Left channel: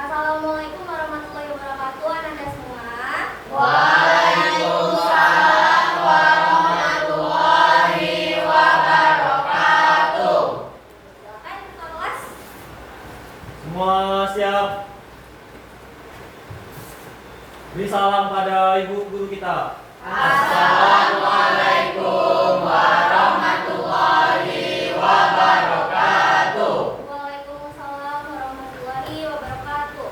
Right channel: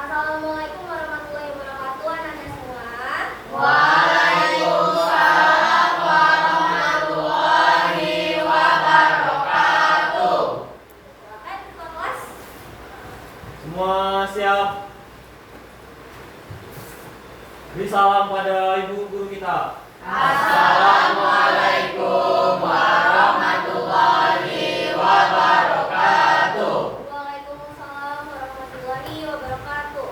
Assalamualaikum warahmatullahi wabarakatuh, anak semua. Waalaikumsalam warahmatullahi wabarakatuh. Silakan buka kelas. Semua siap? Beri salam pada ibu guru kita. Assalamualaikum warahmatullahi wabarakatuh. Waalaikumsalam warahmatullahi wabarakatuh.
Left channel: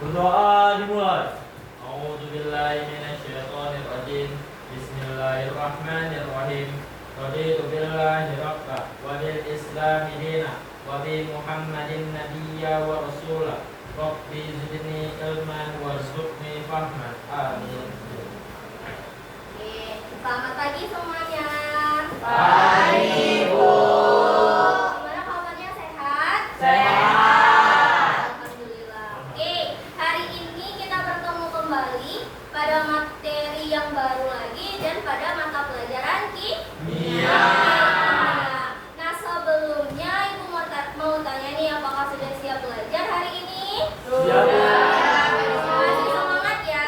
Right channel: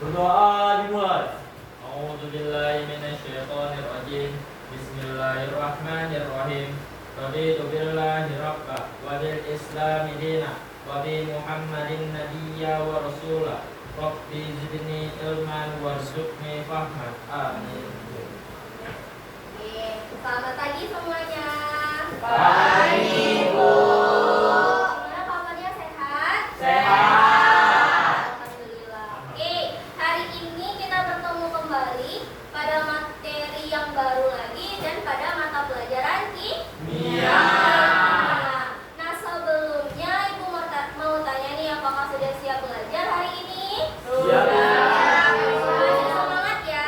Berdoa dimulai. A'udzubillahi minasyaitonirrajim. Bismillahirrahmanirrahim. Raditu billahi rabba wa bil islami dina wa bi Muhammadin nabiyya wa rasula. Rabbi zidni ilman warzuqni fahman. Amin. Oke, selamat pagi semuanya. Pagi, Bu. Gimana kabarnya, sehat? Sehat. Alhamdulillah. Oke, hari ini kita bertemu kembali pada materi yang baru lagi dan pada mata pelajaran Kimia. Nah, sebelumnya Ibu mau tanya nih, apakah sudah siap belajar hari ini? Siap. Masih semangat ya?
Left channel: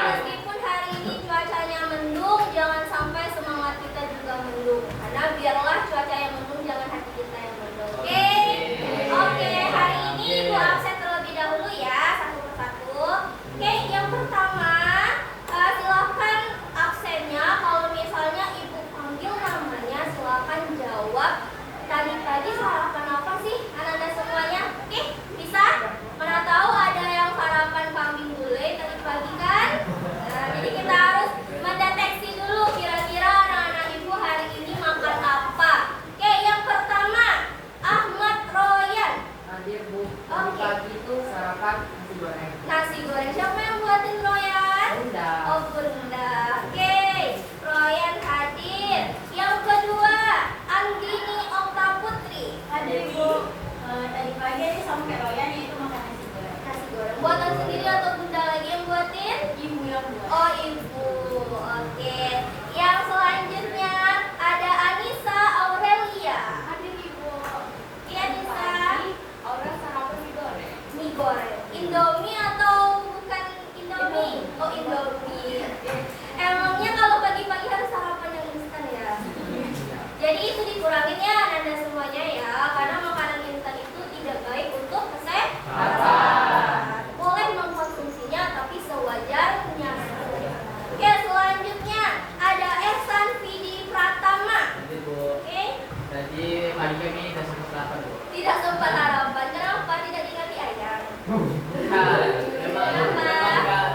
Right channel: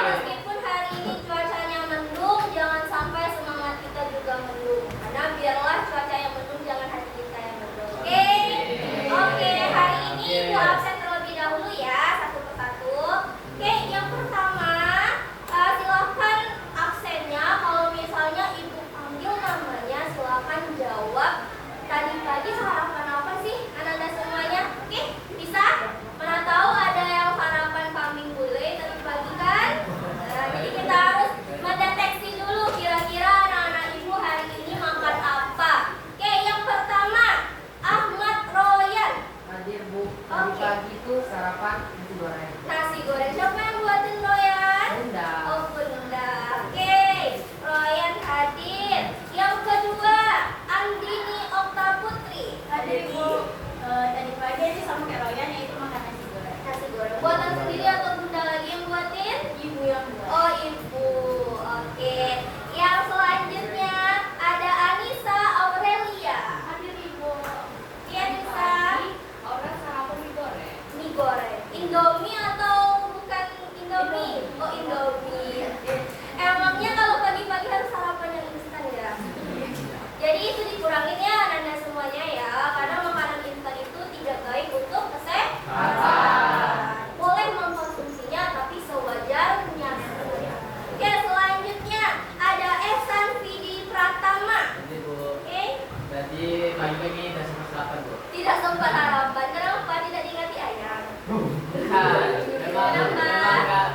Meskipun hari ini cuacanya mendung, jangan sampai semangat kita juga mendung. Karena biarlah cuaca yang mendung, jangan hati kita yang mendung. Oke, hari ini Ibu absen terlebih dahulu ya, satu persatu. Oke, yang pertama, silakan absennya. Kalau misalnya Ibu panggil namanya, silakan jawab. Tadi pagi sarapan apa sih anak-anak semuanya? Oke, bisa? Mana tahu ada yang sarapan kambing gulai tadi pagi kan? Nah, jadi kita harus mendeteksi dulu kira-kira anak-anak Ibu hari ini makan apa. Oke, yang pertama, Ahmad Royan. Hadir, Bu. Tadi Oke. pagi itu sarapan nasi goreng. Nasi goreng. Siapa yang buatin Royan? Bunda. Oh, Bunda. Oke, Royan hadir. Yang kedua, Anggini Okta Putri. Hadir, Bu. Tadi pagi aja sama kayak Royan, yaitu makan nasi goreng. Nasi goreng. Buatan sendiri atau Bunda lagi yang buatin? Ibu yang buat. Oh, Ibu. Oke. Yang selanjutnya ada Anissa Aurelia. Hadir, Ibu. Iya, Anissa. Orang sarapan mie goreng. Mie goreng. Indomie atau bukan Indomie? Oh, Indomie. Emangnya kalau pagi-pagi harus sarapan yang instan ya? Jadi itu dikurangin ya anak-anak semuanya ya, karena makanan instan itu tidak baik untuk kesehatan. Boleh mengkonsumsinya tapi sewajarnya. Oke, selanjutnya ada Ehsan Vidi Pratama. Hadir, Bu. Oke, Tadi pagi kami kasih sarapan, Bu. tidak sempat harapan. Kenapa tidak diganti ayam?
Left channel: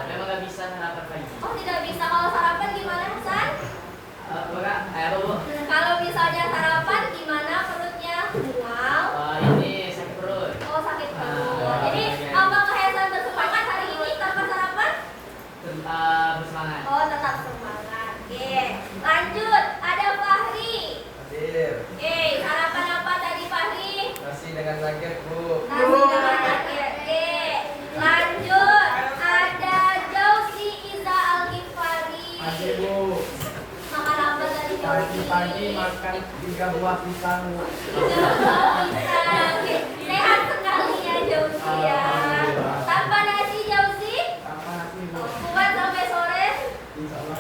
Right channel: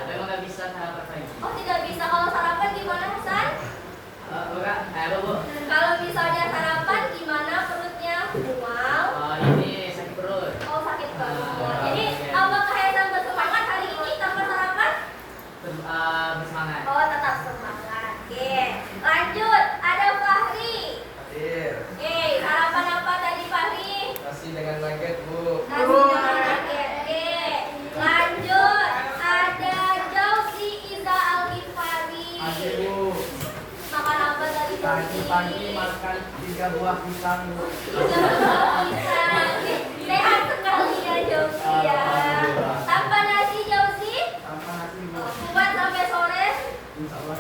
Memang nggak bisa sarapan pagi. Oh, tidak bisa. Kalau sarapan gimana, Hasan? Bukan, apa, Bu? Kalau misalnya sarapan gimana perutnya? Mual. Ini sakit perut. Oh, sakit perut. Jadi apakah Hasan bersemangat hari ini tanpa sarapan? Bersemangat. Oh, tetap semangat. Oke, lanjut. Ada Fahri. Hadir. Sarapan apa tadi Fahri? Masih dengan nugget, Bu. Nasi dengan nugget. Lanjut. Ada Jauzi Iza Al-Ghifari. Hadir, Bu. Makan apa tadi Jauzi? Pagi-pagi makan 3 buah pisang, Bu. Tiga buah pisang. Oke, sehat sekali ya Jauzi ya. Alhamdulillah. Tanpa nasi Jauzi? Tanpa nasi, Bu. Kuat sampai sore? Insya Allah.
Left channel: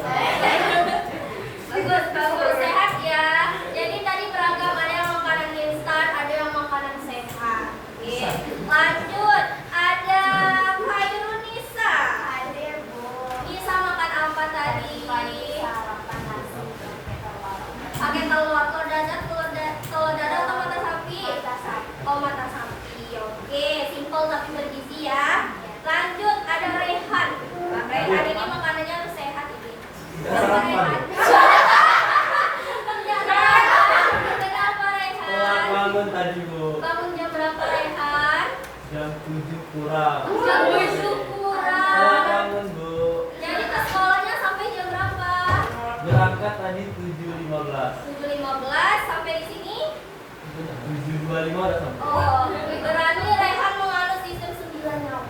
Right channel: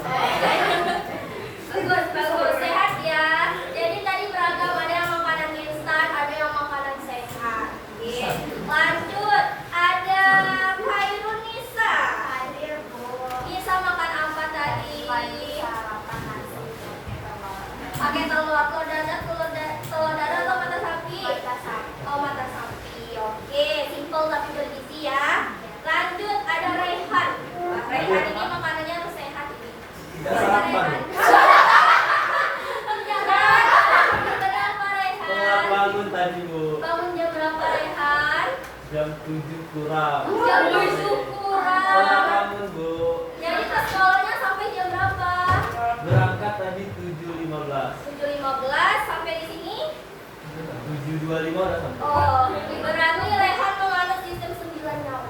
Bagus, sehat ya. Jadi tadi beragam, ada yang makanan instan, ada yang makanan sehat. Oke. Lanjut, ada Khairunisa. Hadir, Bu. Nisa makan apa tadi? Pagi sarapan nasi Pakai telur dadar, telur dadar atau mata sapi? Mata sapi. Oh, mata sapi. Oke, simple tapi bergizi ya. Lanjut, ada Rehan. Rehan ini makanannya harus sehat ini. Tidak sarapan. Kenapa Telah Rehan? bangun tadi, Bu. Bangun jam berapa Rehan? Jam 7 kurang. Jam 7 Telah kurang. bangun, Bu. Jadi ke sekolahnya sampai jam berapa? Berangkat tadi 7.15. 7.15 sampai di sini. 7.25 udah sampai. Oh, berarti Rehan menganut sistem 9 nyawa.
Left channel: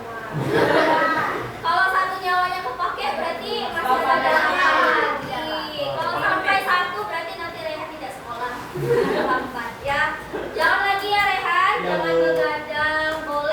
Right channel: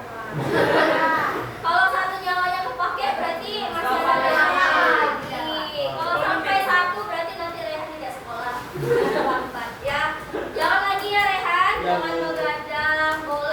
Kalau satu nyawanya kepake berarti masih ada lagi. Kalau sampai 1 berarti nanti Rehan tidak sekolah. Lambat ya. Jangan lagi ya Rehan, Ya, jangan Bu. begadang, boleh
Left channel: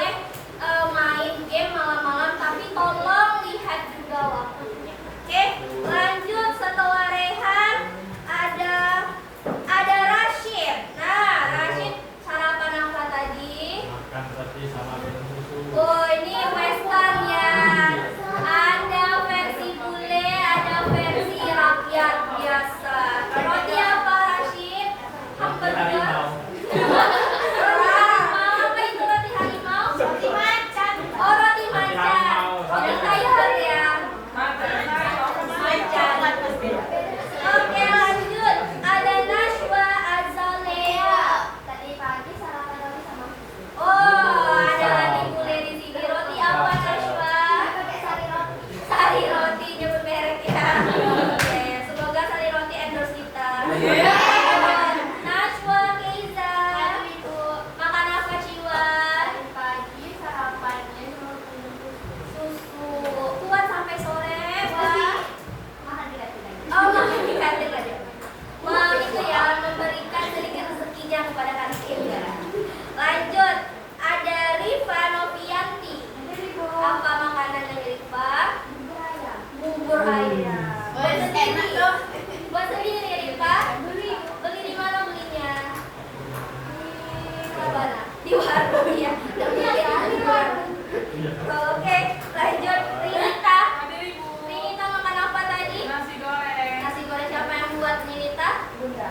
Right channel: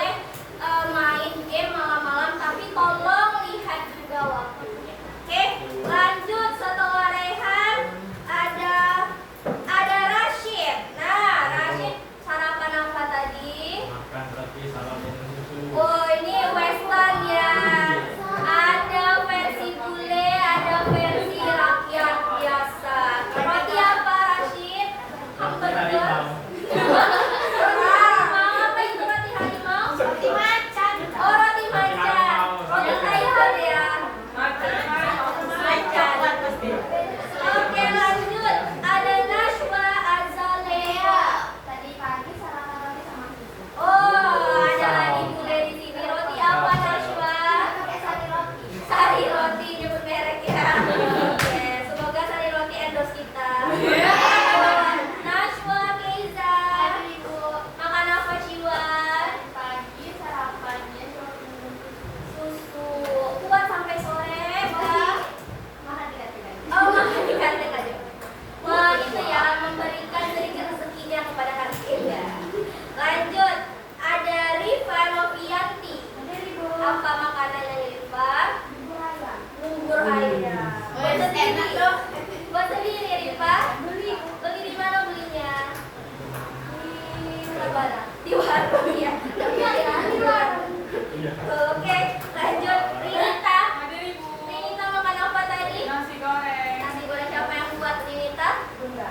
Oke, lanjut. Rinita. Ada ibu. Rinita makan apa tadi? Nasi goreng. Nasi goreng siapa yang buat Rinita? Bunda.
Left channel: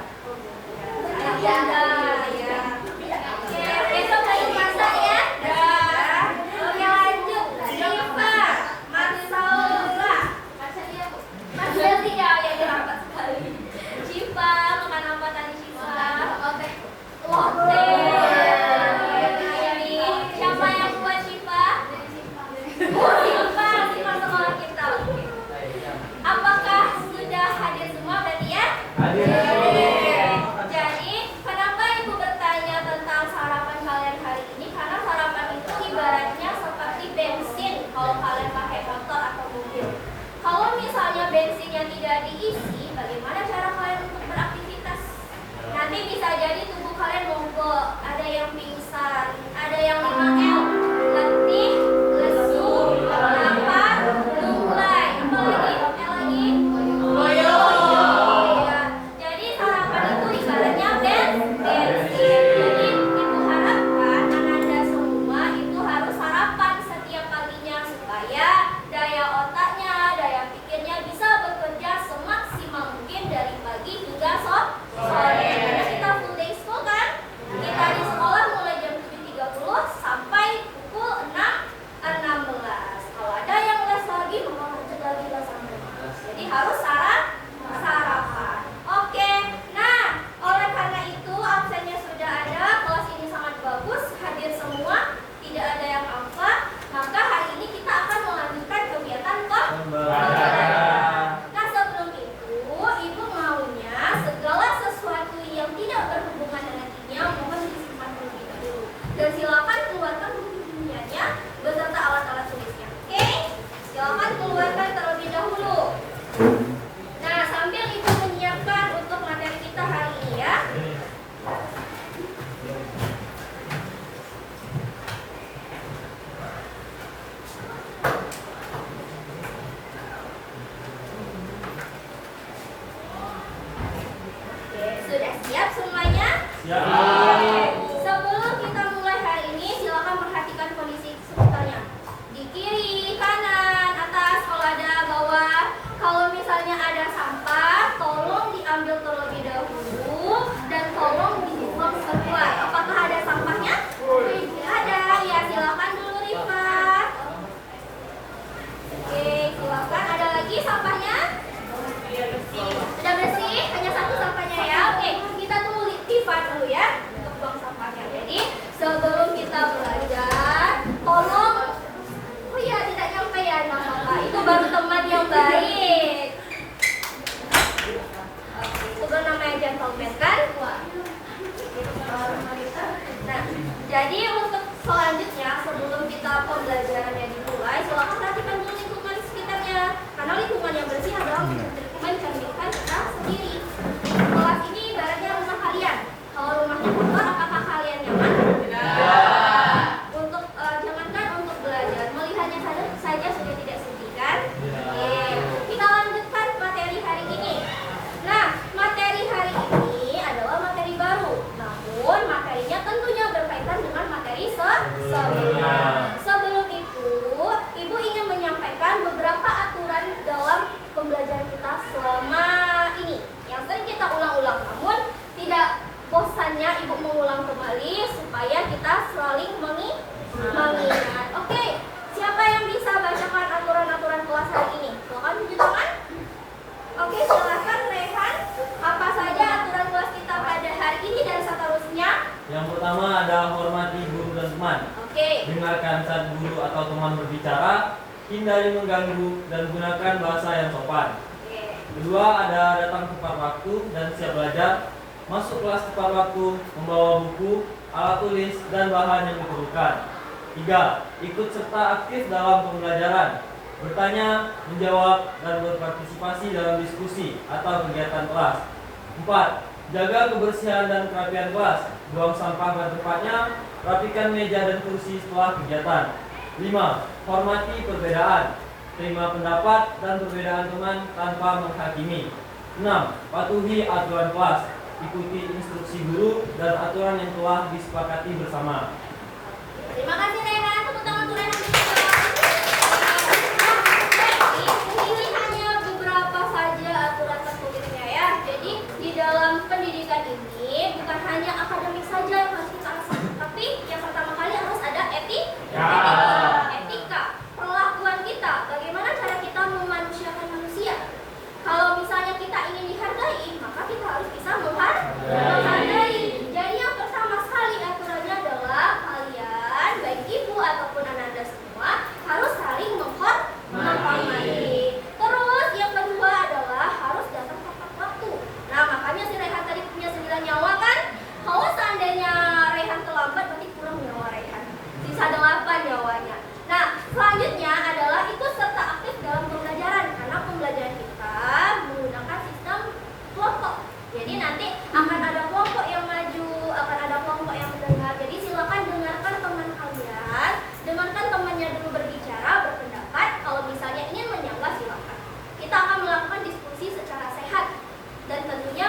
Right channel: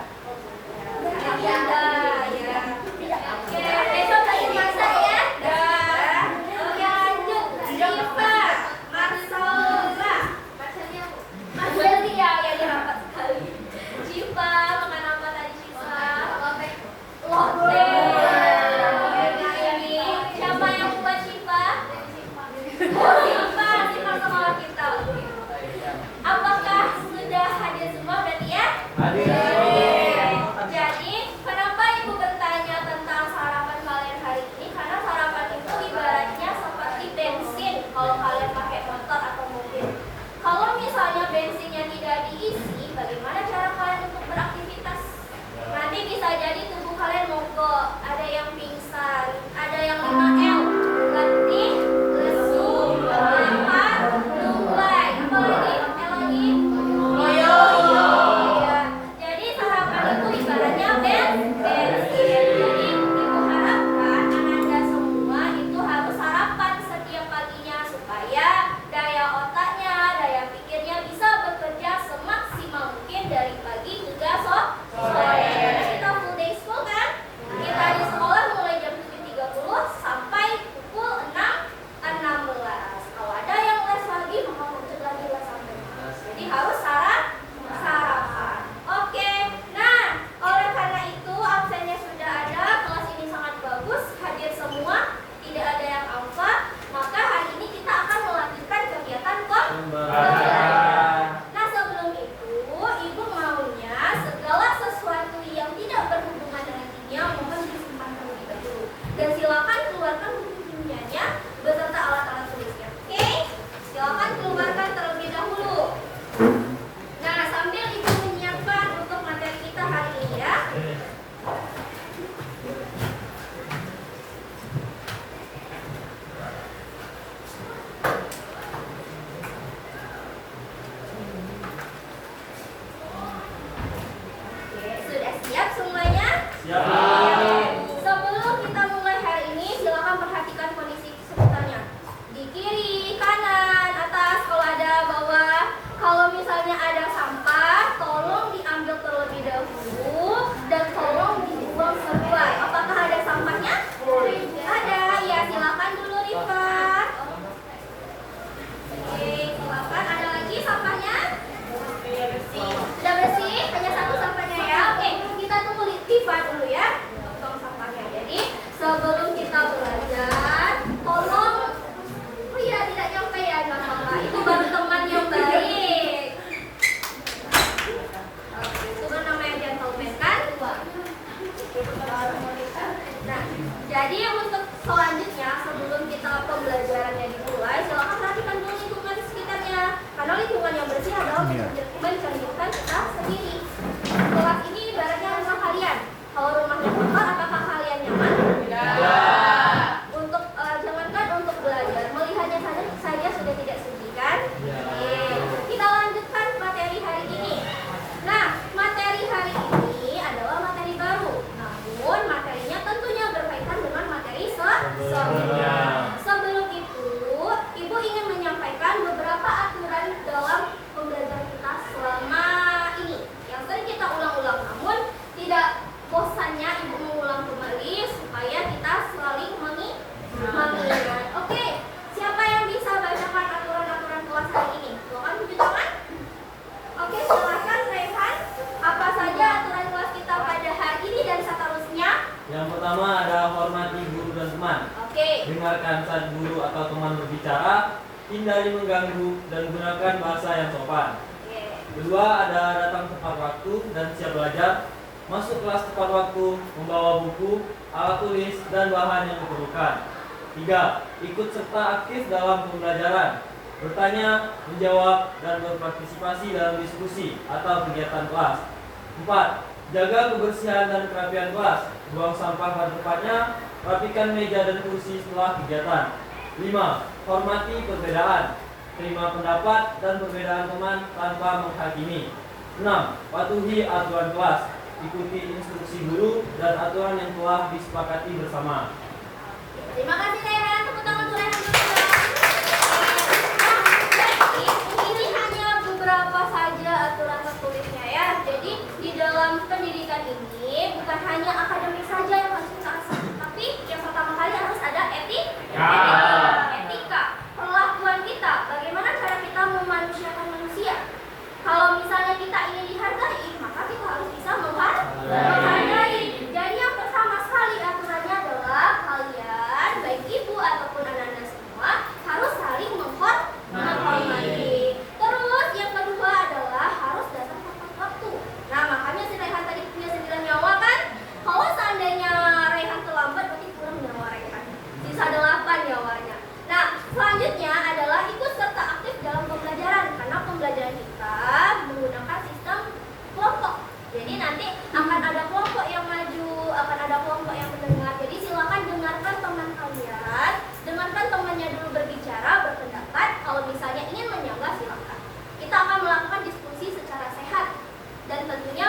Anak bunda, ya. Oke, besok lagi masak ya. Dah. Oke, lanjut. Siva, Marsaula. Mas Leli ya dirapat sekali. Siva, makan apa tadi Siva? Lotte. Ini siapa yang buat Siva? Oh, Siva sama kita. Oke. Apakah sudah hadir semua berarti ya? Hadir. Jadi, kenapa Ibu bertanya tentang sarapan kalian hari ini? Karena sarapan itu ibaratnya seperti bensin kalau kalian pakai motor atau mobil. Kalau misalnya bensinnya tidak diisi, bagaimana cara kalian untuk beraktivitas? Nanti bisa jadi tubuh kalian mogok, ada yang pingsan, ada yang 5L, letih, lesu, lapar, lunglai, apa lagi? Loyo. Iya. Jadi sarapan itu ibaratnya bensin. Jadi Ibu harapkan Ananda semua itu harus sarapan setiap paginya supaya daya otaknya, daya pikirnya bisa bekerja semaksimal mungkin dari pagi hingga sore. Karena kita full day school kan? Kita di sekolah mulai jam 7.30 sampai pukul 6.16. Kalau ada yang les lagi, maka lanjut lagi les sampai 6. Jadi harus sarapan. Oke. Nah, oleh karena itu absennya sudah ada, kelas ini sangat bagus, hadir semua, tidak ada yang alfa, maka hari ini kita akan melanjutkan kegiatan pembelajaran. Nah, sebelum itu, Ibu maunya segala sesuatu yang tidak berhubungan dengan kimia mohon disimpan terlebih dahulu. Dan silakan keluarkan buku kimianya beserta alat-alat tulisnya. Oke? Silakan keluarkan terlebih dahulu. Nah, sambil Ibu menyiapkan untuk materi kita hari ini ya. Oke, sudah siap semuanya? Siap. Oke. Sebelum kita mulai hari ini, silakan perhatikan kondisi sekitarnya. Di kiri, kanan, atas, kalau ada bawah. Kalau misalnya ada sampah, tolong diambil terlebih dahulu dan tolong dibuang keluar. Apakah ada sampahnya? Ada. Ya, silakan dulu Rifa. Oke, silakan. Ada lagi sampahnya? Sudah bersih? Hanya satu sampahnya ya. Oke, kita tunggu Rifa dulu ya untuk buang sampahnya. Jadi, sebelum kita belajar, tolong oh iya, tidak nyampe ya anak sampah. Itu baru teman yang baik. Oke, itu baru namanya gentleman kan? Nah, jadi untuk selanjutnya sebelum kita pembelajarannya dimulai, silakan perhatikan dulu lingkungan sekitarnya. Karena lingkungan yang bersih adalah mencerminkan kita sendiri. Kelas ini ibaratnya rumah kalian. Kalau rumahnya kotor, apakah kalian nyaman? Untuk jangankan untuk belajar, melihatnya saja sudah tidak sedih kan? Oke, kita lanjutkan materi hari ini. Nah, materi hari ini adalah materi baru. Namun materinya tentunya berkaitan dengan materi sebelumnya. Sebelum itu, Ibu ingin menyampaikan beberapa aturan dalam pembelajaran kita selama ini yang sering kita ulang-ulang. Namun tidak bosannya Ibu mengulang kembali supaya kita saling mengingat. Oke, siapa yang bisa bacakan aturan-aturan kelas hari ini? Silakan tunjuk tangan. Oke, silakan Rehan. Apa saja aturan kelas kita pada hari ini dan seterusnya? Yang pertama ada hormati guru dan teman. Oke. Dengarkan saat guru atau teman berbicara, hindari mengganggu dan gunakan bahasa yang sopan. Oke. Kedua ada datang tepat waktu dan siap belajar. Masuk kelas tepat waktu, membawa buku, alat tulis, dan bahan yang diperlukan. 3. Ikut serta aktif dalam pembelajaran. Bertanya, menjawab, dan berpartisipasi dalam diskusi atau kegiatan kelas. 4. Jaga kebersihan dan kerapian kelas. Buang sampah pada tempatnya, rapikan meja dan kursi setelah kegiatan. 5. Hormati perbedaan. Terima pendapat dan perbedaan teman tanpa menghakimi. 6. Patuhi aturan kelas. Ikuti instruksi guru dan aturan yang telah disepakati bersama. Terima kasih Rehan. Tepuk tangan untuk Rehan dulu. ataupun Ananda semua harus saling menghormati. Terus yang kedua adalah harus datang tepat waktu. Nah, makanya si Rehan tadi punya 9 nyawa kan? Kalau seandainya Rehan terlambat berarti kurang nyawa Rehan. Sisa 8 nyawanya. Nah, selanjutnya adalah ikut serta aktif dalam pembelajaran karena pembelajaran kita menggunakan sistem kelompok. Jadi nanti akan ada kelompok yang maju, akan ada kelompok yang mendengar. Jadi silakan dengarkan teman kalian, dengarkan temannya dulu berbicara, berpendapat. Kalau misalnya ingin menyanggah silakan. Kita akan melakukan diskusi secara sehat dan tentunya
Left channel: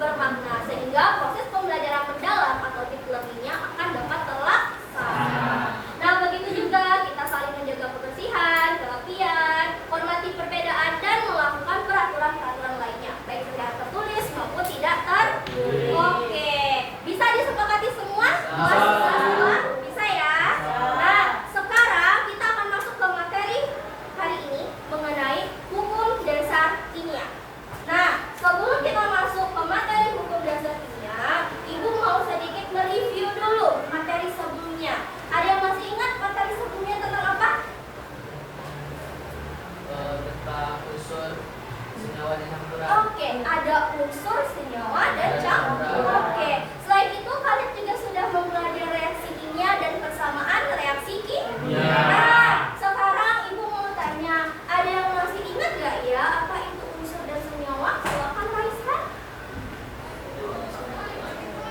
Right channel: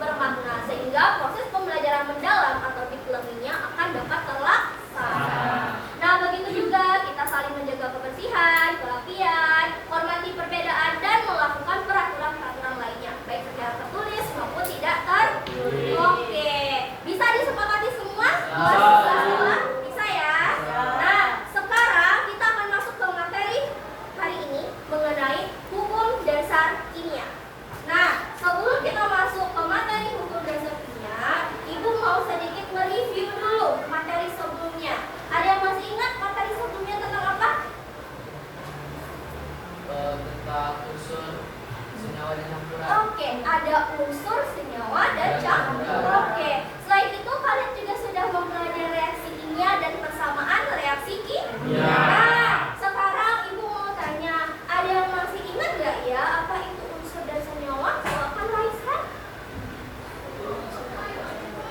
bermakna sehingga proses pembelajaran mendalam atau deep learning-nya akan dapat terlaksana. Nah, begitu juga kita saling menjaga kebersihan, kerapian, hormati perbedaan dan melakukan peraturan-peraturan lainnya, baik secara tertulis maupun tidak tertulis. Oke, bisa disepakati semua? Bisa ya? Nah, sekarang kita akan masuk ke materi hari ini mengenai hukum dasar kimia. Nah, sebelum kita masuk ke materi hukum dasar kimia, Ibu mau sedikit mereview dulu materi sebelumnya. Ada yang masih ingat materi sebelumnya tentang apa? Tentang unsur senyawa dan campuran. Oke, ada unsur, senyawa, dan campuran. Oke, selain itu kalian juga sudah mempelajari reaksi kimia dan persamaan reaksi kimia. Nah, sekarang Ibu mau tanya, ada yang masih ingat gak ya apa itu unsur dan senyawa? Silakan Raisa.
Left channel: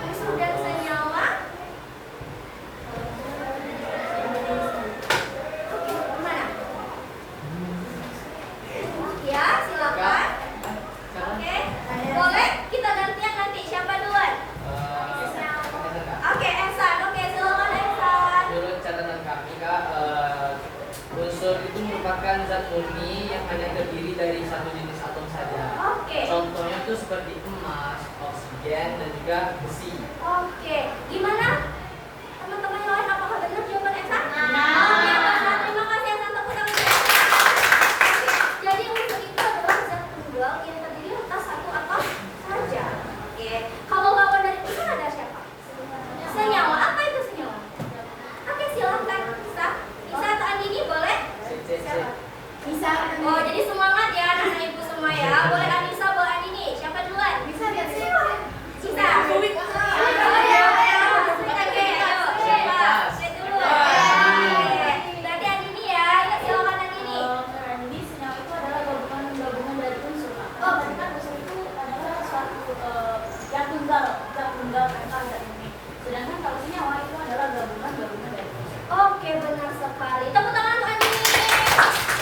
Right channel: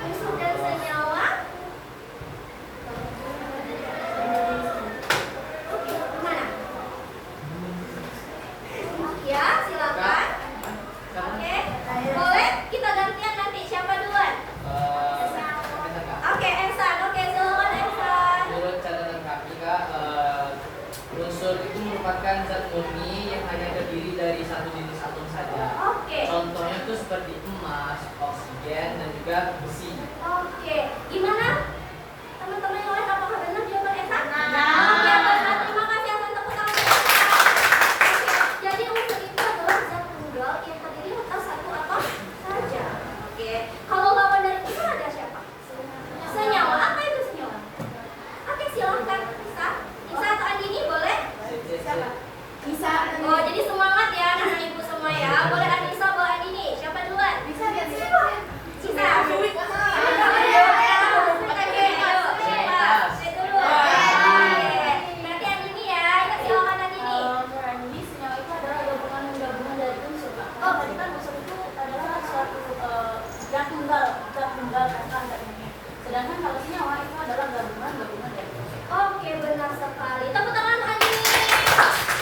Unsur dan senyawa. Oke, mana? Ya, silakan. Oke, boleh kita gantian nanti siapa duluan? Oke, Ehsan. Oke, silakan Ehsan. Menurut catatan kami Kak, unsur itu merupakan zat murni yang hanya terdiri dari satu jenis atom saja. Oke. Contohnya itu seperti emas, oksigen, dan juga besi. Oke, gimana? Teman-teman yang lain apakah benar jawaban Ehsan? Benar. Oke, benar. Terima kasih Ehsan, tepuk tangan. Oke, jadi unsur itu adalah zat tunggal yang terdiri atas satu atom saja. Oke, kalau lawan dari unsur ada siapa? Senyawa. Apa itu senyawa? Oke, silakan. Bisa atau Andini boleh? Bisa. Oh, jadi semangat ya anak-anak ibu semua ya. Boleh Anissa, boleh Andini. Siapa duluan? Bisa. Bisa. Berarti Andini ya. Silakan Andini. Jadi senyawa itu adalah gabungan dari unsur. Oh, tadi kan unsur itu adalah suatu zat tunggal kan ini. Sedangkan kalau senyawa itu adalah gabungan dari unsur. Oke, benar sekali. Tepuk tangan untuk Andini.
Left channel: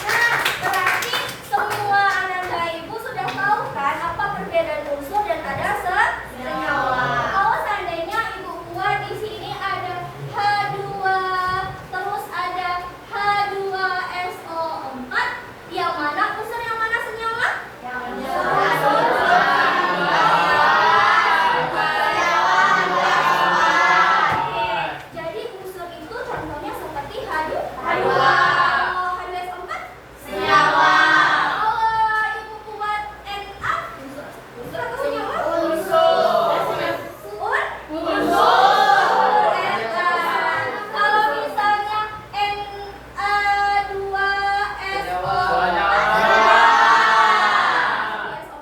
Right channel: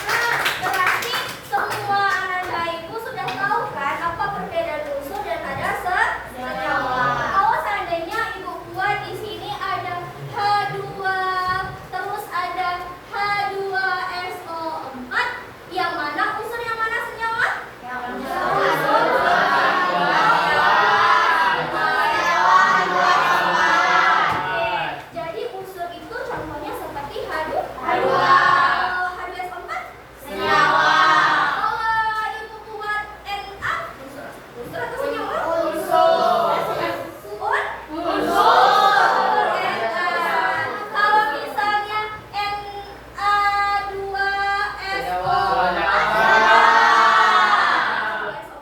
Nah, berarti semua Ananda ibu sudah tahu kan apa perbedaan unsur dan ada senyawa. Kalau seandainya ibu buat di sini ada H2, terus ada H2SO4, yang mana unsur yang mana senyawa? Jadi unsur itu contohnya seperti H2. H2SO4 senyawa. Kalau ibu buat Na, unsur atau senyawa? Unsur. Kalau misalnya Na2SO4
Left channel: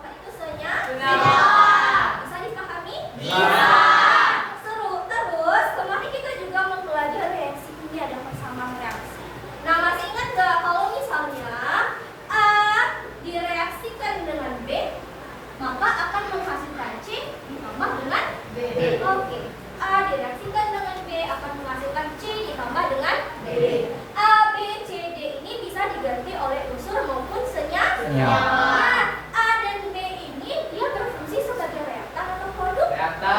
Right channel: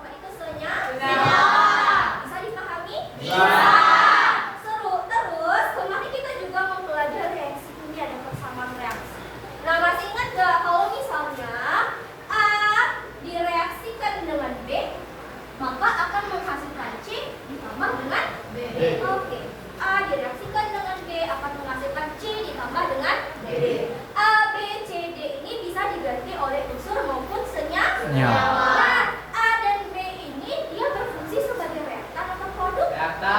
itu senyawa. Bisa dipahami? Seru. Terus kemarin kita juga mempelajari reaksi kimia dan persamaan reaksi. Nah, masih ingat gak kalau misalnya A direaksikan dengan B, maka akan menghasilkan C ditambah dengan B. Oke. A direaksikan dengan B akan menghasilkan C ditambah dengan B. A, B, C, D ini bisa diganti oleh unsur maupun senyawa. Nah, A dan B ini dia berfungsi sebagai reaktan atau produk. Ada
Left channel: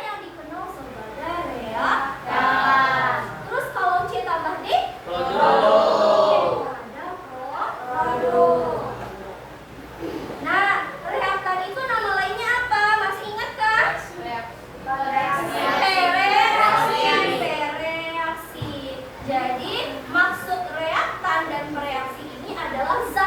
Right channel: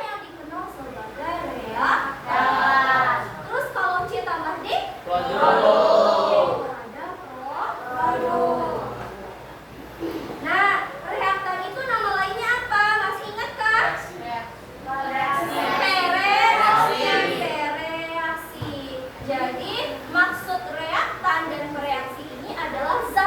yang dikenal sebagai reaktan. Terus kalau C tambah D, ada produk. Nah, reaktan itu nama lainnya apa? Masih ingat kan? Reaksi. Jadi maksud reaktan dan bereaksi ini adalah zat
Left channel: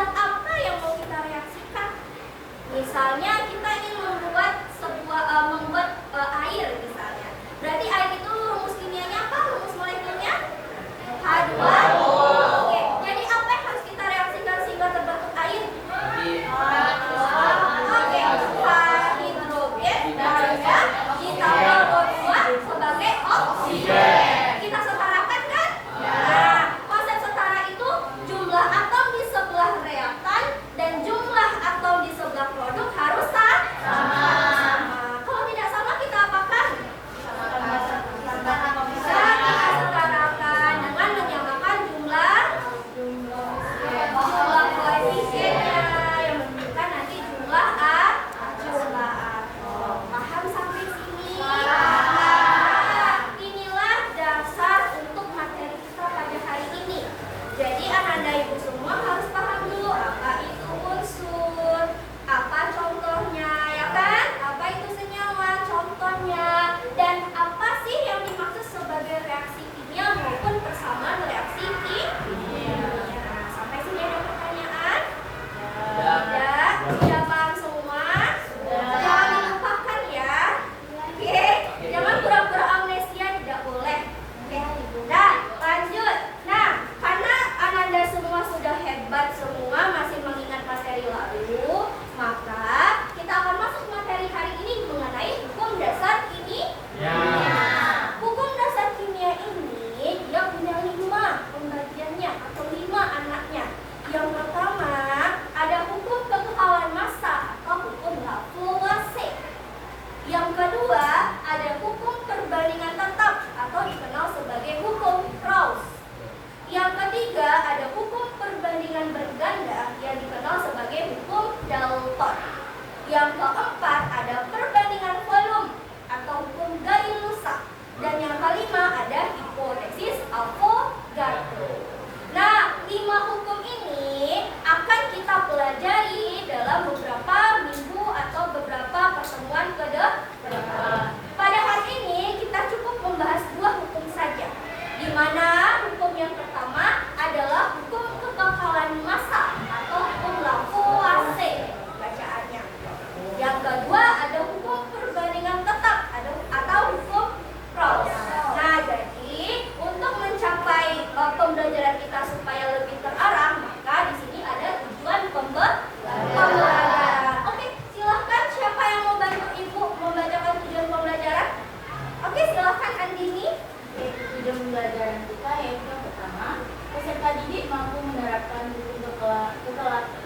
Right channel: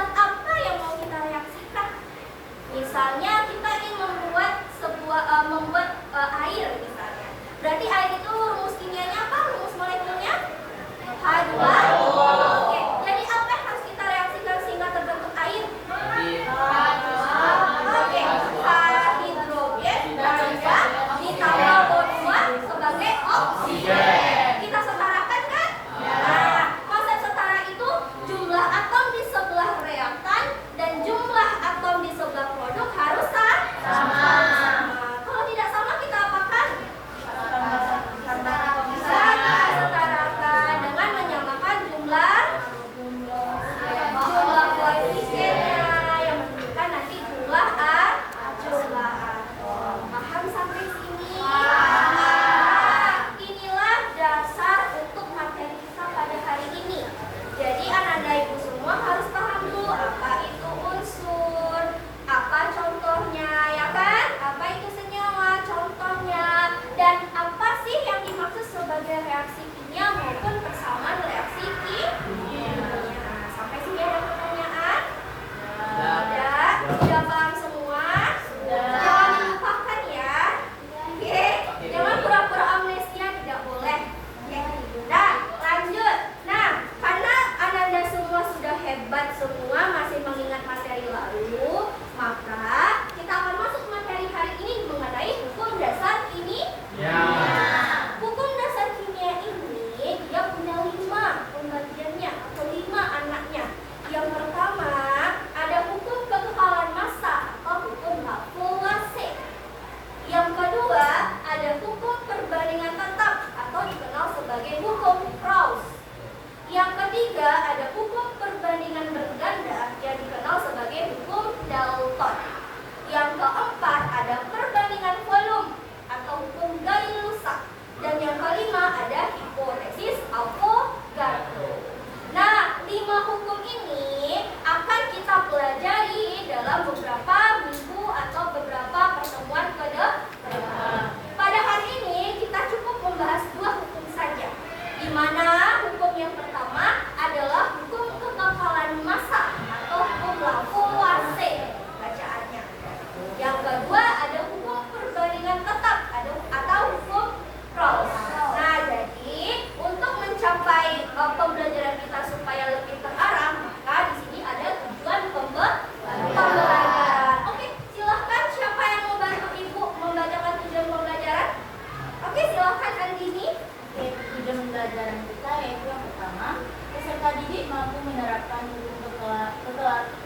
pembelajaran kita, yaitu yang pertama, peserta didik mampu menerapkan hukum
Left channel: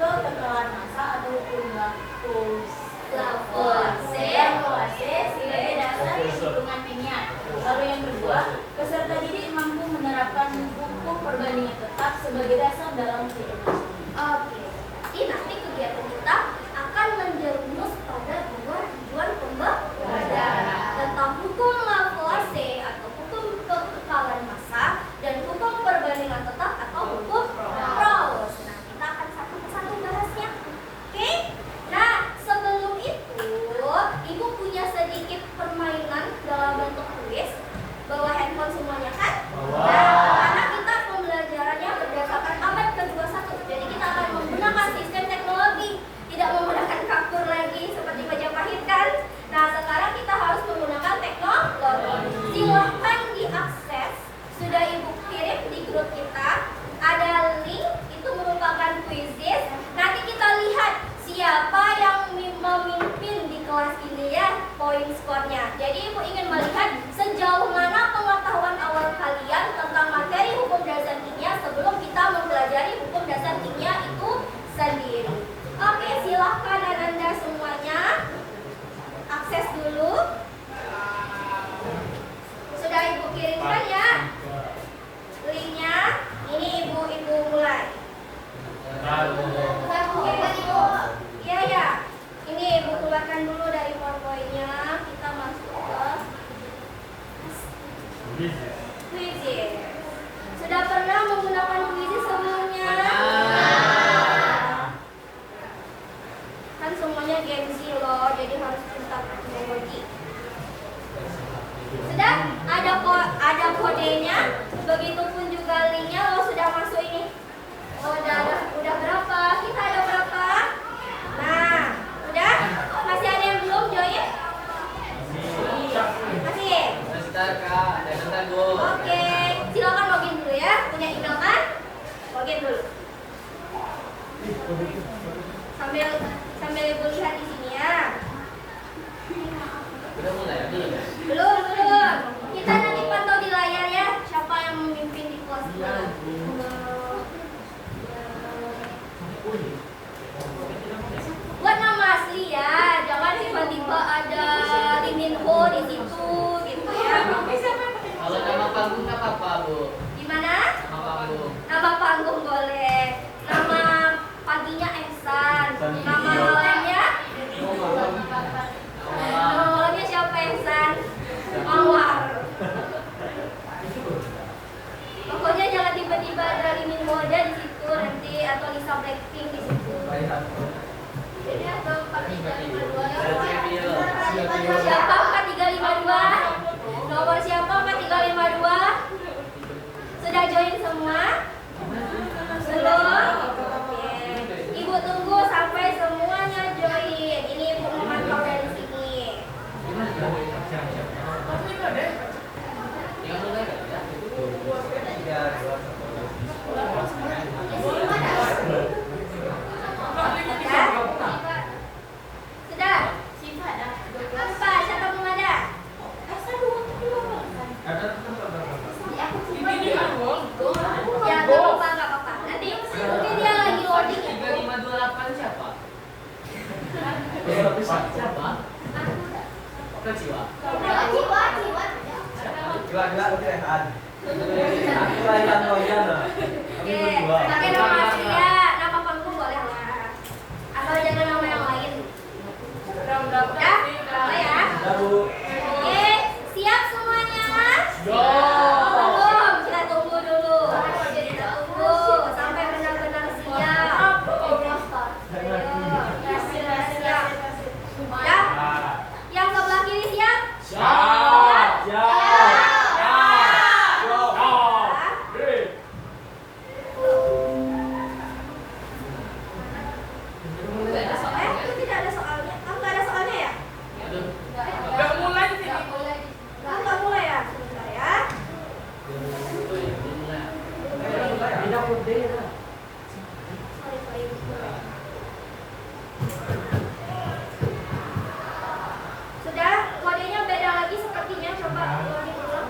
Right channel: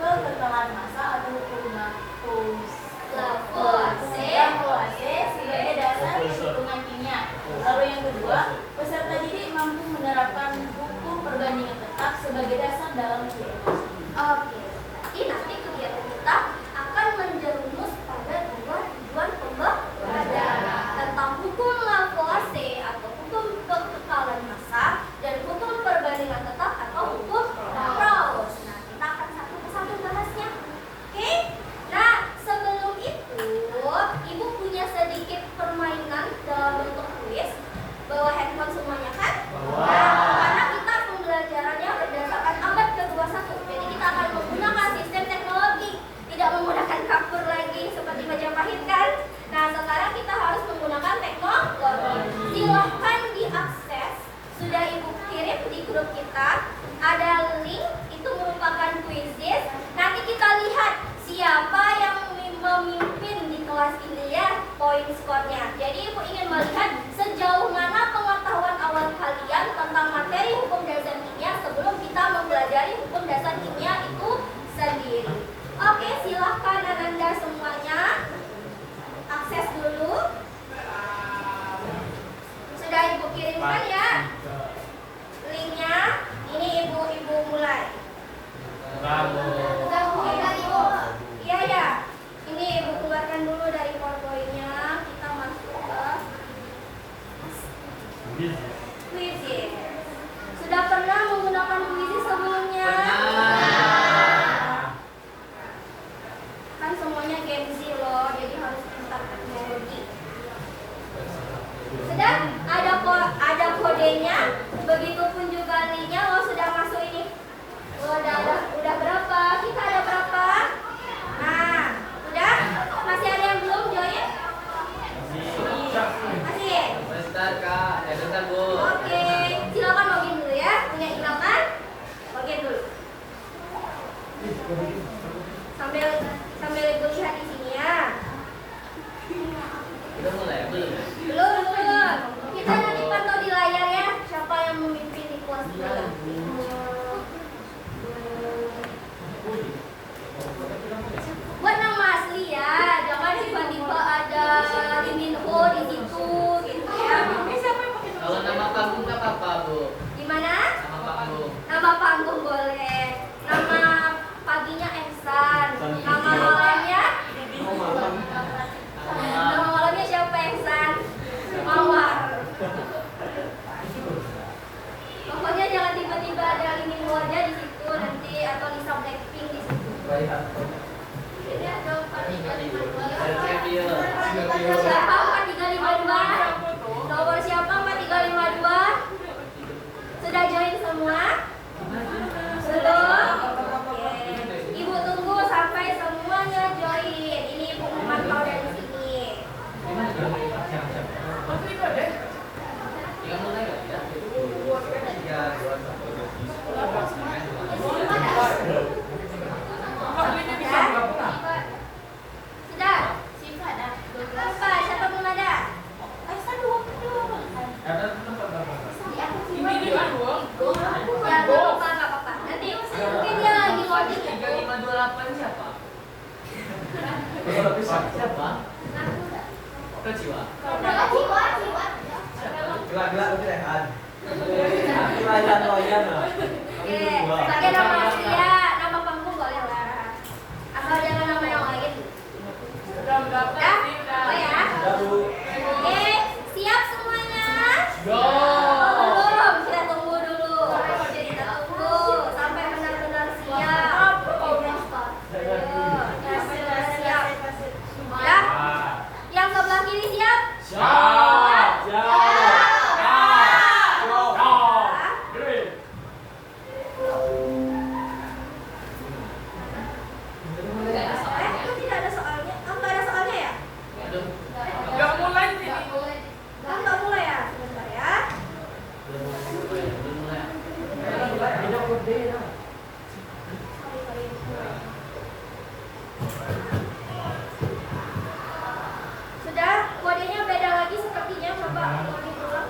kekekalan massa atau hukum Lavoisier sebagai dasar hitungan kimia. Lalu yang kedua, peserta didik mampu menerapkan hukum perbandingan tetap sebagai dasar dalam kehidupan. Oke, berarti nanti kegiatan kita akan menjerumus pada dua tujuan pembelajaran tentang hukum Lavoisier atau hukum kekekalan massa dan hukum perbandingan tetap atau hukum Gauss. Nah, kita akan satu persatu bahasnya. Oke? Nah, sebelum itu, Ibu punya sedikit permainan dalam bentuk kuis. Bawa handphone semuanya kan? Bawa. Nah, karena kita pembelajarannya berdasarkan abad ke-21, jadi kita akan menggunakan sistem teknologi, tidak menggunakan kapur lagi seperti Majapahit kan? Nah, sekarang kita harus menggunakan teknologi. Silahkan diakses, sudah Ibu kirim di grup kita, ada link, itu merupakan quizzes. Nanti kita lihat siapa yang memimpin di kelas ini ya, poin skornya. Jadi Ibu ingin melihat sejauh mana pengetahuan awal kalian tentang materi hukum dasar kimia sebelum kita mempelajari hukum dasar kimia itu sendiri. Oke, silahkan Anda semuanya akses dulu. Sudah Ibu kirimkan ya linknya. Ini Ibu mulai. Sudah Ibu kirimkan Ibu? Iya ya. Ini Ibu keluarkan dulu dari PowerPoint-nya. Kita masuk ke quizzes. Sudah pernah menggunakan quizzes sebelumnya? Kan semuanya Gen Z loh, jadi harus pintar teknologi. Sudah ada kodenya, begitupun juga linknya. Lo sudah masuk ini. Udah berapa? Kita ada berapa? Nah, udah? Masih ada yang belum join? Masih? Bentar kak, bentar bu. Oke, silakan login dulu ya. Punya email kan? Login dulu. Sambil Ibu lihat di sini ya. Udah mulai ya? Belum ya? Belum. Kita nanti pantau di layar ya. Siapa yang memimpin di kelas kita? Buat nama asli ya. Jangan tiba-tiba ada Lee Min Ho di situ gitu ya. Kalau nama panggung nggak apa-apa bu. Gimana? Nama panggung. Nama panggung boleh. Nama paginya Ehsan. Nama malamnya? Nama malamnya siapa Ehsan? Mawar. Pokoknya jangan tiba-tiba ada Lee Min Ho aja di situ nanti, atau Lisa Blackpink di situ. Ini atau 4352. Siapa 4352? Nomor siapa 4352? Sudah join semua? Belum? Oke. Ibu tunggu sampai semuanya join. Ini Ibu memantau dari sini. Tinggal mulai nggak ya? 3, 2, 1. Sudah? Apa? Siapa belum ada? Ya, nggak apa-apa. Nanti mungkin dia lagi loading ya. 3528 siapa? Siapa? Kejiwa. Pakai nama asli ya, nama panggung boleh lah. Asal jangan nama yang lain. Ya, boleh ya. Oke, siap semuanya? Belum, kita tunggu dulu. Kita tunggu sampai benar-benar siap. Siap. Ya, yang sebelah kiri siap? Itu tidak ada soalnya. Nggak ada soalnya ya? Nggak mulai ya? Sebentar ya. Sorry. Sudah, kodenya beda lagi sepertinya. Coba ulangi ulang.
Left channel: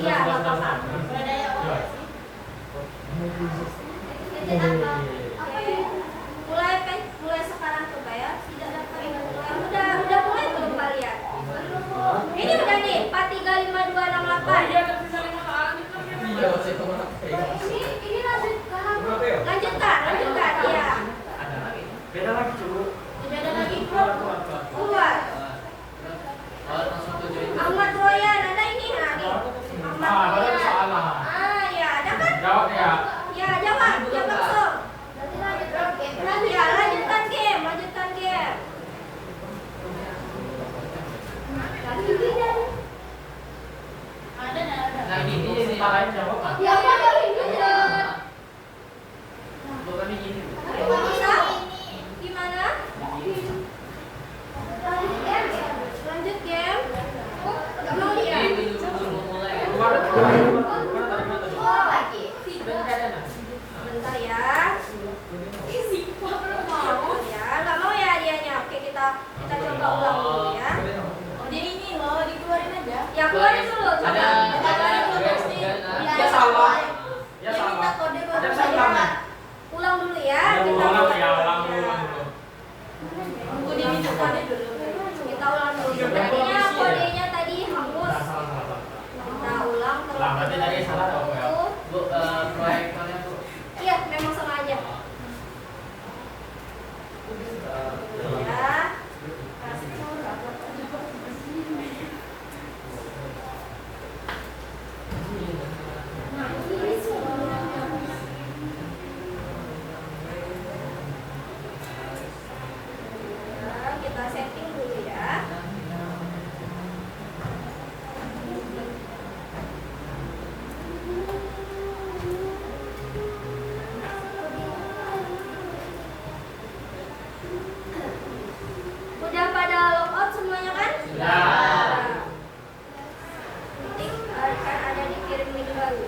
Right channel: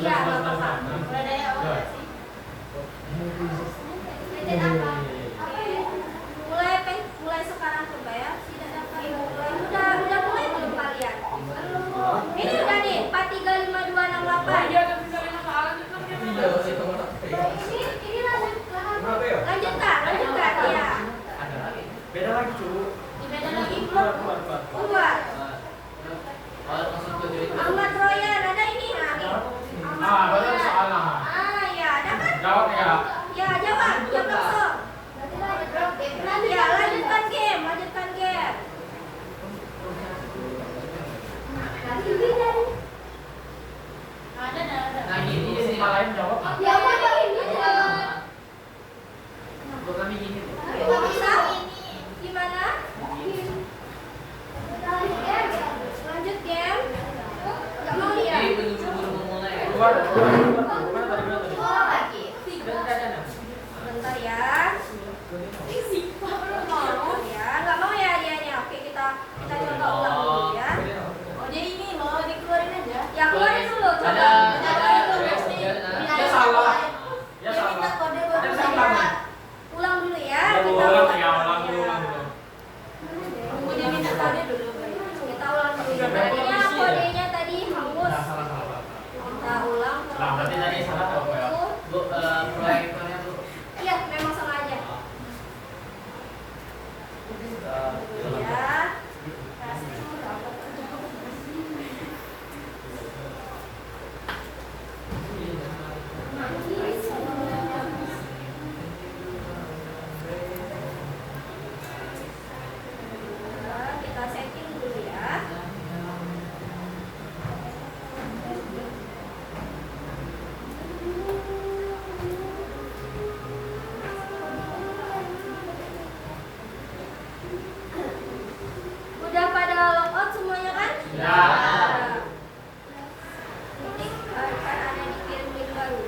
Iya, nggak apa-apa. Budaya orang sih. Tidak apa. Oke. Mulai sekarang coba ya. Udah mulai belum kalian? Ini udah nih 4 3 5 2 6 8. Ini lanjutkan ya. Beda lagi cu. Beda lagi. Keluar. Ahmad Royan, ada ini nah nih. Ahmad Banyak Royan. soalnya. Ya, ada kan? Jawab ya. Ya, jawab langsung. Ya, lanjutkan game. Ada. Nah gini sih. Tempat lain jawab. Ya, Untuk kami gini. bisa? Gimana? Lanjut game. Mau ya? Ini belum mulai ya. Keluar. Bentar ya. Nggak mau ya dianya. Oke, kita coba ulang dulu ya. Oh, jadi ini loh dikeluarin aja. Ya, keluarin dulu coba. Ya salah. Ya Kita salah. kode Ada yang salah nih. Ulang dulu ya. Ulang dulu. Oh, dia minta kode dulu. Kita ulang dulu. Tadinya kodenya tadi hangus. Salah. Kita ulang Salah, berarti tadi salah dong, ya. Bu, proyektornya Bu. Iya, memang sama aja. Ya. Nah, kita setting dulu ya. Udah pada logout semuanya kan? Sudah. Nanti akan ada dikirim link baru.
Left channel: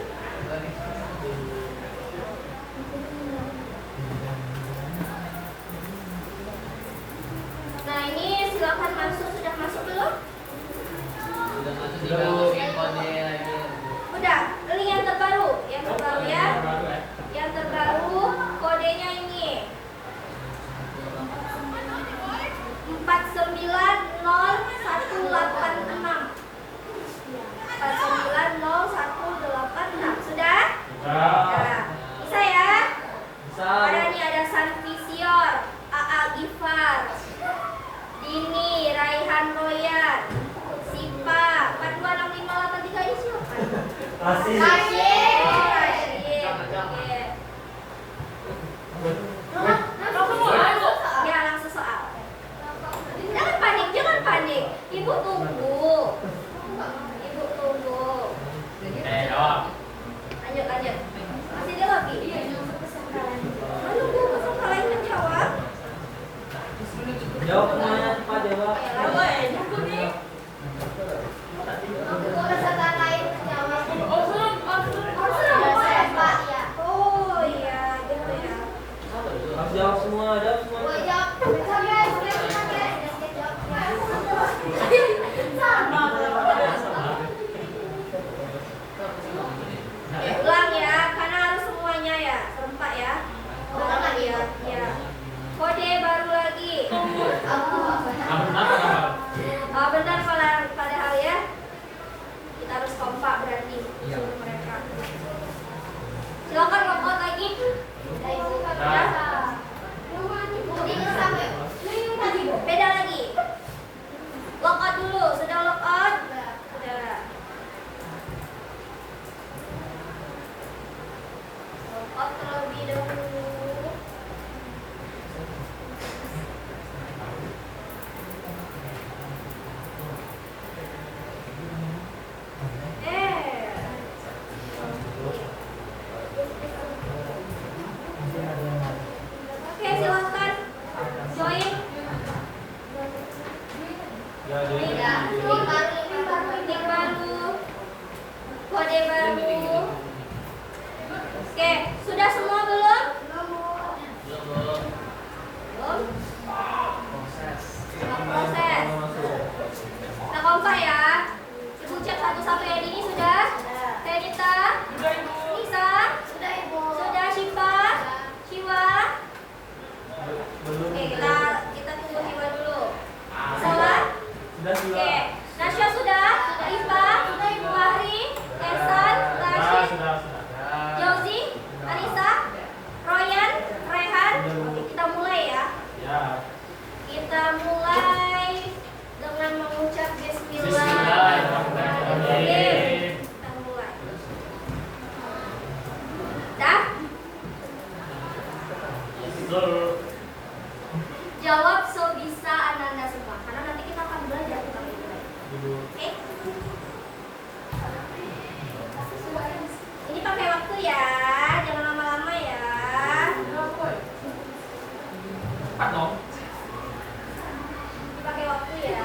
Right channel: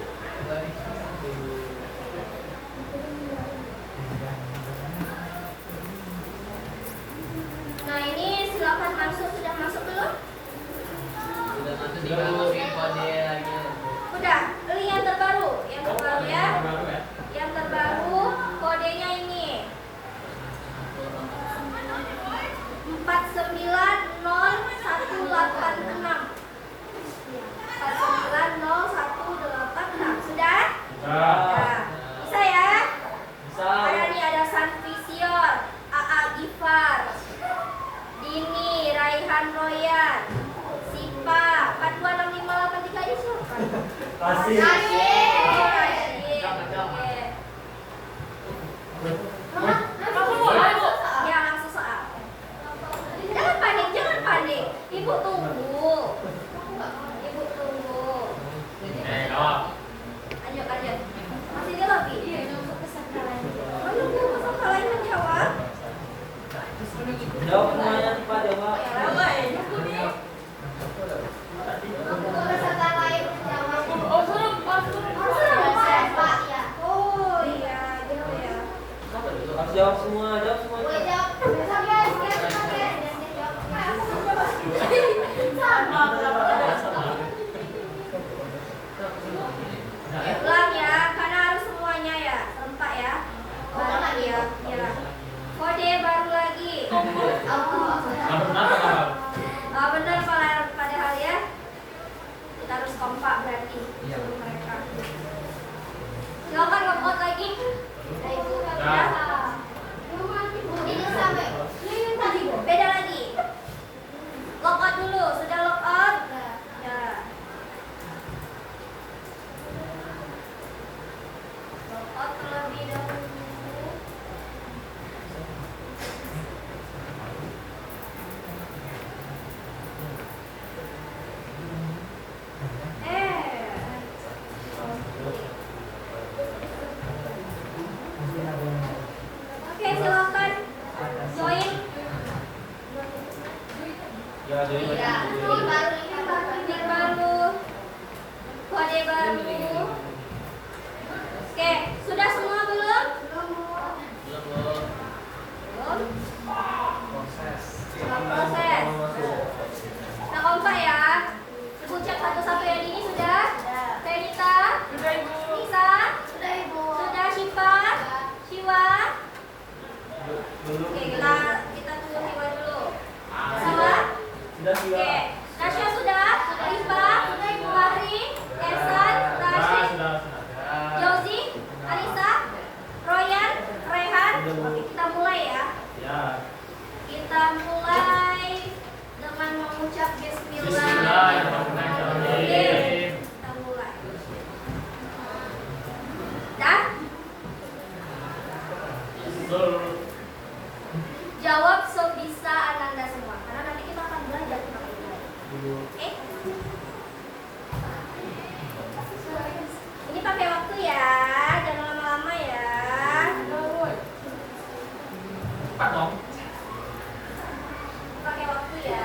Nah, ini silakan masuk. Sudah masuk belum? Udah masuk tinggal masukin kode lagi. Udah. Link yang terbaru ya. Baru ya. Yang terbaru kodenya ini 490186. 490186. Sudah? Ya. Bisa ya? Bisa. Ada nih, ada Sanvisior, AA Gifar, Dini, Raihan Royan, Sipa, 426583 ini siapa? Pasti. Oh, Rashid. Oke. Ya, langsung soal. Jangan panik. Ibu tunggu. Jawab. Lanjut. Masih di lobby? Mana Bu? Masa kalian menjawab? Jawab semuanya cepat jawab. Ya, lanjut. Oh iya, gitu ya. Harus jawab semua. Ulang ya, karena harus semuanya ya, serempak ya. Ya. Kode baru lagi. Benar padahal ya. Kita harus kompak berarti suruh mereka. Silakan nge-vote lagi. Ya. Beda lagi. Logout dulu, sudah logout? Sudah. Logout terlebih dahulu. Oke, silakan join. Ya, jadi Link baru, kode baru. Oke, sudah semua belum? Belum. Belum. Proses. Proses. Nah, kompak ya. Ibu cek satu-satu ya, Dini sudah? Betul. Jawab sebisa Ananda semua, karena nanti kita akan belajar tentang itu. Oke? Ini pakai waktu ya, jangan lama-lama ya. Cepat dong. Pakai waktu ya.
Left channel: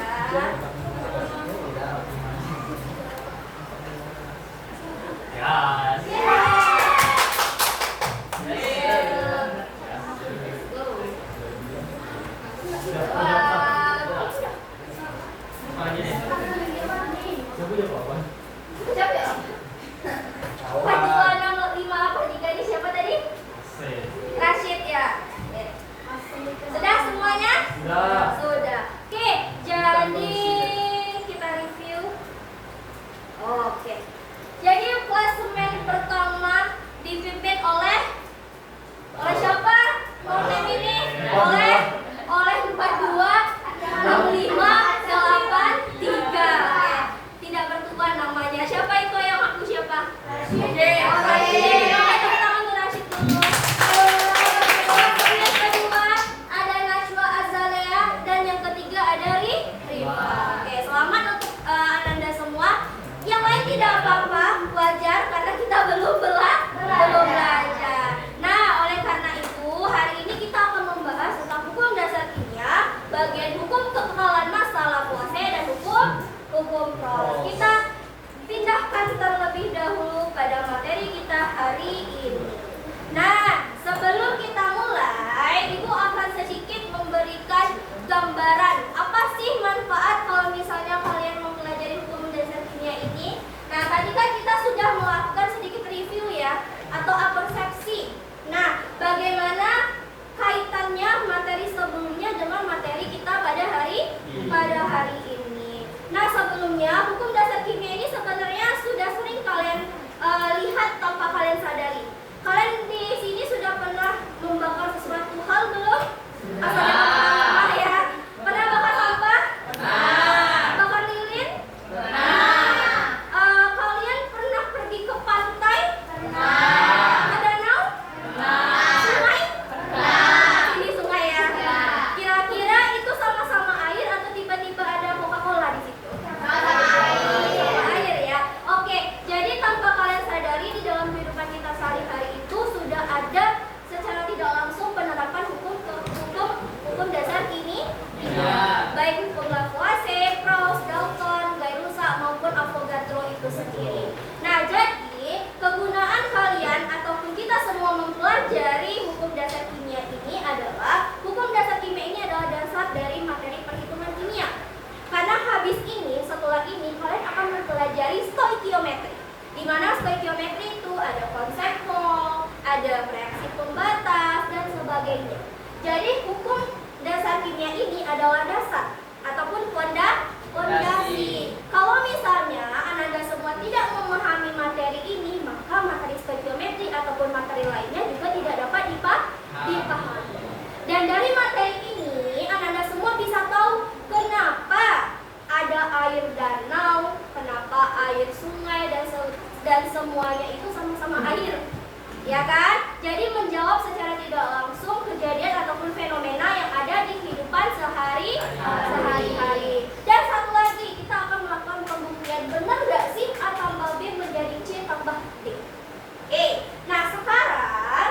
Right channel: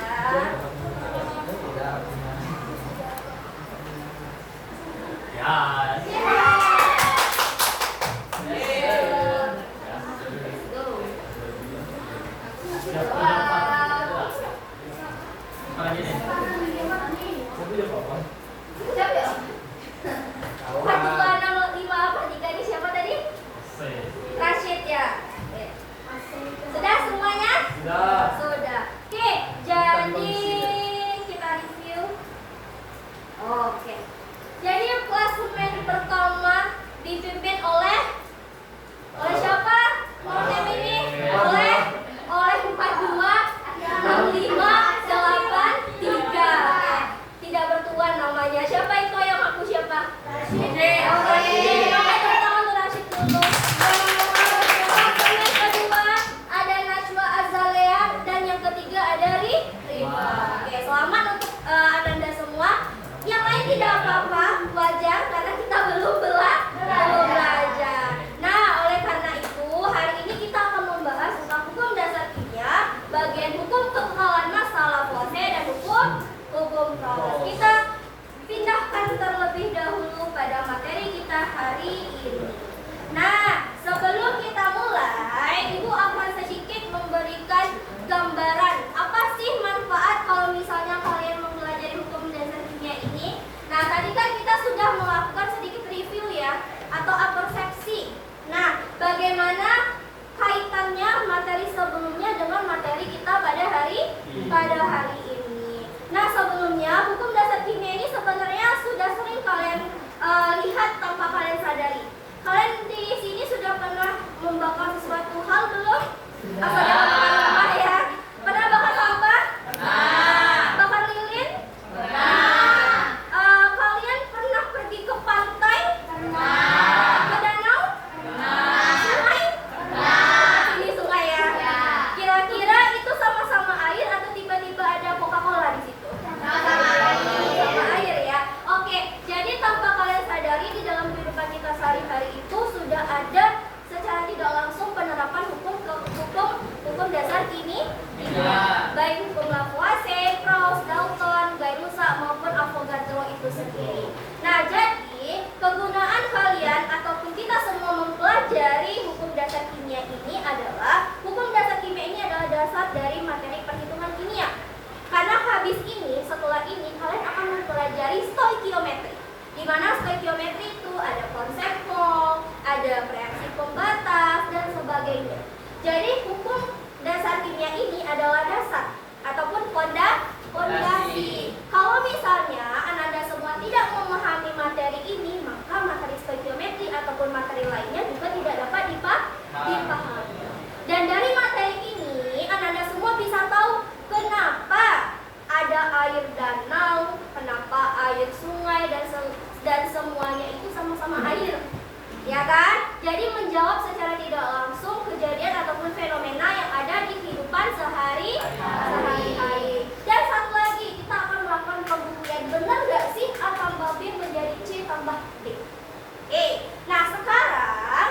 Ya. Go. Sudah. Wow. Mana gini? Tapi ya apa? Siapa ya? 4, 2, 0, 5, 4, 3 ini siapa tadi? Rashid ya. Oke. Sudah semuanya? Sudah. Sudah. Oke, jadi kita review. Oke. Jadi klasemen pertama dipimpin oleh siapa? Mau name ini? Oleh 42, 65, 83. Tidak bertuan namanya. Siapa itu yang aku siapa? Rashid. Rashid. Oke, tepuk tangan untuk Rashid dulu. Klasemen kedua ada Najwa Azalea dan yang ketiga ada Rifa. Oke, selamat untuk Ananda semua. Yang lain tidak apa-apa, wajar karena kita belum belajar. Nah, oleh karena itu hari ini kita akan membahas tentang hukum dasar kimia, bagian hukum kekekalan massa Lavoisier dan hukum Proust. Kita pindahkan terlebih dahulu pada materi kita hari ini. Nah, sebelum kita mulai, Ibu akan sedikit memberikan gambaran apa sih manfaat kalau misalnya kalian mempelajari hukum dasar kimia ini. Nah, tadi kan kita sudah melakukan sedikit review ya, atau apersepsi. Nah, bagaimana kaitannya materi sebelumnya dengan materi kita pada hari ini. Nah, sebelumnya hukum dasar kimia ini sebenarnya sudah sering kalian lihat tanpa kalian sadari. Kalian di sini sudah pernah membakar sesuatu hal belum? Atau pernah ya? Pernah bakar sampah? Bakar lilin? Kalian pernah pergi ke pantai? Ke danau? Sungai? Ini sungai ya? Kira-kira itu sama-sama air atau tiba-tiba ada Coca-Cola di situ? Sama air ya. Oke, jadi tanpa kalian sadari di dalam kehidupan kita sehari-hari itu sudah ada secara tidak langsung penerapan hukum dasar kimia. Baik hukum Lavoisier, Proust, Dalton, Gay-Lussac maupun Avogadro itu sendiri. Nah, jadi kegunaan kalian ataupun kita semua mempelajari hukum dasar kimia ini adalah hukum dasar kimia ini adalah dasar dari materi perhitungan kimia. Karena habis ini, setelah ini kalian akan mempelajari stoikiometri. Di mana stoikiometri itu ada konsep Mol, ada reaksi pembatas dan sebagainya. Jadi hukum dasar kimia ini adalah dasar ataupun fondasi. Kalau misalnya Ananda semua tidak memahami materi ini, maka materi stoikiometri ataupun materi lainnya juga tidak dapat dipahami. Dan dari materi ini Ananda semua bisa tahu kenapa ada air danau, kenapa air sungai dan semuanya itu sama-sama air. Ya kan? Jadi menjawab secara tidak langsung kejadian ataupun fenomena yang ada di kehidupan sehari-hari. Dan satu lagi, kita akan melakukan pembuktian benar gak sih A tambah B menjadi C tambah D. Nah sekarang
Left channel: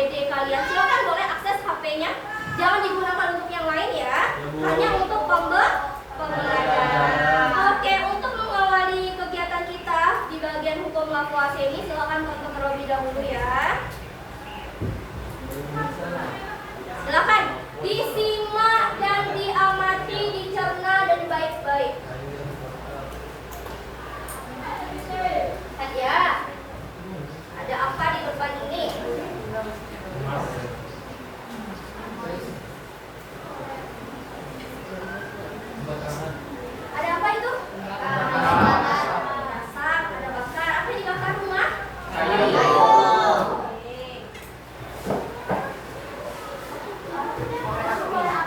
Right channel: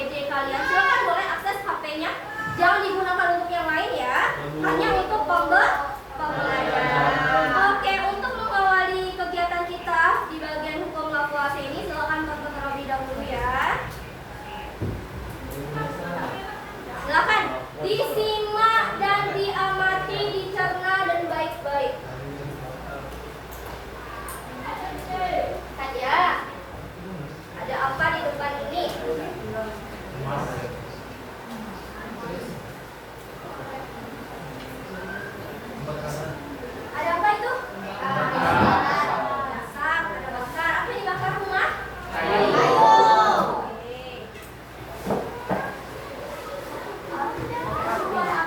APD kalian. Silakan boleh akses HP-nya. Jangan digunakan untuk yang lain ya. Hanya untuk pembelajaran. Oke, untuk mengawali kegiatan kita di bagian hukum lakuase ini, silakan tonton terlebih dahulu ya. Silakan disimak dan diamati, dicerna dan baik-baik. Saja. Ada apa di depan ini? Ada apa itu? Masak, ada bakar. Apa yang dibakar rumah? Kayu. Oke.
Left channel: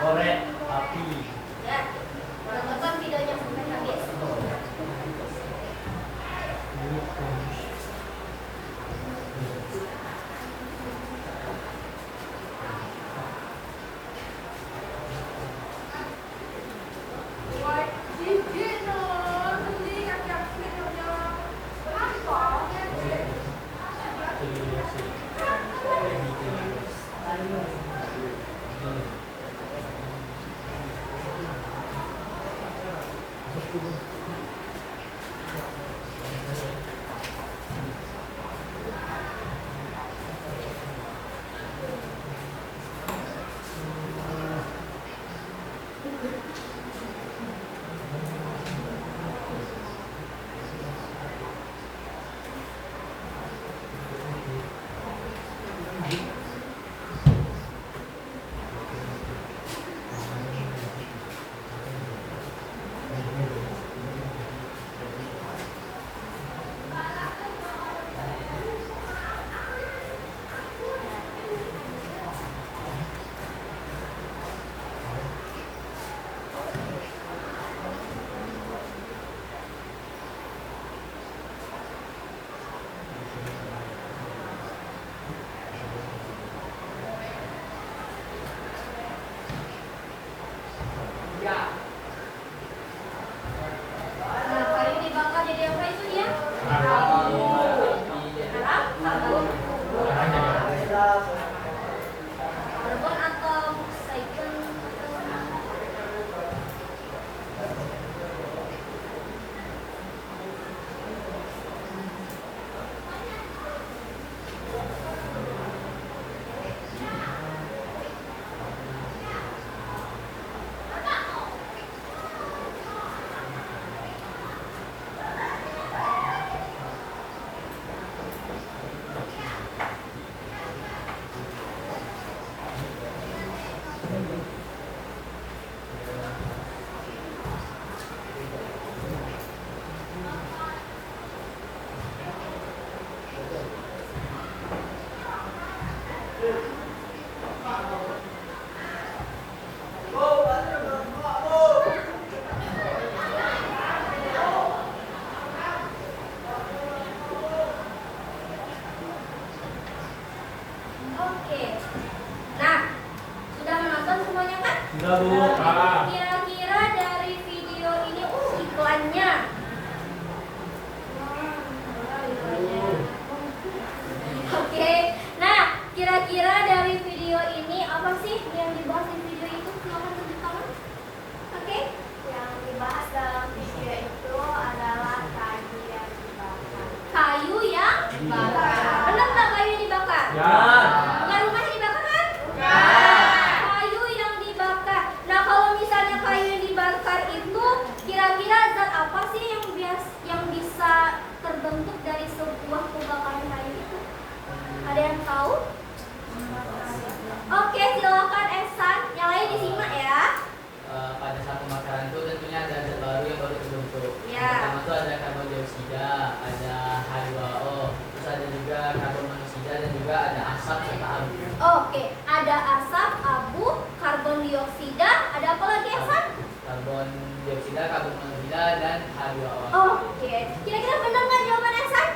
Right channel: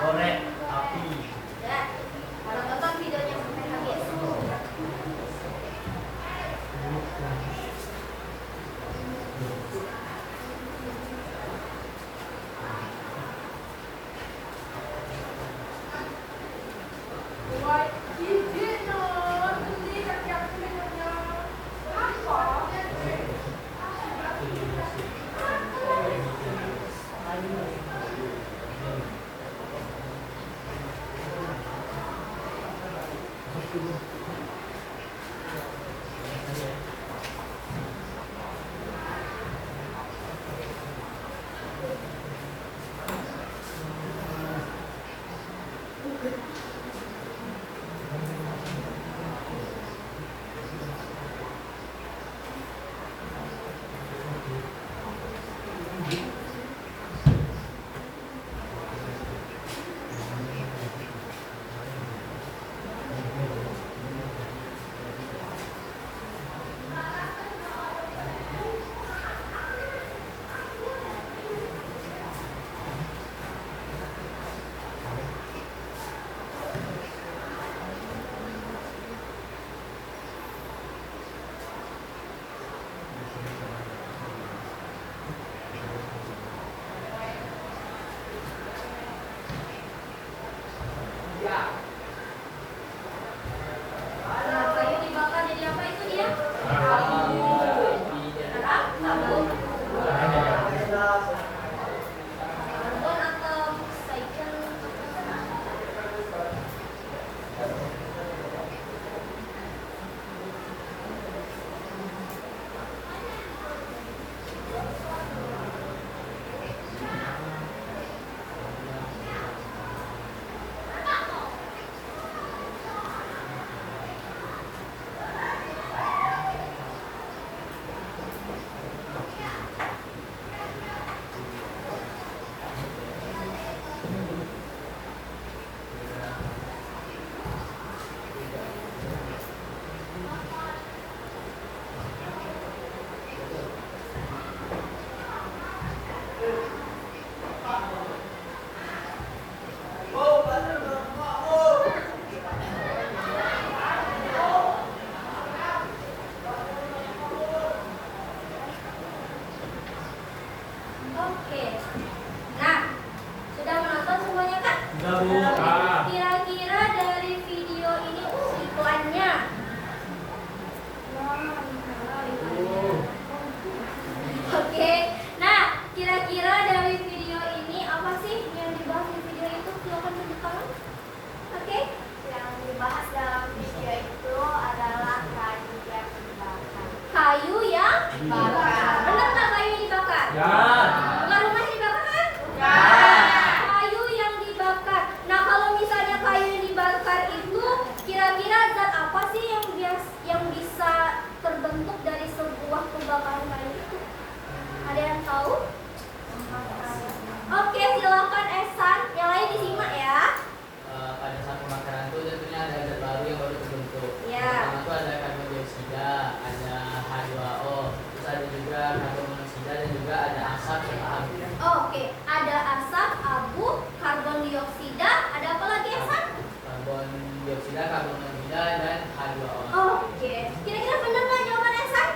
Korek api. Ya. Tonton videonya sampai habis. Nah, kayu dibakar jadi apa itu dia? Arang, karbon. Karbon atau oksigen. Oke. Nah, sudah menonton semuanya kan? Sudah, Bu. Kira-kira dari video ini iklannya. Iklannya. Oke. Nah, kira-kira dari video ini apa sih yang dibahas di video itu? Silakan tunjuk tangan. Oke. Yang dibahas dalam video itu adalah kayu yang dibakar. Kayu yang dibakar. Benar nggak kayu yang dibakar? Ya. Bukan rumahnya dibakar kan? Kayu yang dibakar. Nah, kalau misalnya kayu yang dibakar itu kira-kira zat apa sih yang bisa terbentuk dari sebuah kebakaran kayu itu? Ada yang tahu? Oke, silakan Ehsan. Yang lain disimak ya. Pada saat pembakaran itu tentunya ada zat baru yang baru terbentuk. Ya. Pertama itu ada karbon dioksida, ada H2O, terus ada juga karbon monoksida dan juga ada asap serta abu. Oke, ada asap, abu, karbon dioksida, ada apa lagi Ehsan? Karbon dioksida, karbon monoksida dan H2O. Oke, kira-kira benar nggak jawaban Ehsan?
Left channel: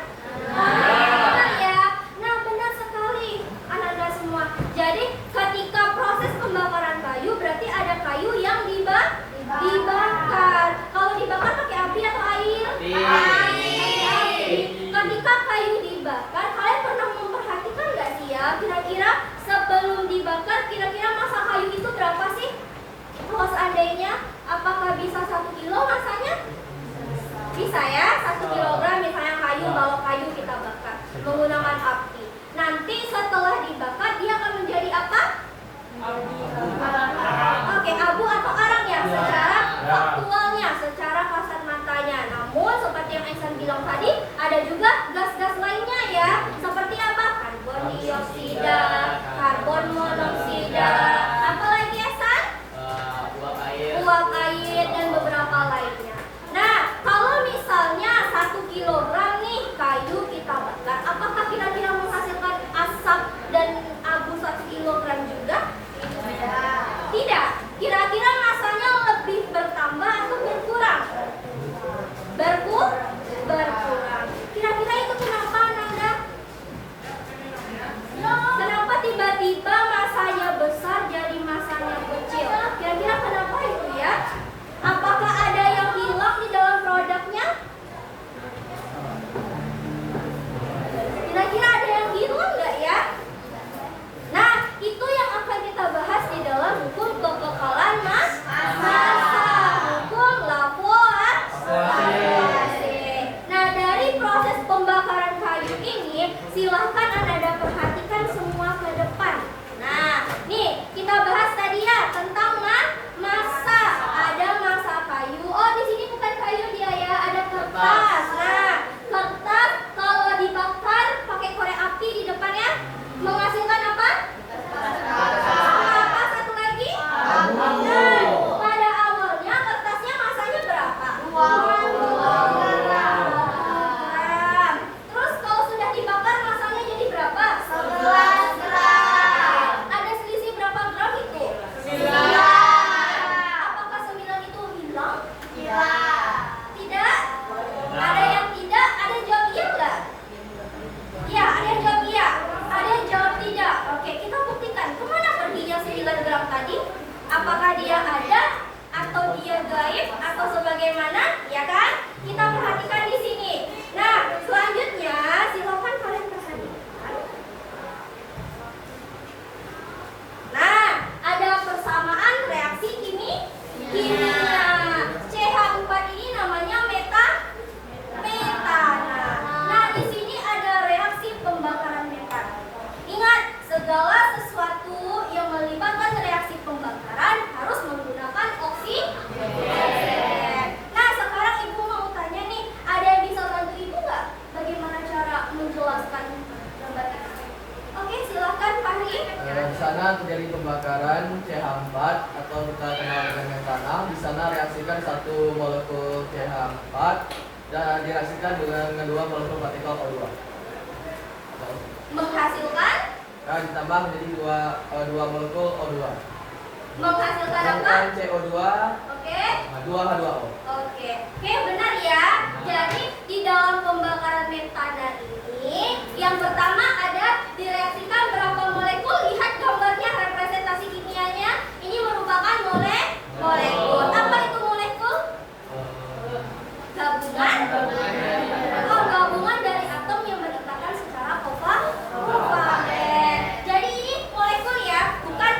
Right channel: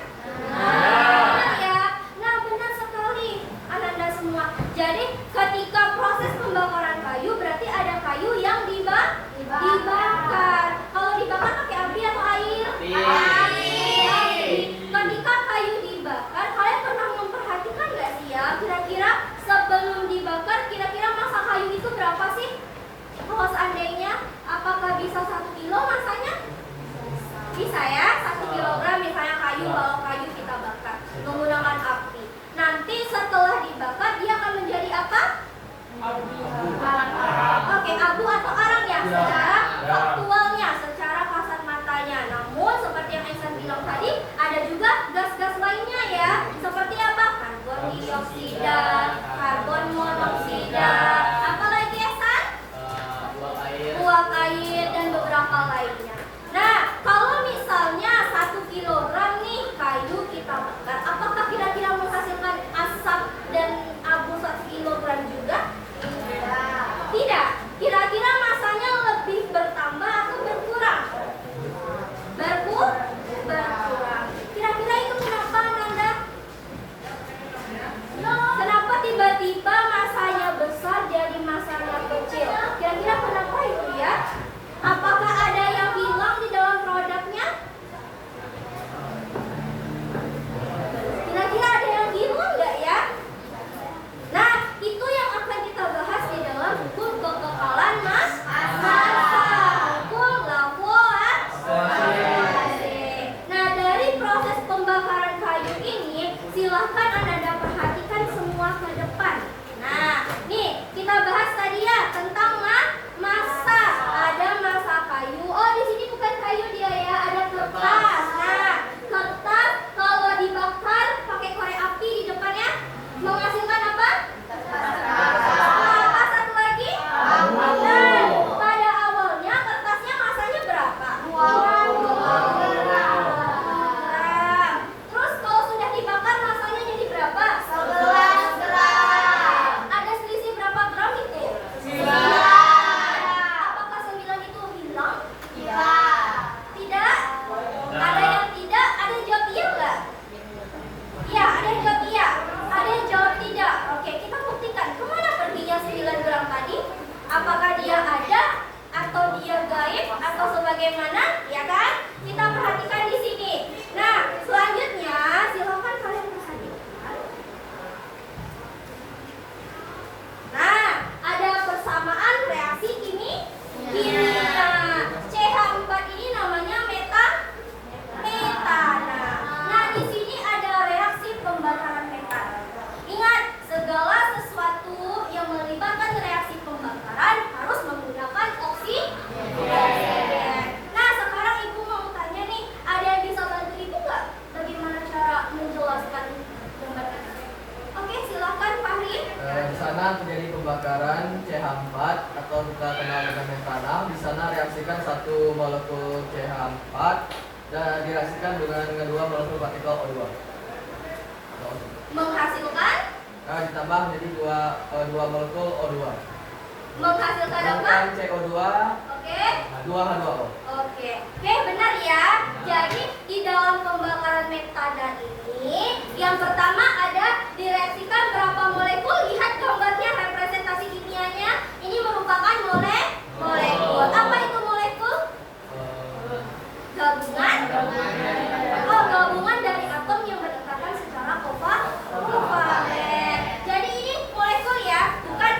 Benar ya. Nah, benar sekali anak-anak semua. Jadi ketika proses pembakaran kayu berarti ada kayu yang dibakar. Kalau dibakar pakai api atau air? Api. Ketika kayu dibakar, kalian pernah memperhatikan nggak sih ya? Kira-kira bisa ya, 1 kilogram misalnya kayu, balok kayu kita bakar menggunakan api. Nanti setelah dibakar dia akan menjadi apa? Oke, abu atau arang ya secara faktualnya, secara kasat matanya. Namun seperti yang Aisyah bilang tadi, ada juga gas-gas lainnya ya. Seperti apa? Karbon dioksida, karbon monoksida, apa lagi Aisyah? Uap air dan beberapa lainnya. Nah, kalau misalnya 1 kilogram nih kayu kita bakar, apakah kira-kira menghasilkan asap dan abu 1 kilogram juga? Tidak. Kira-kira masanya lebih bertambah atau berkurang? Berkurang. Kira-kira itu kenapa, Nanda? Kenapa tiba-tiba masanya besar jadi masanya kecil? Kira-kira kenapa itu ya? Apakah ada yang hilang di dalam produknya? Kira-kira ada yang hilang nggak ya? Nah, itu yang akan kita bahas di dalam hukum kekekalan massa, hukum Lavoisier. Nah, dari proses pembakaran kayu ini, silahkan Anda perhatikan semua ke depan. Nah, nih kita bahas tadi ya tentang massa. Ada massa kayu. Oh, di sini bukan kayu dia ya, ada kertas. Nah, kertas kalau dibakar pakai korek api di depannya menghasilkan apa? Apa satu lagi? Nah, pada awalnya kertasnya masanya berapa? 2 gram. Terus kalau sudah dibakar masanya jadi berapa? 11 gram. Ada selisih berapa gram itu? 9. Apakah 9 itu hilang? Tidak. Ada yang tidak? Ada yang jawab iya nggak? Iya, ada yang jawab iya. Ada yang jawab tidak. Oke, kita buktikan. Kemana perginya 9 gram tadi? Apakah dia ada atau dia gaib atau sebagaimana? Ya kan? Kita perhatikan di sini. Nah, selanjutnya silakan kalian perhatikan. Nah, ada persamaan reaksi kimia. CH4 ini namanya metana. Nah, di sini ada reaksi pembakaran metana. Ingat, segala sesuatu yang melibatkan reaksi pembakaran harus menggunakan oksigen. Nah, sekarang Ibu mau tanya nih, ada yang bisa bantu Ibu nggak? Bagaimana cara menjelaskan gambar ini? Oke, silakan Fahri. Di sana terjadi pembakaran CH4 atau kita kenal dengan metana. Di sana reaksikan 1 molekul CH4 dan direaksikan dengan kedua molekul partikel O2. Menghasilkan? Nah, ditambah menjadi dua molekul O2. Menghasilkan apa? Sedangkan CO2 Oke. 2H2O. Oke, benar ya. Jadi di dalam pembakaran metana ini, yang pertama ada direaksikan berapa molekul. Lihat gambarnya, representasi kimianya. Ini merupakan molekul. Apa itu molekul? Gabungan. Oh, gabungan dari atom yang berdekatan secara kovalen. Jadi ini molekul ya, bukan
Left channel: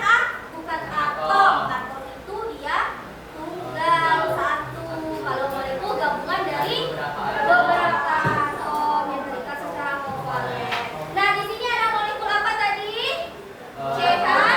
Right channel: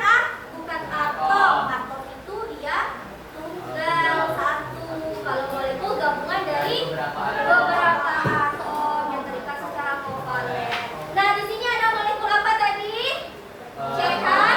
atom. Atom itu dia tunggal satu. Kalau molekul gabungan dari beberapa atom yang terikat secara kovalen. Nah, di sini ada molekul apa tadi? CH4.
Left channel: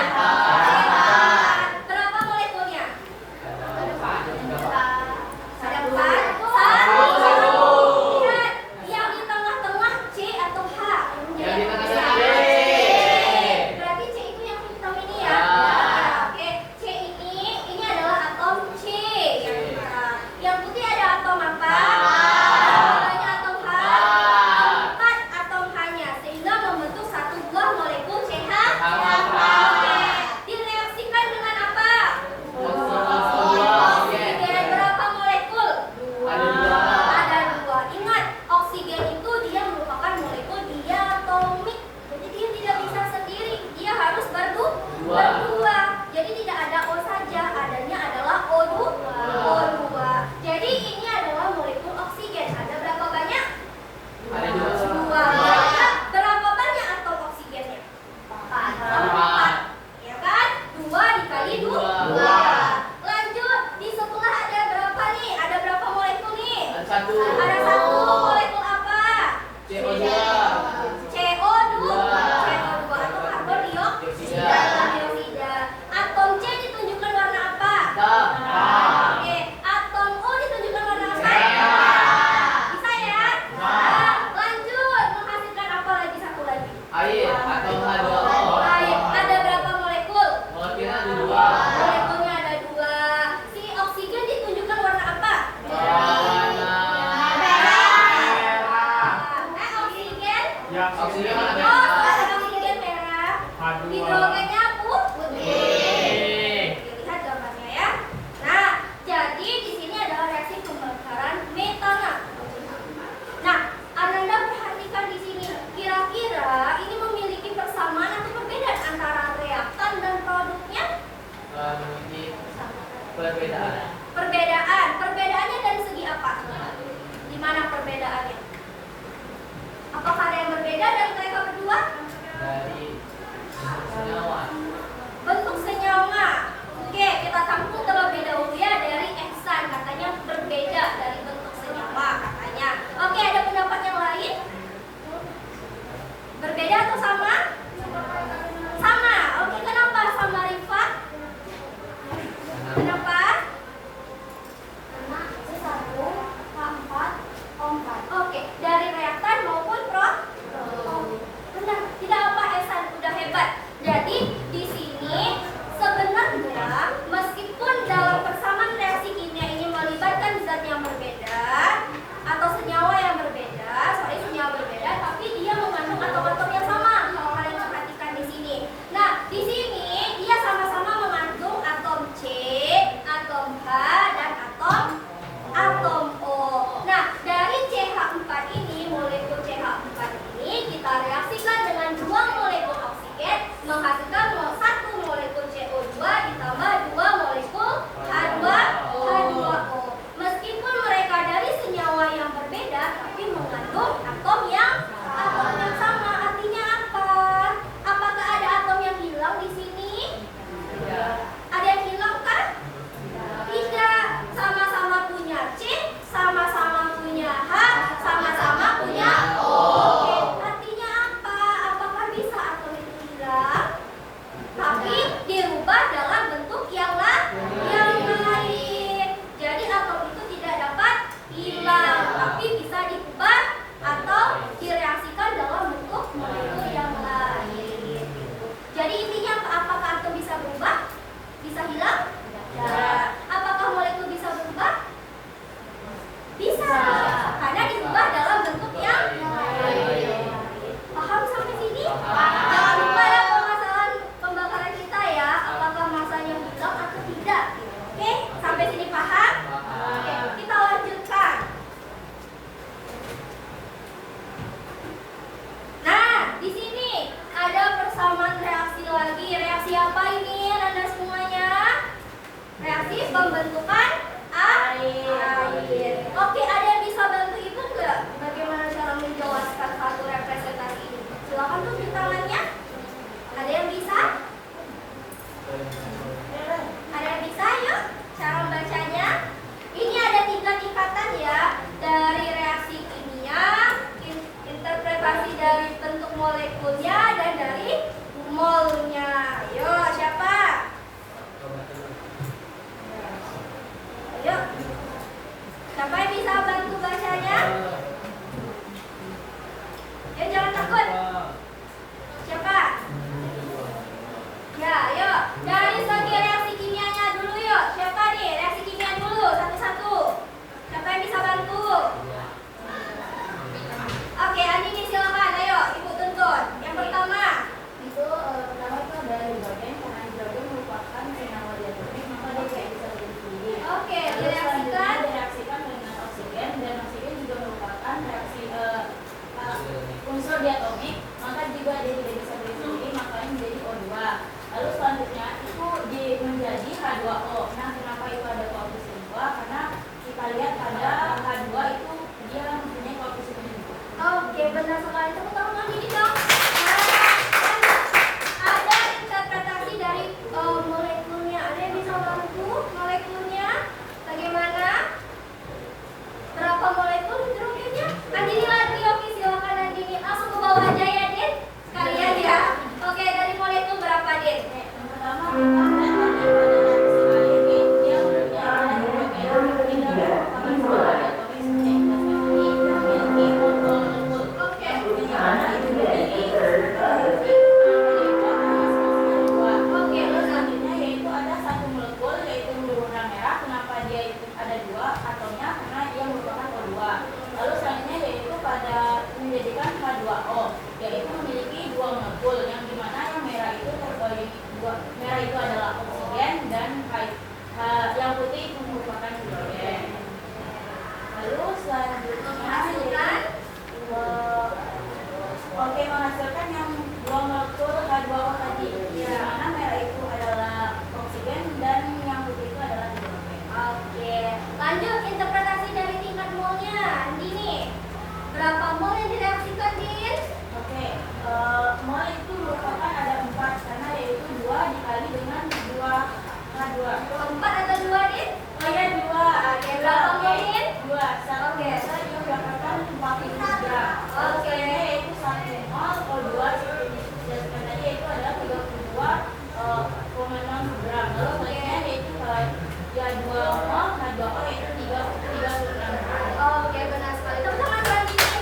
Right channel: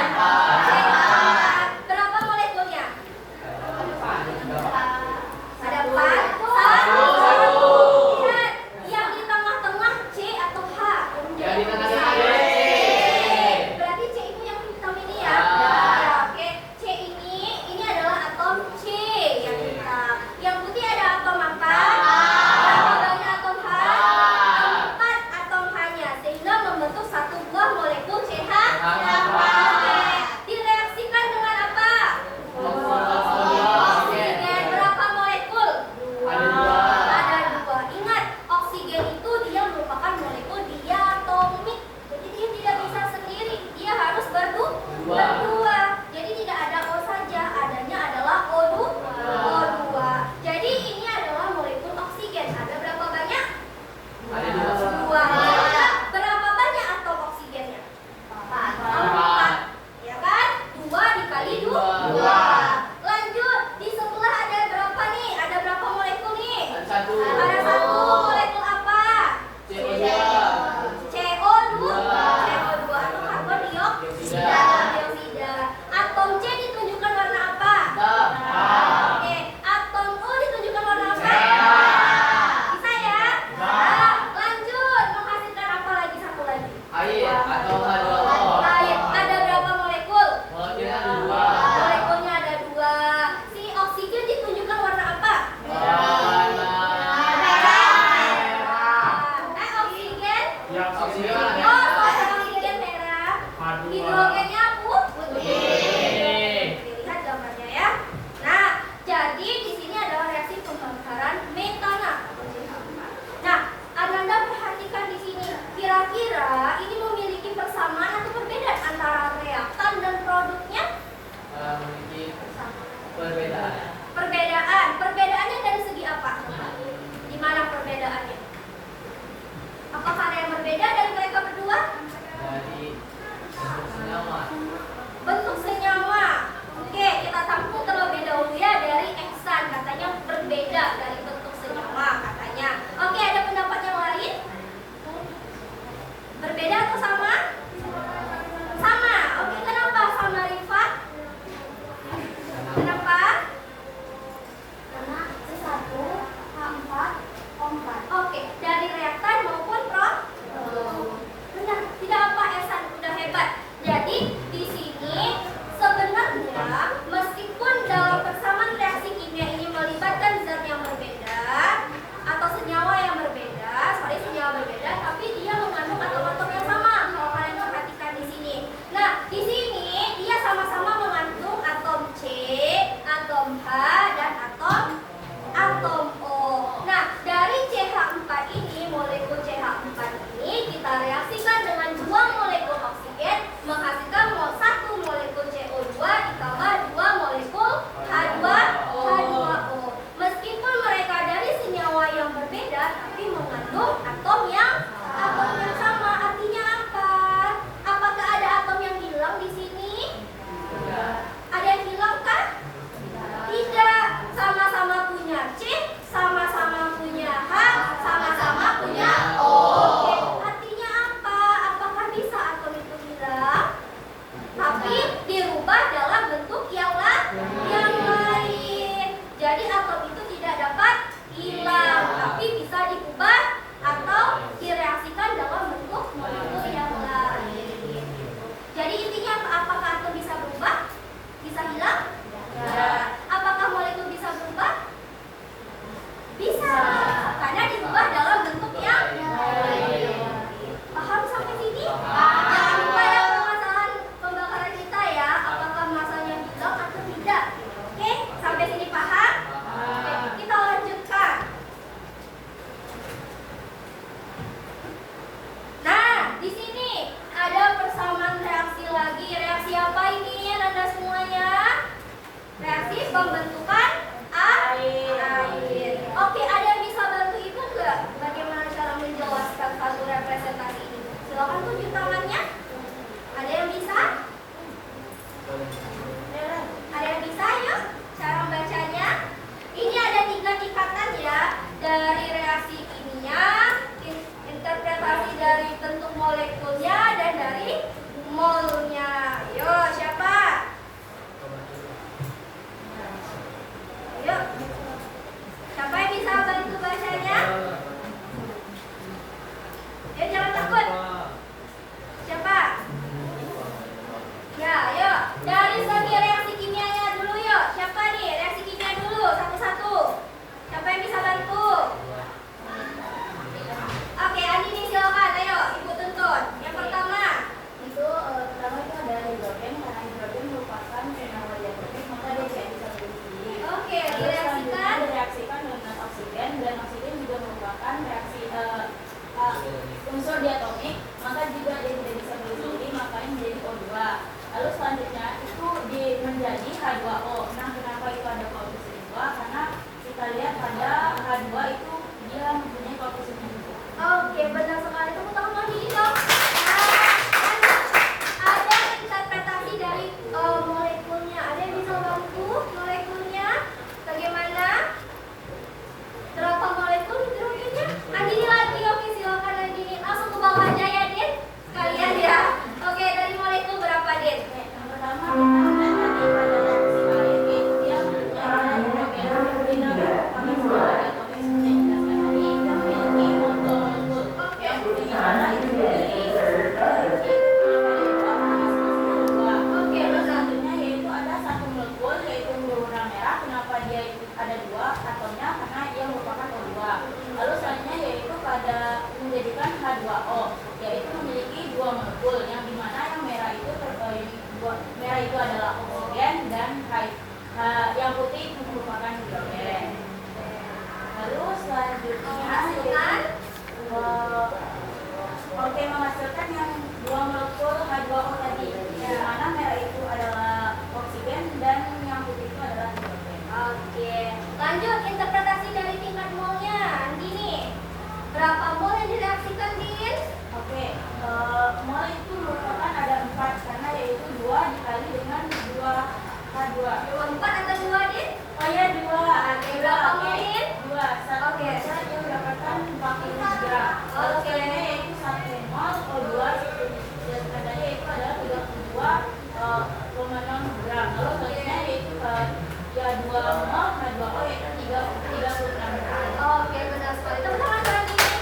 Perbedaan. Perbedaannya dari segi apa? Di mana perbedaannya? Apakah ada yang berbeda dari mereka berdua? Dari senyawa. Bentuk senyawa. Oke, kita tampung terlebih dahulu ya dari eksan. Katanya berbeda dari bentuk senyawa katanya. Oke, ada pendapat yang lain? Berbeda atau sama? Sama. Oke, kenapa sama Rifat? Kenapa? Karena C1, H4, O4. Oke, dari reaktan maupun benar, tidak apa Esan, udah hebat. Jadi di sini sebenarnya meskipun dalam persamaan reaksi kimia ini melibatkan zat yang berbeda atau senyawa yang berbeda, tapi dia mengandung atom-atom yang sama. Kalau kalian perhatikan di sini. Nah, di sini dia sama-sama mengandung atom C, atom H, dan atom O. Nah, dari CH4 ini, molekul CH4 ini kita reaksikan dengan dua molekul oksigen menghasilkan satu molekul CO2 ditambah dua molekul H2O. Meskipun mereka dari senyawa yang berbeda, tapi mengandung atom yang sama. Artinya apa? Apakah ada atom yang hilang di sini? Ada yang hilang kan? Tidak. Sama-sama punya C, sama-sama punya H, sama-sama punya O. Oke, artinya apa? Apakah bisa atom itu hilang? Tapi dirubah dalam bentuk yang lain. Jadi atom itu tidak dapat hilang, tapi bisa diubah atau direaksikan dalam bentuk molekul yang lain. Jadi intinya apakah atom bisa berubah? Bisa hilang? Ya. Apakah molekul bisa berubah? Bisa, karena diubah dalam bentuk yang lain. Paham sampai sini? Jangan lupa ya permasalahan pembakaran kita ya. Apakah masanya hilang atau tidak? Oke, sampai sini paham? Oke, kita lanjutkan. Nah, di sini ada persamaan reaksi lagi. Reaksi apa ini, Anda semuanya? Reaksi pembentukan air. Oke, ada yang bisa bantu ibu nggak? Bagaimana cara menjelaskan satu representasi ini? Silakan tunjuk tangannya. Ada yang bisa? Ada yang bisa? Yuk, cara membacanya. Ini ada 3 tingkatan ya. Dari reaksi kimia, interpretasi dari bentuk molekulnya, dan dari molnya. Yo, siapa? Ayo. Siapa yang bisa bantu bacanya? Jangan takut. Siapa? Ya, ayo. Dari segi reaksi kimianya dulu yuk. Siapa nih? Reaksi kimia dulu, satu-satu. Siapa yang bisa bantu? Oke, Andini silakan. Ayo, ibu tuntun. Yang pertama. Itu pertama itu ada hidrogen, karena hidrogen merupakan senyawa diatomis, maka dia tidak bisa berdiri. Oke, Lalu direaksikan. selanjutnya direaksikan dengan oksigen, dan oksigen juga merupakan reaksi unsur diatomik, maka juga dia tidak bisa berdiri sendiri, makanya menjadi O2. Lalu selanjutnya itu menjadi H2O. Nah, kenapa itu ada koefisien 2? Karena kita lihat pada H2 itu dia mempunyai koefisien 2. Oke, benar sekali. Tepuk tangan gini dong. Ada interpretasi dari molekulnya. Ada yang bisa bantu molekulnya? Bagaimana? Berapa molekul hidrogennya? Andini lagi, oke silakan Andini. Langsung ke bawah aja ya, Din. Sekalian ya. Oke, dari molekul berapa, Din? Yang pertama kita lihat tadi pada reaksi air, dia mempunyai hidrogen berbeda merupakan senyawa diatomis seperti yang dijelaskan tadi, yang memiliki molekul Oke. yang mana itu memiliki Oke, benar. selanjutnya yaitu ada satu molekul yaitu berwarna merah. Kenapa dia itu ada 2 atomnya? Karena dia merupakan O2. Lalu selanjutnya yaitu pada menjadikan H2O, yaitu memiliki 2 molekul yang dimana yang merah itu merah itu adalah oksigen, dan yang putih itu merupakan hidrogen. Lalu selanjutnya oke, menghasilkan yang 2 molekul H2O tadi, di mana merah itu adalah oksigen dan yang putih itu adalah hidrogen. dua. Empat atau dua, Din? Oh ya dua. Oke, berapa mungkin? Dua. Satu Oke. saya yang mendapatkan 43. Oke. Itu 1,0. Kalau dua sebenarnya itu adalah 32,6 gram. Lalu selanjutnya yaitu ya 2 mol, nah 2 O yaitu 36 gram. Oke, benar sekali. Teman-teman jangan di sini.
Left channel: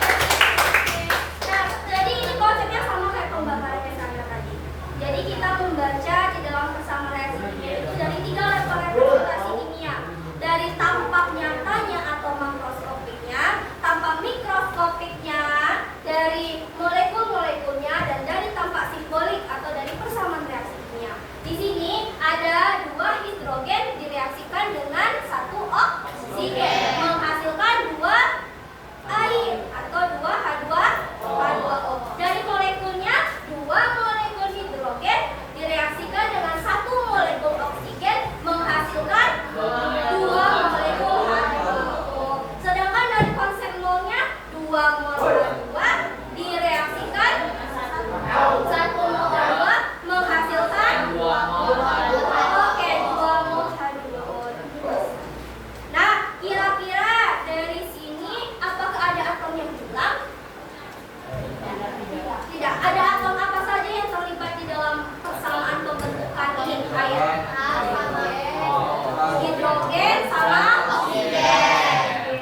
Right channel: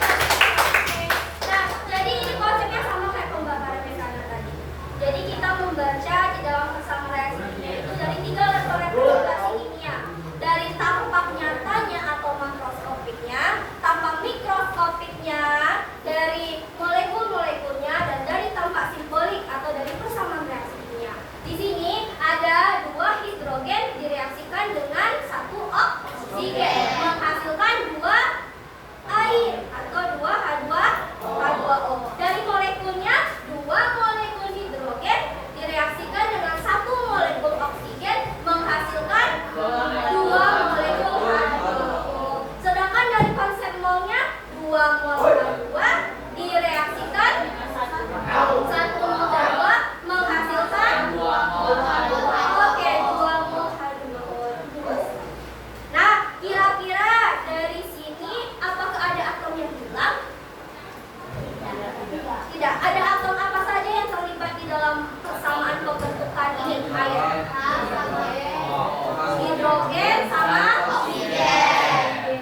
Nah, jadi ini konsepnya sama kayak pembakaran misalnya tadi. Jadi kita membaca di dalam kesamaan reaksi kimia itu dari 3 level representasi kimia. Dari tampak nyatanya atau makroskopiknya, tampak mikroskopiknya, dari molekul-molekulnya, dan dari tampak simbolik atau dari persamaan reaksi kimia. Di sini ada 2 hidrogen direaksikan dengan 1 oksigen menghasilkan 2 air atau 2 H2O. Dari molekulnya 2 molekul hidrogen direaksikan dengan 1 molekul oksigen menghasilkan 2 molekul H2O. Sedangkan dari konsep molnya 2 mol H2 direaksikan 1 mol H2 menghasilkan 2 mol H2O. Oke, 2 mol H2O. Nah, kira-kira dari sini apakah ada atom yang hilang? Tidak. Ada atom apa saja yang terlibat di dalam persamaan pembentukan ini? Air. Hidrogen sama oksigen.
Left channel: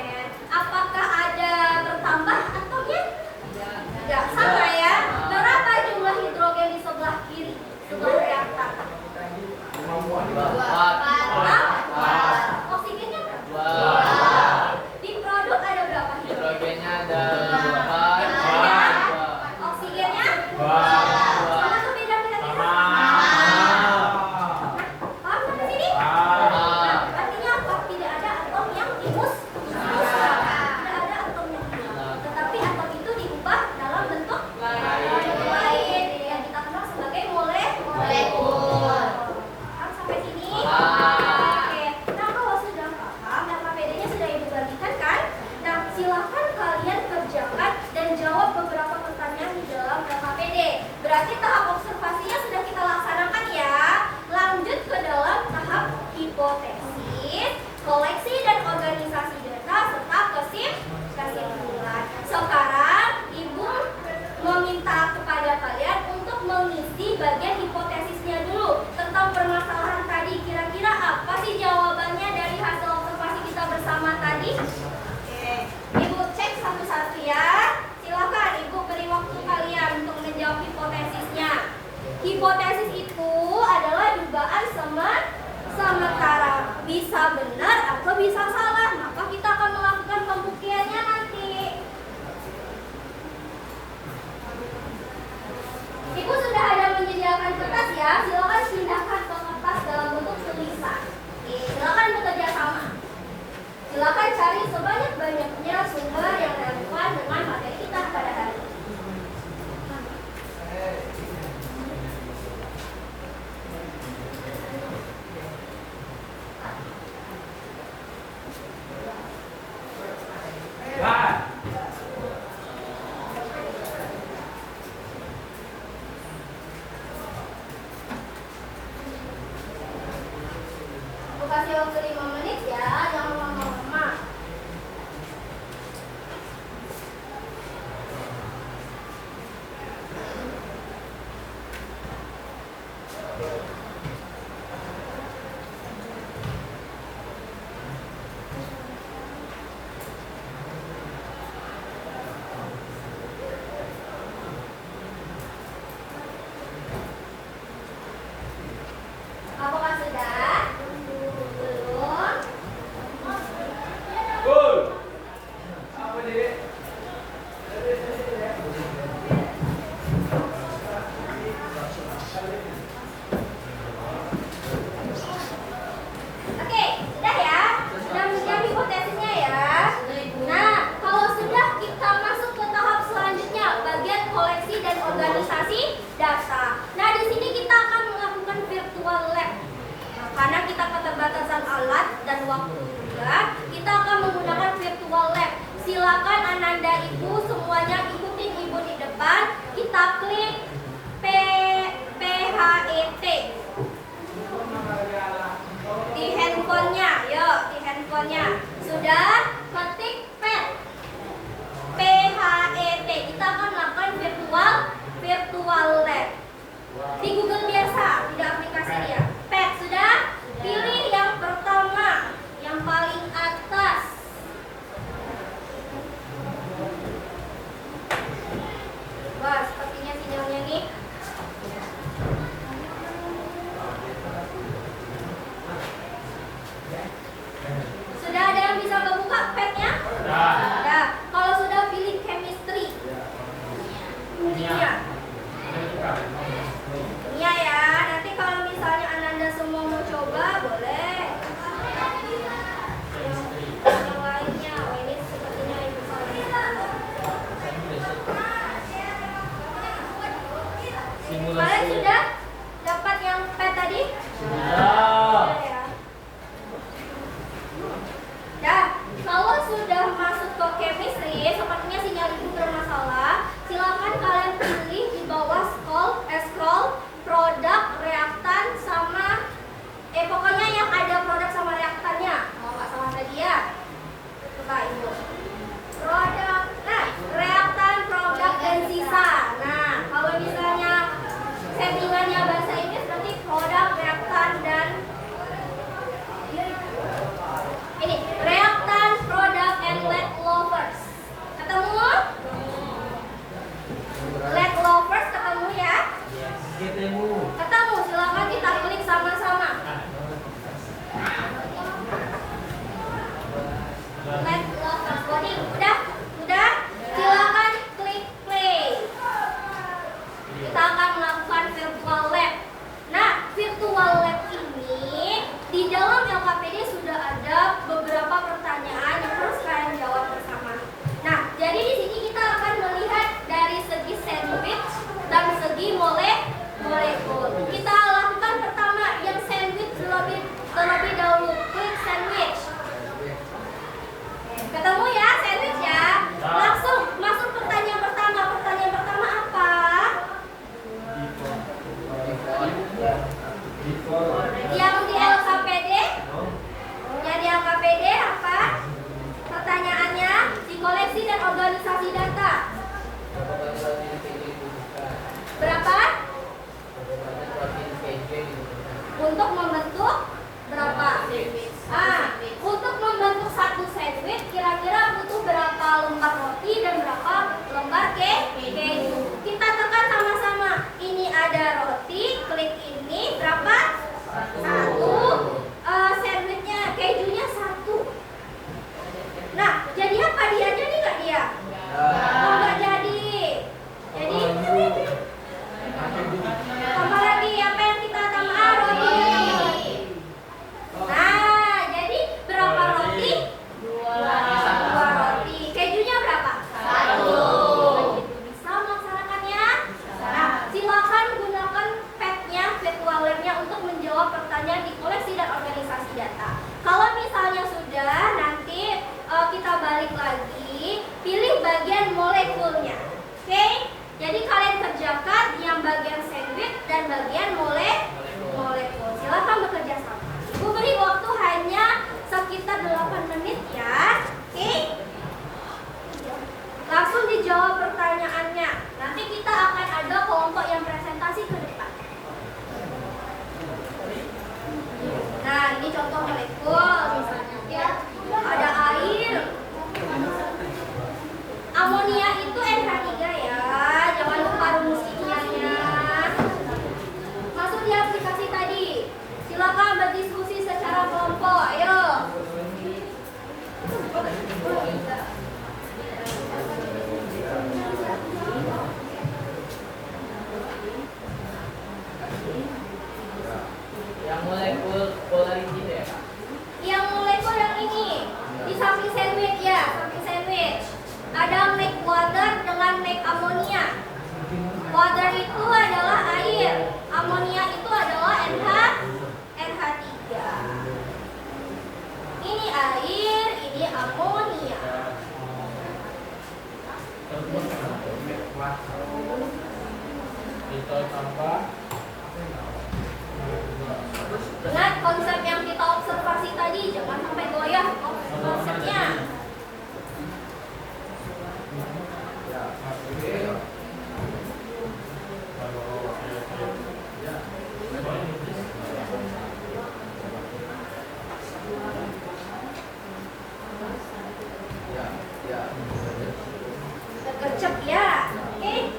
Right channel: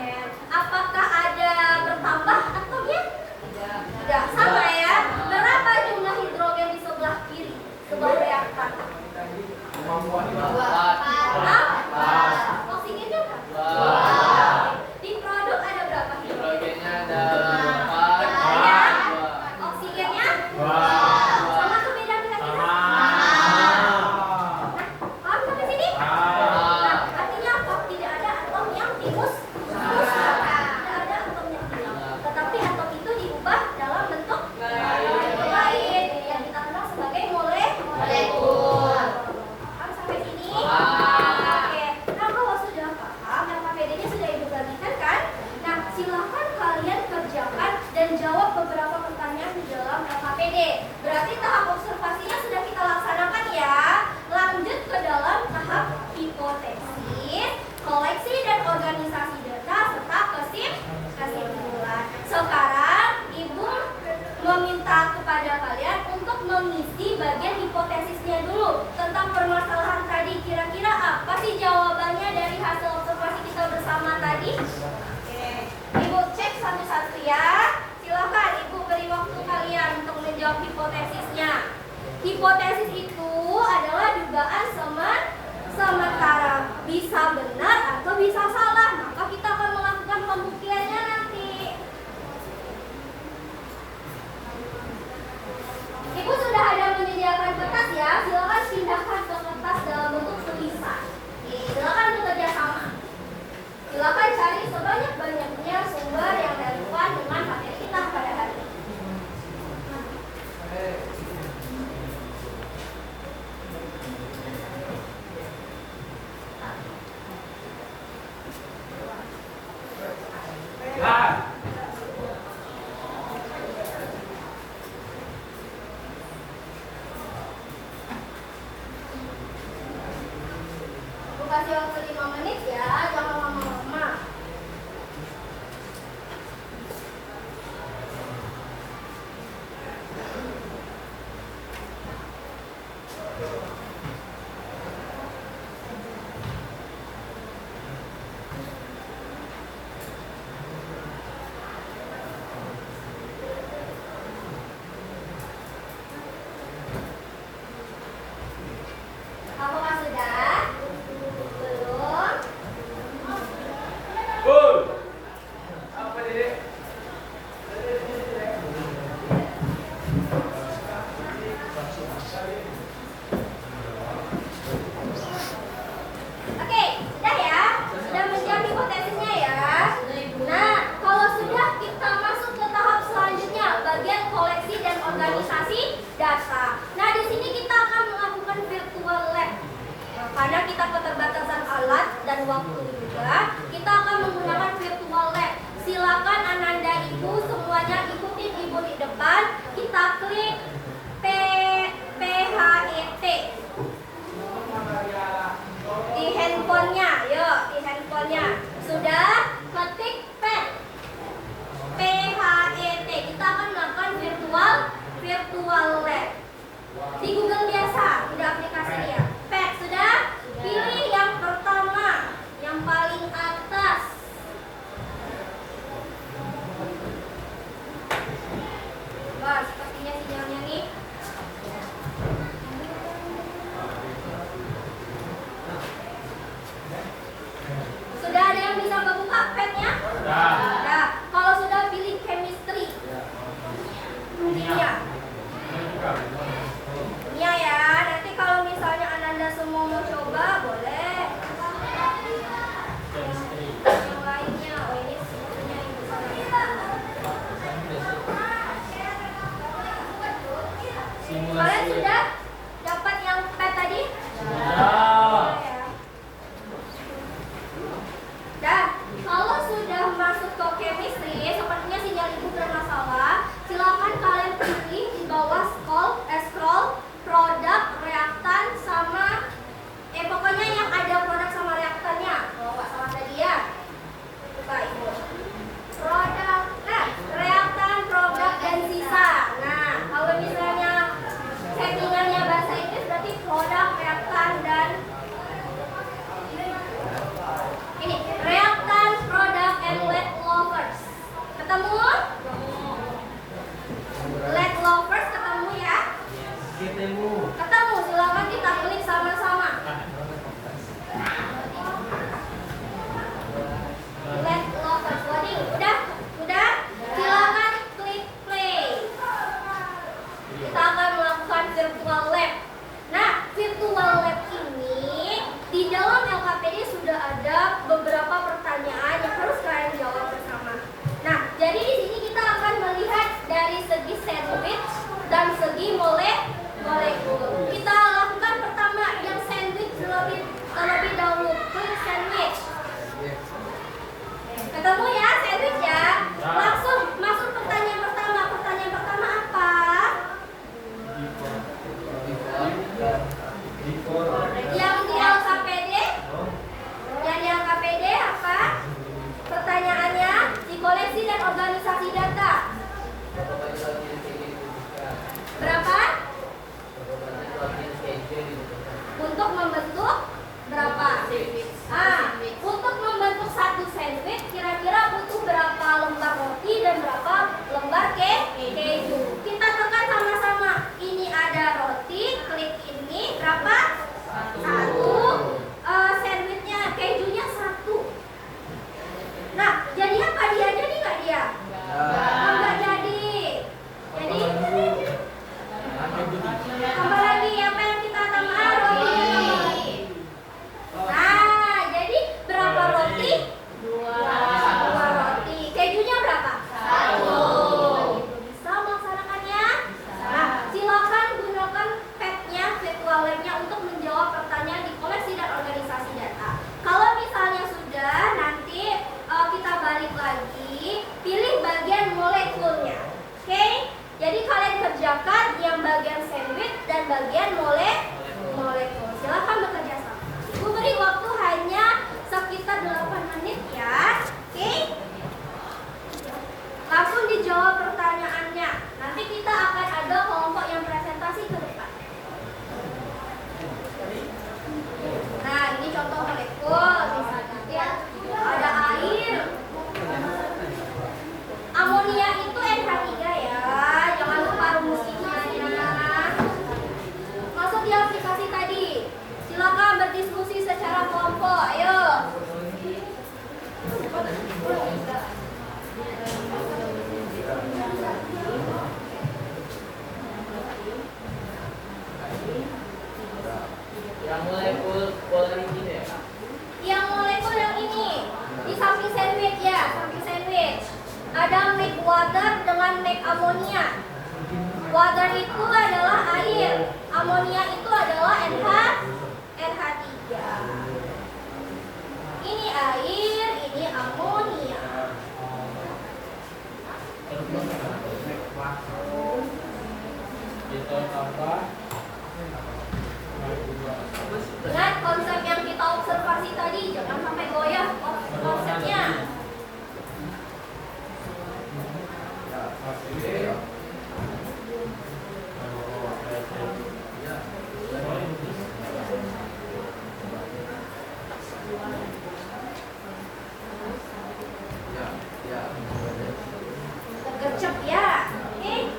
Apakah ada bertambah atomnya? Tidak. Sama ya. Berapa jumlah hidrogen di sebelah kiri? Sebelah reaktor. Oksigennya berapa? Di produk ada berapa hidrogen? Hidrogennya ada Hidrogennya? Oksigennya? Sama atau beda kira-kira? Paham sampai sini? Nah, artinya apa? Tidak ada atom yang timus. Tidak ada atom yang hilang. Tetapi atom itu diubah dalam bentuk lain yang kita kenal sebagai molekul. Paham sampai sini? Oke. Nah, kalau sudah paham, dan KPD-nya sudah Ibu bagikan kan? Nah, silakan kalian kerjakan dan jawab beberapa pertanyaan di dalam KPD. Berarti tahap observasinya sudah kita laksanakan ya. Lanjut ke dalam tahap hipotesis, koleksi dan organisasi data serta kesimpulan. Sekarang Ibu meminta kepada kalian untuk mengisi bagian hipotesisnya dulu tentang permasalahan tadi. Kira-kira apa sih jawabannya dari hasil observasi kita bersama tadi? Oke, Ibu cek satu-satu ya. Silakan Ibu beri waktu kalian untuk menjawab hipotesisnya. Hipotesis itu adalah dugaan sementara, bisa benar atau bisa salah. Maka kita akan melakukan pembuktiannya nanti. Ibu sudah ada menyediakan kertas ya. Silakan pindahkan ke kertas dalam bentuk tulisan. Silakan bekerja sama. Silakan cari sebanyak-banyaknya sumber yang relevan dengan materi kita pada hari ini. Aku kasih waktu 5 menit ya, jangan lama-lama. Apakah sudah? Belum? Oke, sudah ya? Sudah menjawab hipotesisnya ya? Nah, kalau sudah kita masuk ke tahap selanjutnya, bagian koleksi dan organisasi data. Nah, di sini kita akan melakukan virtual lab. Nah, karena kita keterbatasan alat dan waktu juga, kita akan menggunakan virtual lab. Silakan Ananda Ibu semuanya ikutin Ibu di depan. Kita klik PHET. Ini reactant product and lead lovers. Ketemu? Lead lovers ketemu ya? Ketemu. Ketemu, silakan kita klik sama-sama. Lead lovers, loading, udah? Silakan klik play. Kita akan melakukan virtual lab. Nah, virtual lab ini di dalam LKPD sudah ada beberapa pertanyaan yang harus kalian jawab bersama. Nah, jadi di sini kita akan melihat dari segi sandwich dan segi molekul. Kita lakukan pertama yang sandwich terlebih dahulu. Klik sandwich. Ketemu ya sandwich ya? Langsung masuk pertanyaan pertama. Pertanyaan pertama apa? Yang di LKPD? Yang di LKPD apa? Pertanyaannya di koleksi dan organisasi data. Berapa banyak latihan KJ dibutuhkan? Berapa? Berapa banyak latihan KJ dibutuhkan? Untuk membentuk berapa? Untuk membentuk satu sandwich kira-kira butuh berapa lembar roti dan berapa lembar keju? Kita tekan sama-sama. Ini ada roti, klik ini berapa? Satu. Sandwichnya, kejunya satu. Nah, jadi apa dia? Jadi nggak dia? Oh, nggak jadi. Jadi tambah lagi apa yang kita tambah? Roti. Nah, jadi berapa roti? Dua roti. Kejunya berapa? Satu. Begitu bisa melaksanakannya. Nah, silakan gunakan pad-nya, virtual lab-nya untuk menjawab pertanyaan di koleksi dan organisasi data. Kalau misalnya sudah, nanti kita balik lagi, pilih bagian molekulnya. Oke? Jadi kalian kerjakan yang bagian sandwich dan bagian molekul. Silakan bekerja sama. Ibu beri waktu hanya sekitar 8 menit ya. Oke? Langsung dijawab pertanyaannya. Nanti kita akan ada kelompok yang presentasi ke depan. Nah, ini contoh molekul. Misalnya ya, ada air. Amonia itu NH3 ya. Jangan lupa rumusnya ya. Masuk di aplikasi tadi. Silakan berdiskusi secara kelompok. Ayo. Yang molekul polarity ya? Yang molekul yang ini di samping sandwich ya, samping sandwich. Ada make water dengan make amonia. Water itu adalah air, amonia itu adalah NH3. Ini air, ini amonia. Kita tambah. Ingat konsep yang kita observasi tadi, jangan sampai goyah konsepnya. Gercep ya. Oke.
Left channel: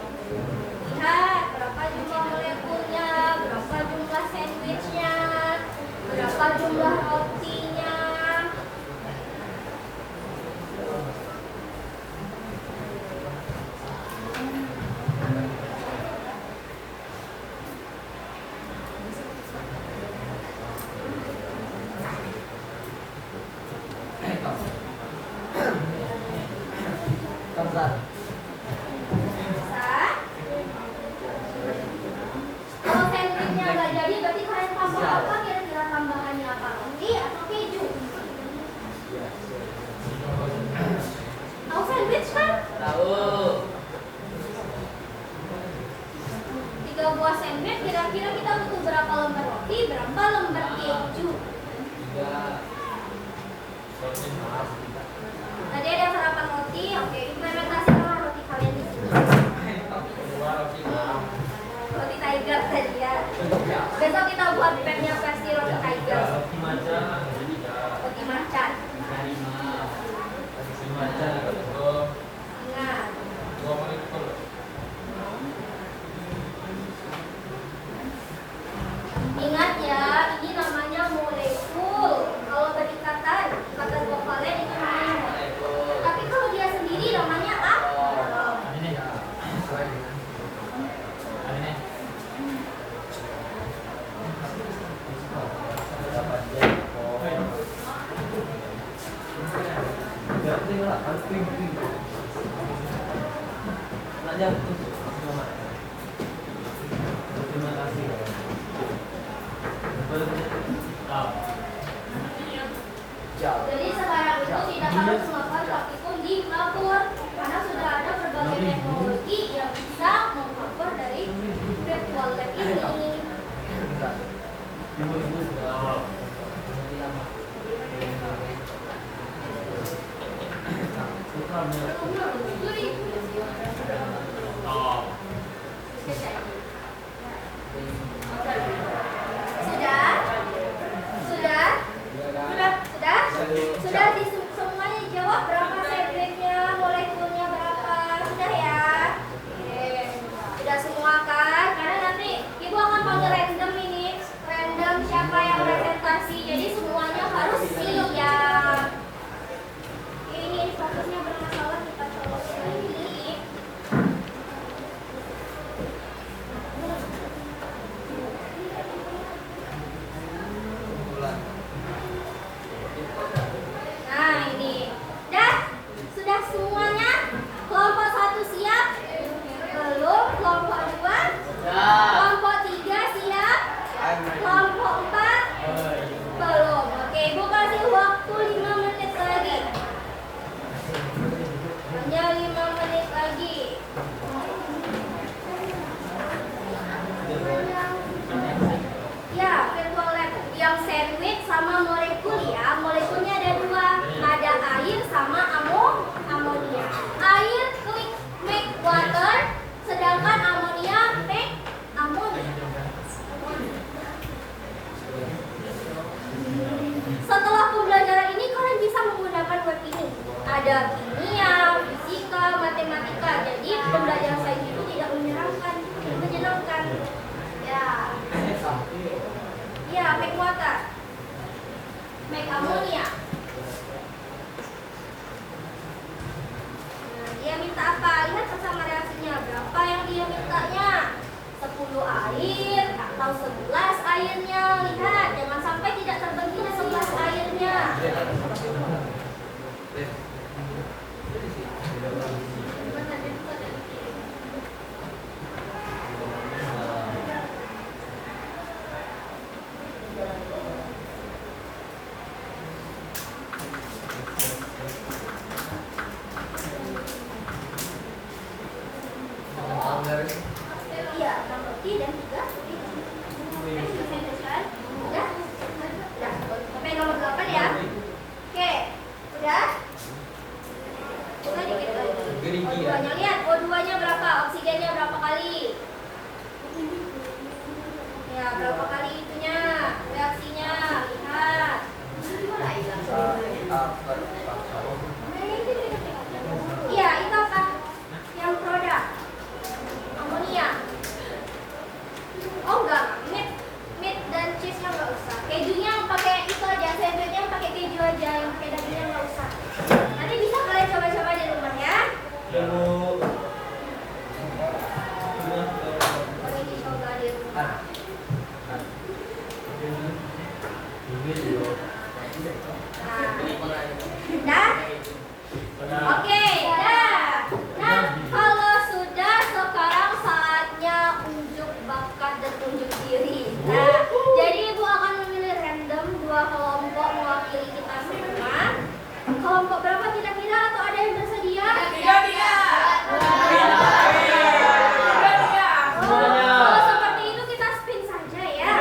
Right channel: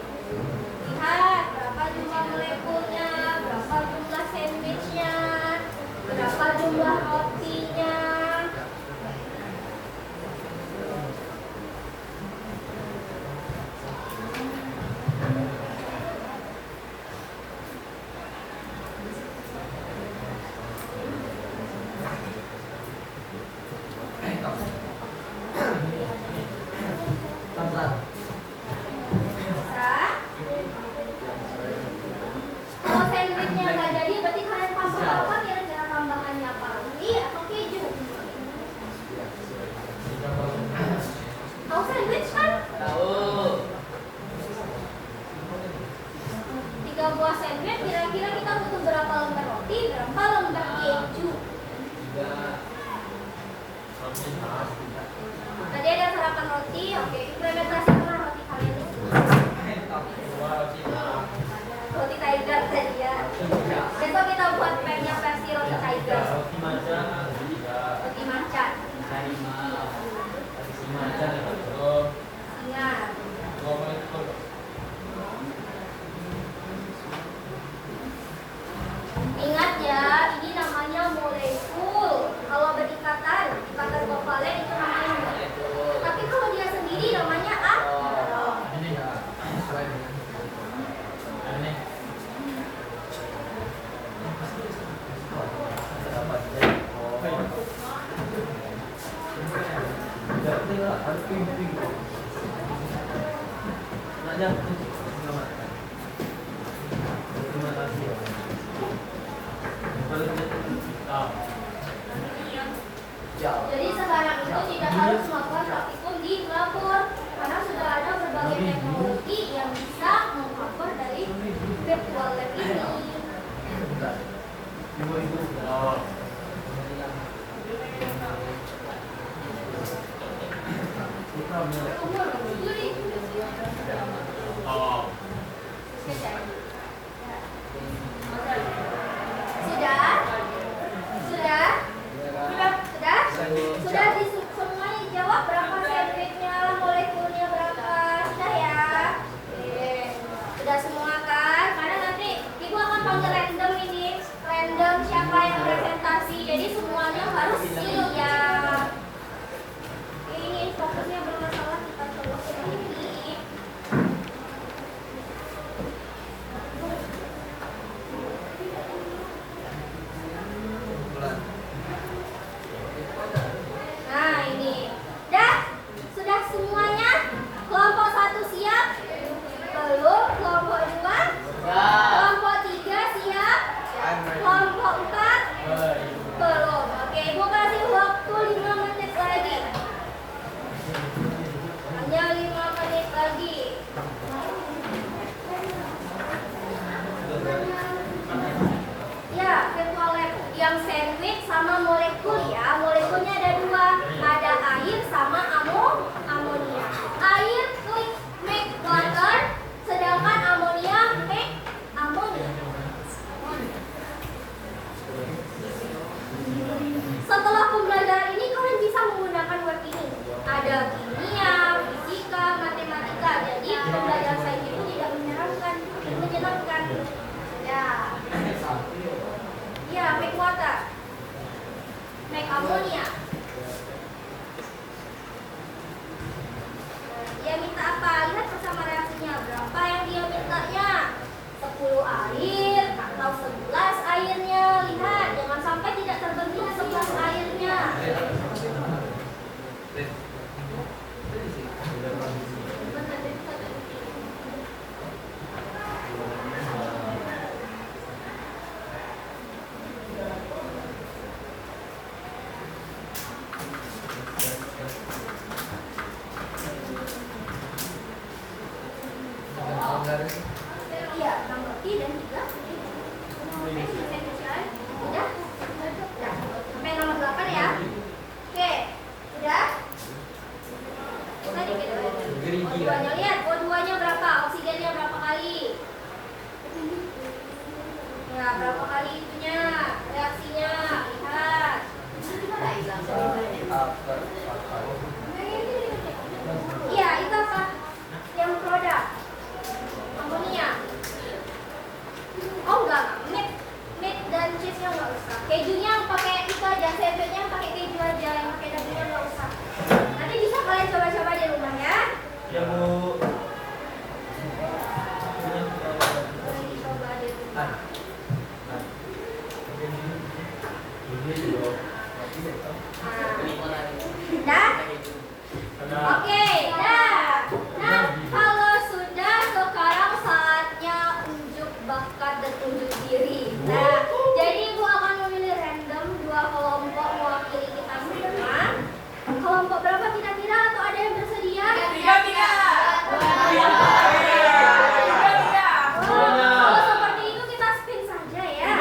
Lihat berapa jumlah molekulnya, berapa jumlah sandwichnya, berapa jumlah harus ping. Aja. Terima kasih. Ya. Jadi sekarang itu tidak harus melakukan praktikum di dapur, karena sudah ada berbagai teknologi yang bisa mengcover dari virtual lab ini. Sudah semuanya dijawab berapa segmennya, molekulnya berapa, sudah ya? Oke. Sudah semua kan? Karena nanti ibu akan panggil random ini, random siapa yang presentasi, jadi semuanya harus siap. Ini fokusnya bermasalah, kita coba lagi. Nah ini, sudah semuanya. Kelompok 1 siap? Belum. Kelompok 2? Kelompok 3 siap? Kelompok 4? Belum. Oke, ibu kasih waktu 5 menit lagi. Hanya 5 menit lagi. Ya, virtual lab yang sandwich sama molekul ya. Molekulnya ada 2, ada air sama amonia. Air klik make water, sedangkan amonia make ammonia. Setelah pembelajaran ini kalian bisa menggunakan word ini. Ada kimia, fisika, matematika. Jadi pembelajaran sains itu tidak menyenangkan. Ya, make water, make ammonia. Dia minta apa? Lihat bersama reaksinya. Berapa yang dia mintanya? 10 air atau 11 airnya? Lihat, jangan sampai tidak terbentuk 11 airnya. Iya, nomor 3 dan 3. Udah? Udah. Sampai nomor 8 ya. Oke. Udah? Coba dikit lagi. O2-nya lihat, O2-nya berapa? Oksigennya berapa kali? Ya, berapa kali itunya? Reaksinya. Lihat. Iya, itu apa? Yang produk amonia. Oh enggak, meat dan cheese-nya enggak usah. Kejunya yang pakai itu aja, sandwichnya yang pakai keju aja, yang pakai dagingnya enggak usah. Nanti bisa kalian coba-coba di rumah ya. Ya Bu. Boleh dicoba di rumah. Nah, dah? Oke, dah. Nah, kalau sudah, sekarang saatnya unjuk bakat dan unjuk diri. Nah, jadi ibu akan memilih random 2 kelompok mewakili kita semua. Kelompok berapa kira-kira, atau ada yang bersedia? 3. Kalau seperti itu kita spin saja ya.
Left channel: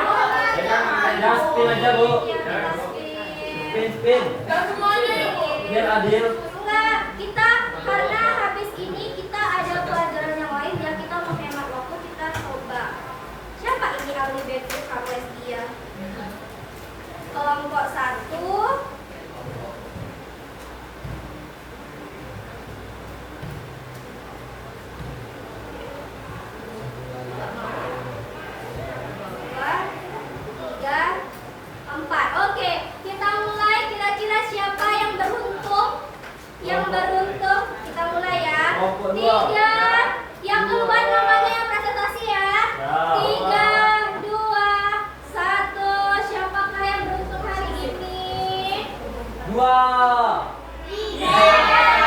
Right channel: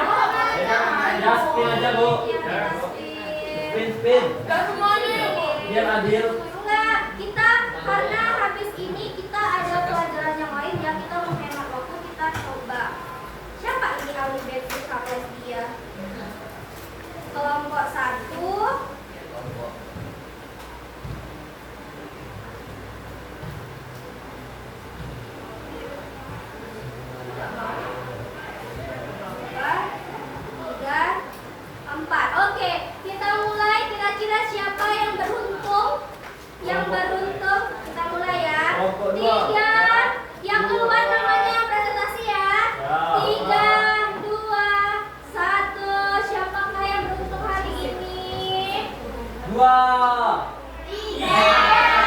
Ya, spin aja Bu. Ya, kita spin. Spin. Semuanya ini. Biar adil. Enggak, kita karena habis ini kita ada pelajaran yang lain ya, kita menghemat waktu, kita coba. Siapa ini ahli basis Raffles dia? Kelompok 1. Oke, kita mulai. Kira-kira siapa yang beruntung? Yang beruntung, kita mulai ya. 3, yang keluar namanya yang presentasi ya. 3, 2, 1. Siapakah yang beruntung hari ini? 2. 3.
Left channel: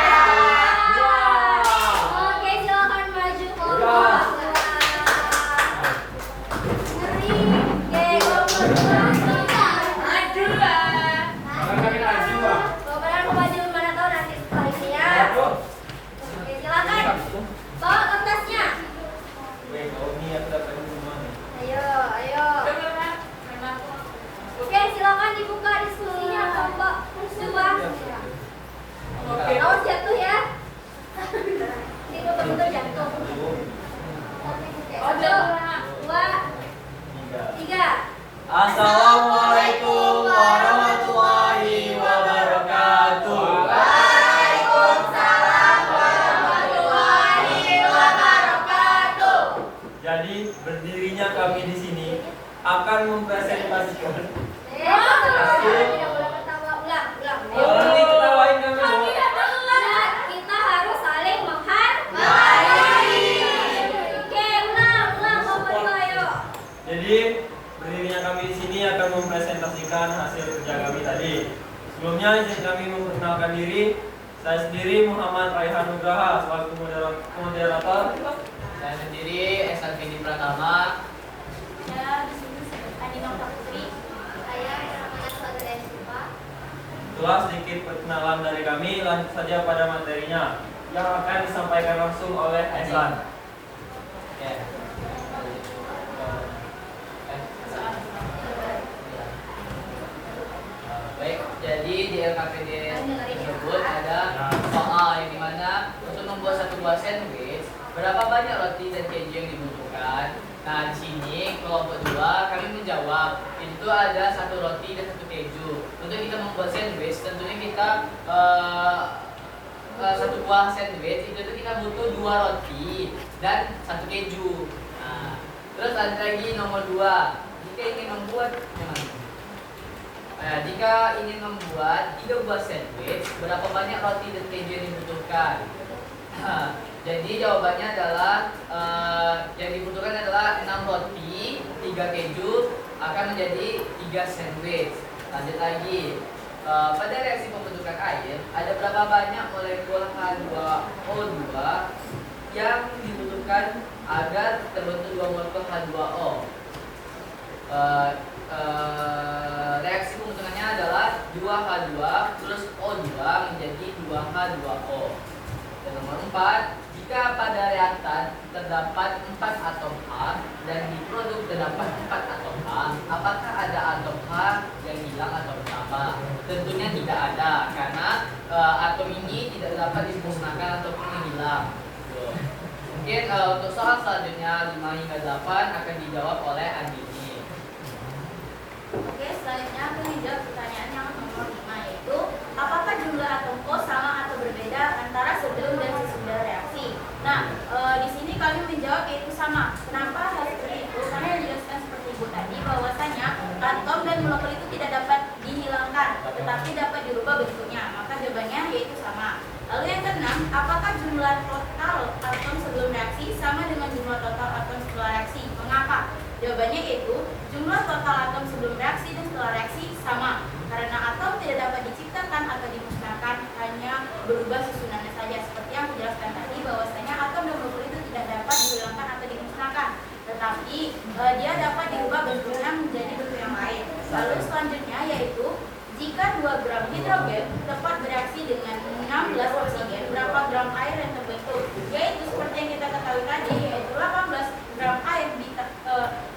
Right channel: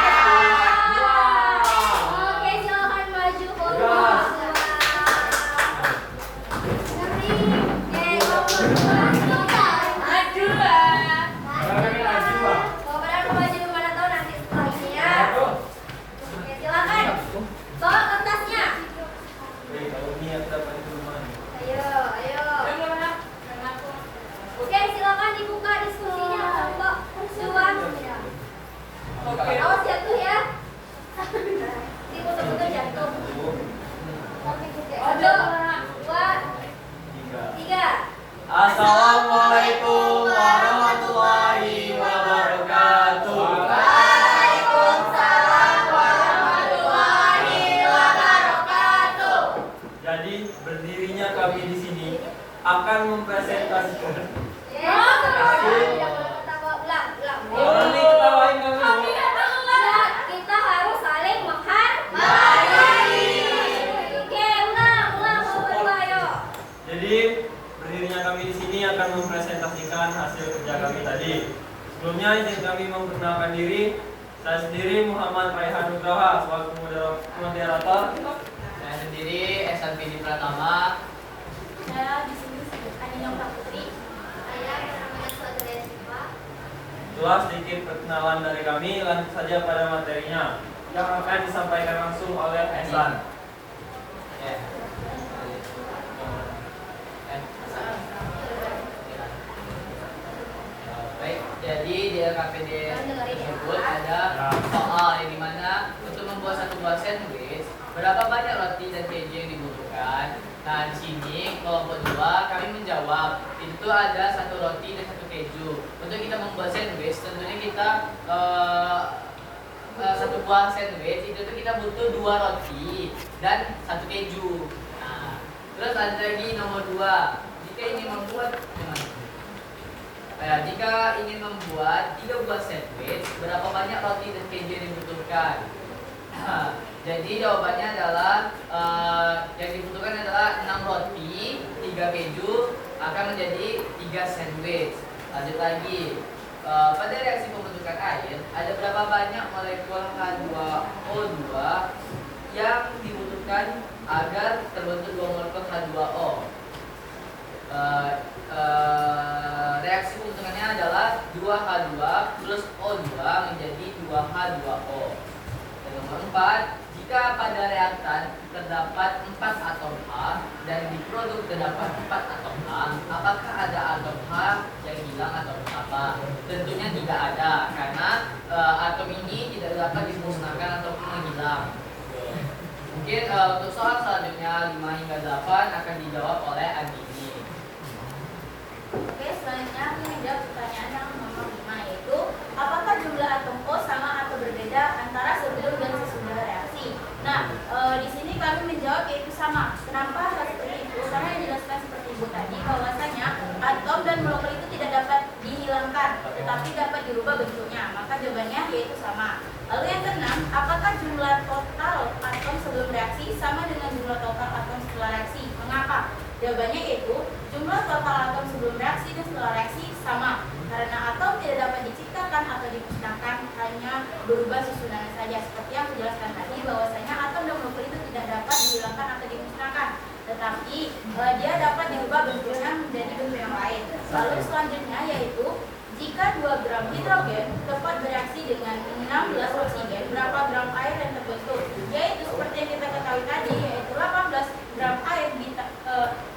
tadi. Sebelumnya izin kami memperkenalkan diri. Saya sendiri Muhammad Raihan Nugraha selaku moderator. Saya sendiri Esan Fendi Pratama. Saya di sini Adina Putri. Saya namanya Saudara Siva. Itulah sedikit perkenalan dari kami. Lanjut saja pada materinya yang akan disampaikan langsung oleh Esan. Ya. Baik, jadi di LKPD tersebut ada soal yang dimana untuk membuat satu buah sandwich berapa banyak roti dan keju yang dibutuhkan. Nah di sini kelompok 2 kami menjawab itu ada 1 roti dan 1 keju. Untuk kita membuat sandwich tentunya kita satu buah sandwich itu kita butuh 2 roti dan 1 keju. Nah, terus ada lagi nomor 2 jika ingin membuat jika ingin membuat 3 buah sandwich, berapa banyak roti dan keju yang dibutuhkan? Jadi jawabannya adalah yang dibutuhkan adalah 6 roti, 3 keju akan menjadi 3 sandwich. Lanjut lagi, pada reaksi pembentukan air ada berapa banyak molekul H2O2 yang dibutuhkan agar terbentuk 2 molekul H2O? Reaksi pembentukannya adalah 2H2 plus O2 menjadi 2H2O. Dan nomor 4, jika pada reaktan terdapat 4 atom H dan di produk terdapat 4 atom H, apakah ada atom H yang hilang atau bertambah? Tentunya tidak ada, karena atom ini tidak dapat dimusnahkan ataupun menghilang. Mungkin untuk soal selanjutnya 5 hingga 8 akan dijawab oleh Andini. Oke, selanjutnya aku menjawab pertanyaan yang nomor 5 yaitu apakah jumlah atom O sama atau berbeda antara sebelum dan sesudah reaksi? Nah, di sini kami menjawab yaitu sama. Kenapa hal seperti itu? Karena dijelaskan seperti Bu tadi bahwasanya atom dan molekul itu tidak dapat dihilangkan, tetapi dapat dirubah bentuknya. Maka jawabannya yaitu sama. Lalu yang keenam, apakah jumlah total atom sebelum reaksi sama dengan jumlah total atom setelah reaksi? Mengapa? Jawabannya yaitu jumlah total atom sebelum reaksi dan setelah reaksi sama, karena atom tidak dapat diciptakan atau dimusnahkan, hanya berubah susunannya saja. Seperti yang aku jelaskan tadi bahwasanya atom dan molekul itu tidak dapat dihilangkan atau dimusnahkan, tetapi dia dapat dirubah bentuknya menjadi bentuk yang lain. Lalu selanjutnya yaitu jika 2 gram hidrogen dapat bereaksi dengan 16 oksigen, berapa gram air yang terbentuk? Yaitu seperti yang kita ketahui tadi, yaitu 18 gram air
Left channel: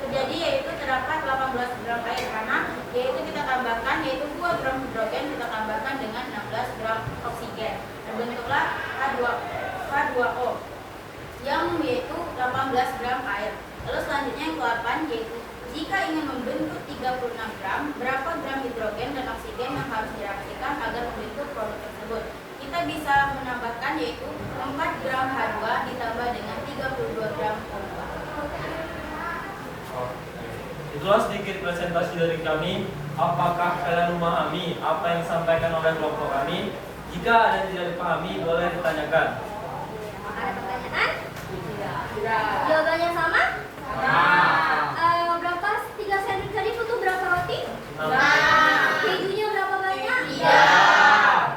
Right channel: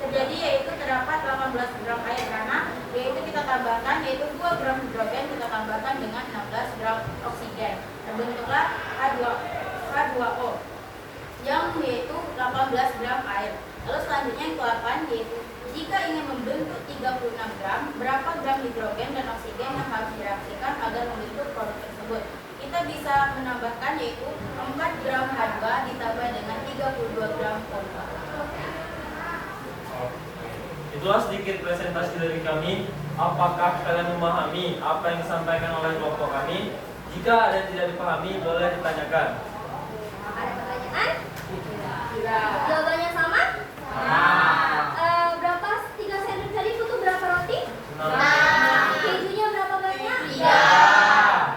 terjadi, yaitu terdapat 18 gram air karena yaitu kita tambahkan yaitu 2 gram hidrogen kita tambahkan dengan 16 gram oksigen, terbentuklah H2O yang yaitu 18 gram air. Lalu selanjutnya yang ke-8 yaitu jika ingin membentuk 36 gram, berapa gram hidrogen dan oksigen yang harus direaksikan agar membentuk produk tersebut? Kita bisa menambahkan yaitu 4 gram H2 ditambah dengan 32 gram O2. Itulah sedikit presentasi dari kami. Apakah kalian memahami apa yang disampaikan oleh kelompok kami? Jika ada yang tidak dipahami, boleh ditanyakan. Ada pertanyaan? Tidak. Jawabannya sama? Berapa 3 sandwich tadi butuh berapa roti? Kejunya berapa banyak?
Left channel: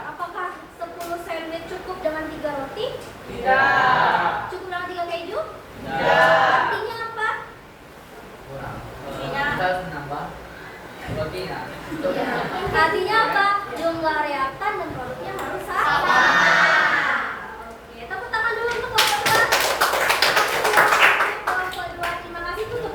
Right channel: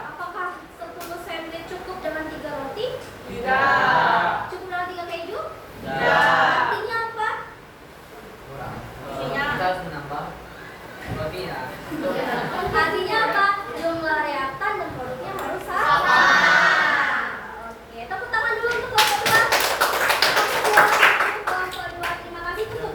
Apakah 10 sandwich cukup dengan 3 roti? Cukup dengan 3 keju? Artinya apa? Kita harus menambah rotinya. Artinya apa? Jumlah reaktan dan produknya harus sama. Oke, tepuk tangan dulu untuk kelompok 2. Terima kasih. Tutup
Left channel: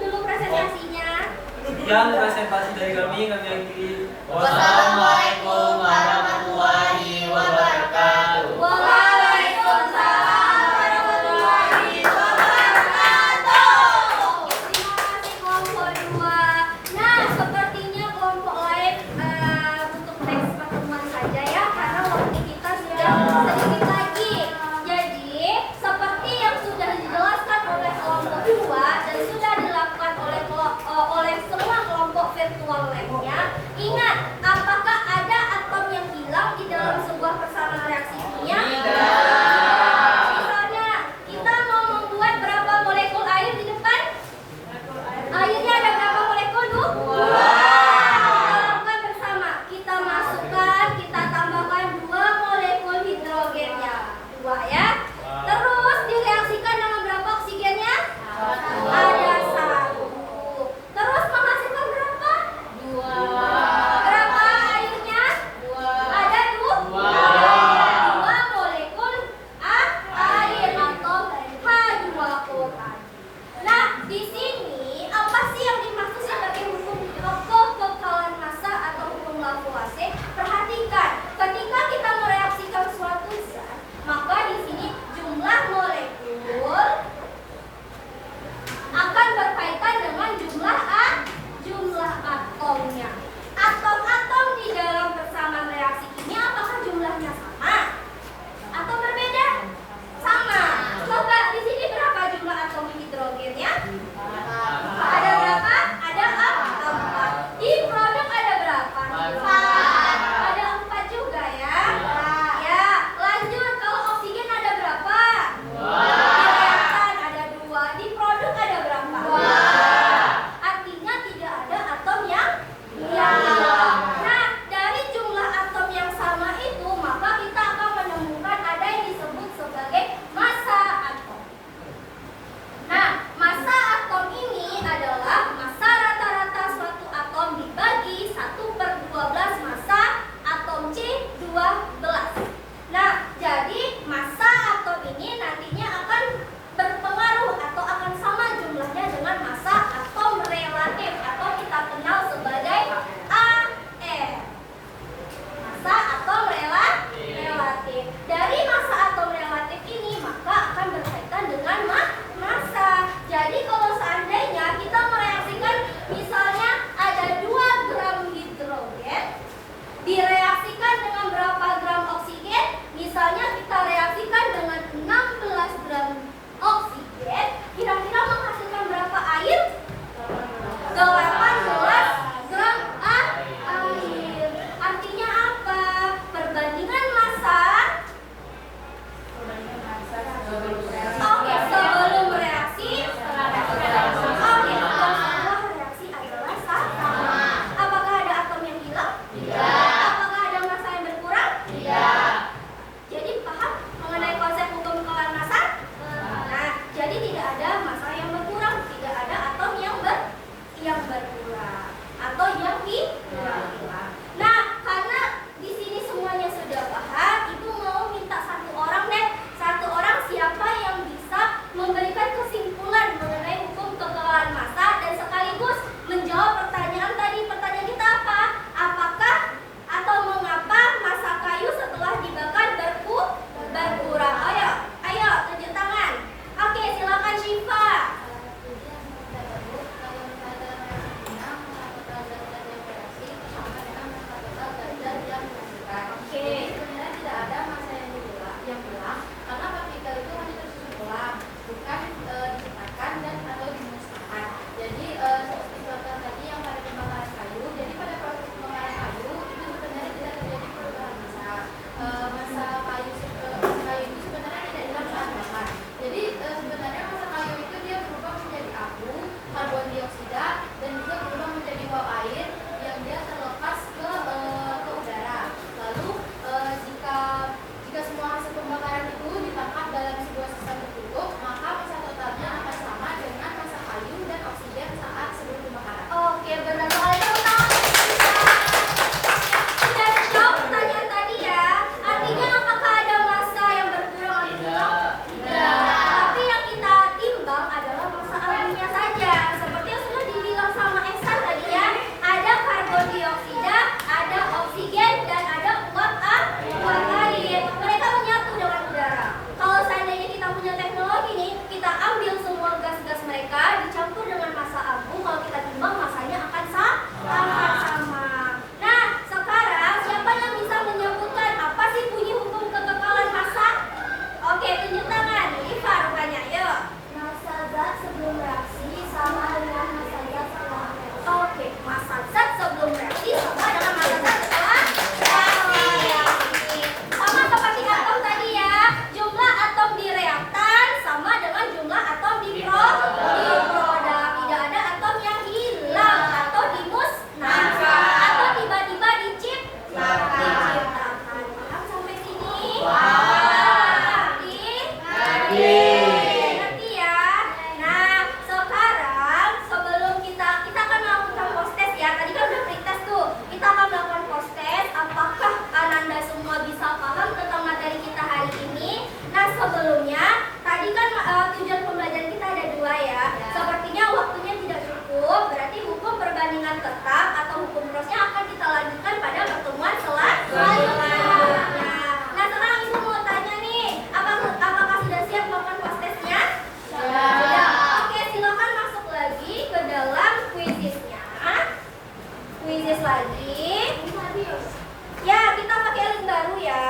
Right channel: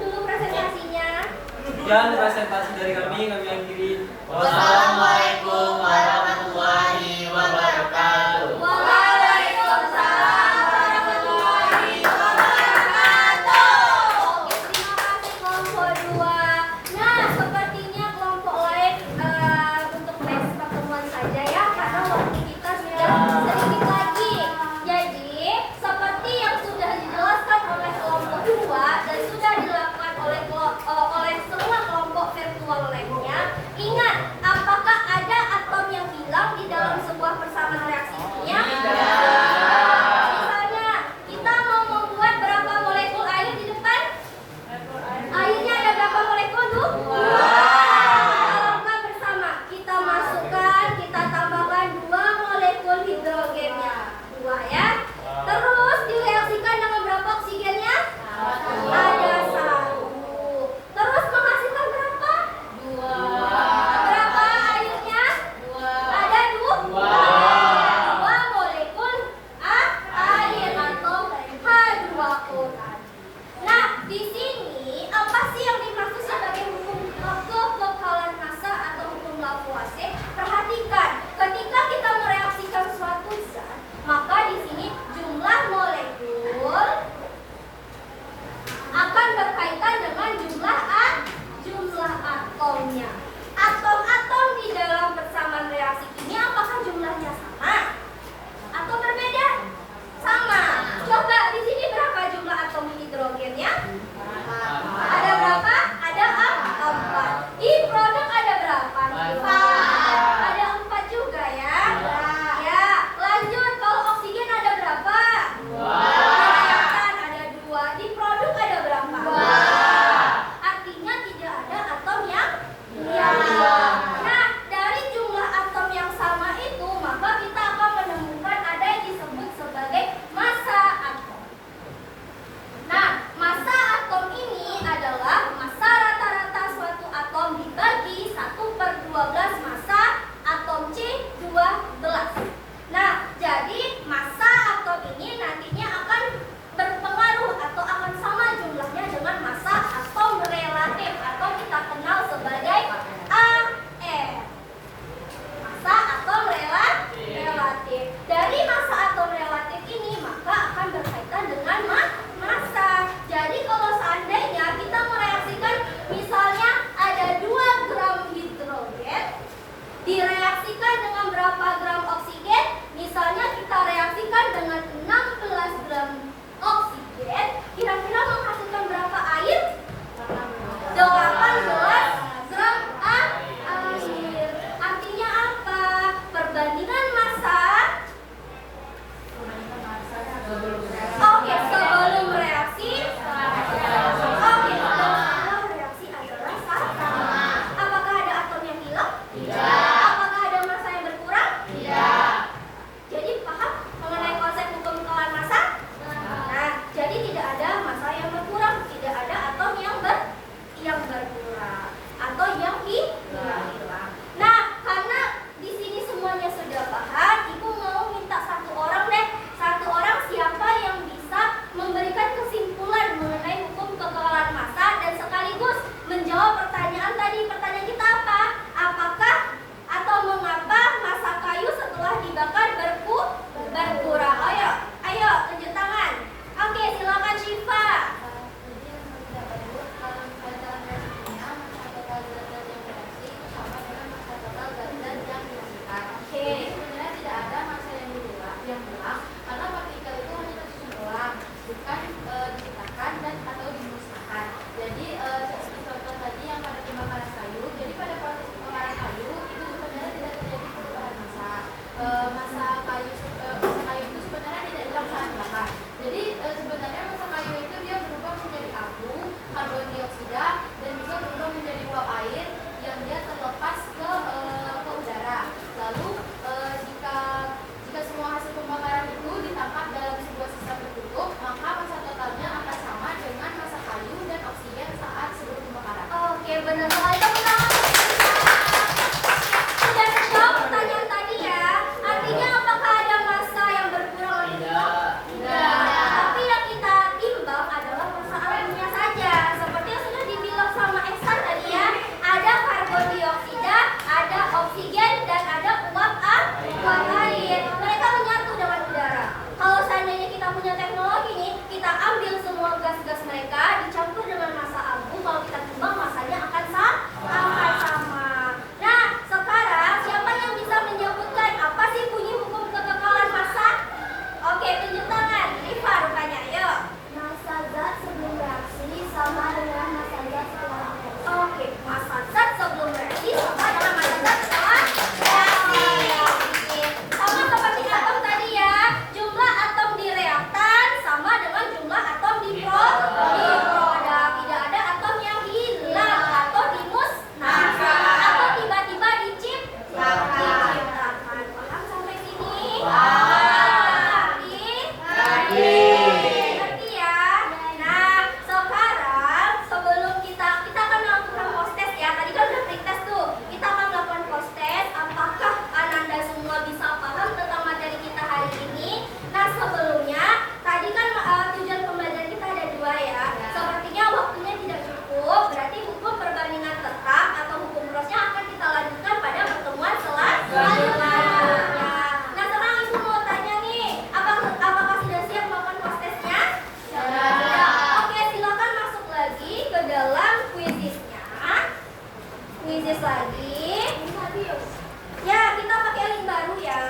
Ya, kita pakai link baru ya.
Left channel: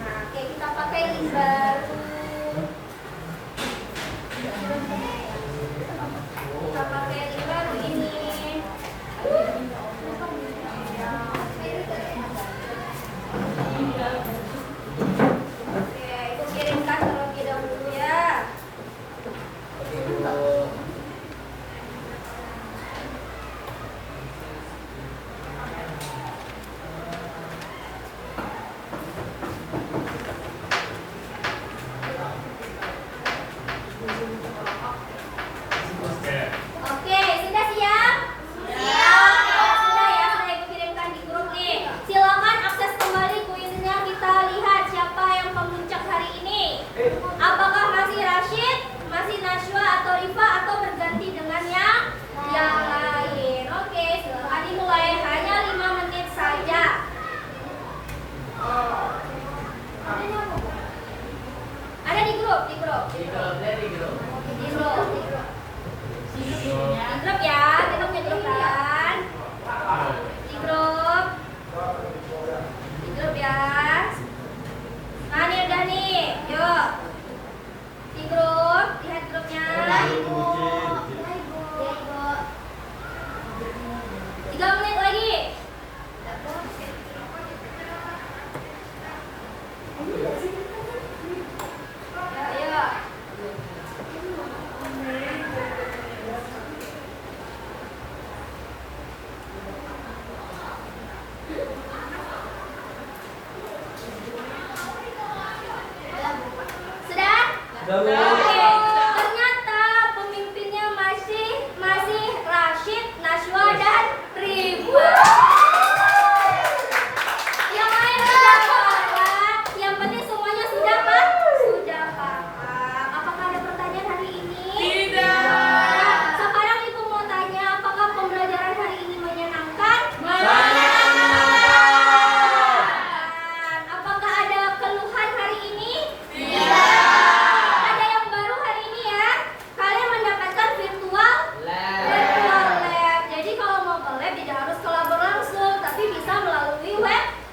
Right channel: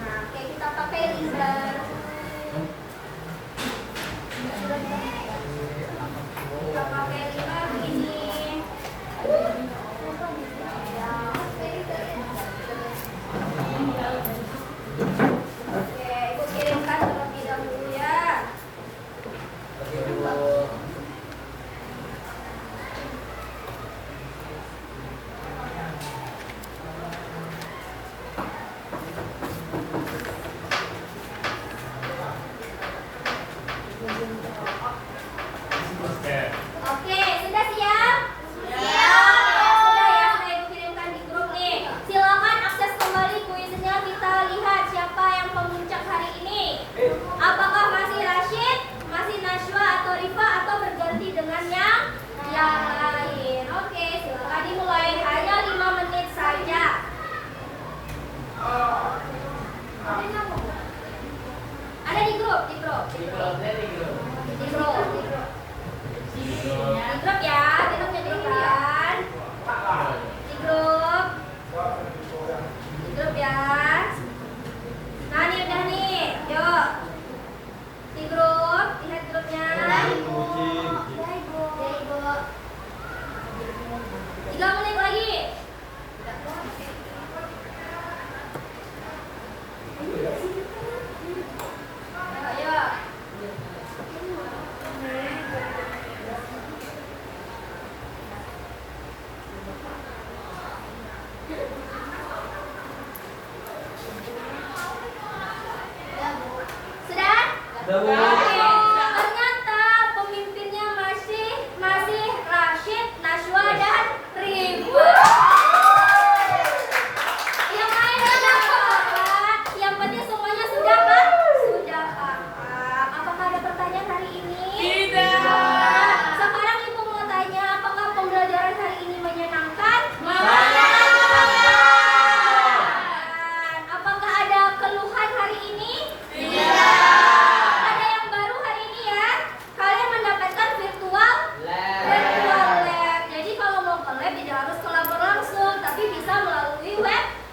Nah, oke, kita pakai link baru. Kita pakai link baru ini. Oke, Ibu kirimkan terlebih dahulu ya. Oke, Bu. Oke, sudah siap? Sudah ya, sudah Ibu kirimkan di grup nih. Silakan akses kembali kuisnya, kita lihat siapa yang pemuncak hari ini. Apakah masih Rashid, masih Najwa atau Rifa atau berganti dengan yang lain? Oke, silakan dimulai, hanya 5 menit saja. Ada di grup, di grup. Di grup ya, kita punya grup kan? Di grup ya. Nah ini udah nih, yuk. Di grup, lihat grupnya. Ya Ibu. 3 menit lagi. Ayo. Sudah? Oke. Ternyata pemimpinnya masih Rashid, Najwa dan Rifa. Yang lain sudah paham. Yang penting semuanya sudah paham. Apakah ada pertanyaan hari ini? Tidak. Sekarang Ibu mau tanya, apakah pembelajaran hari ini menyenangkan? Apakah ada keluhan hari ini? Ada yang baru hari ini ya? Kalian mendapatkan virtual lab. Jadi kalau mau ke lab tidak harus ke lab langsung, tapi bisa melalui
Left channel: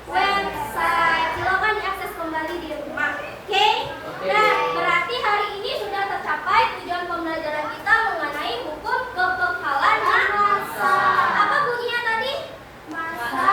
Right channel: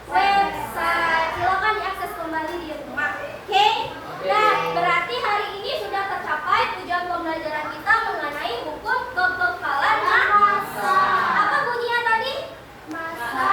website. Silakan diakses kembali di rumah. Oke? Nah, berarti hari ini sudah tercapai tujuan pembelajaran kita mengenai hukum kekekalan massa. Apa bunyinya tadi? Masa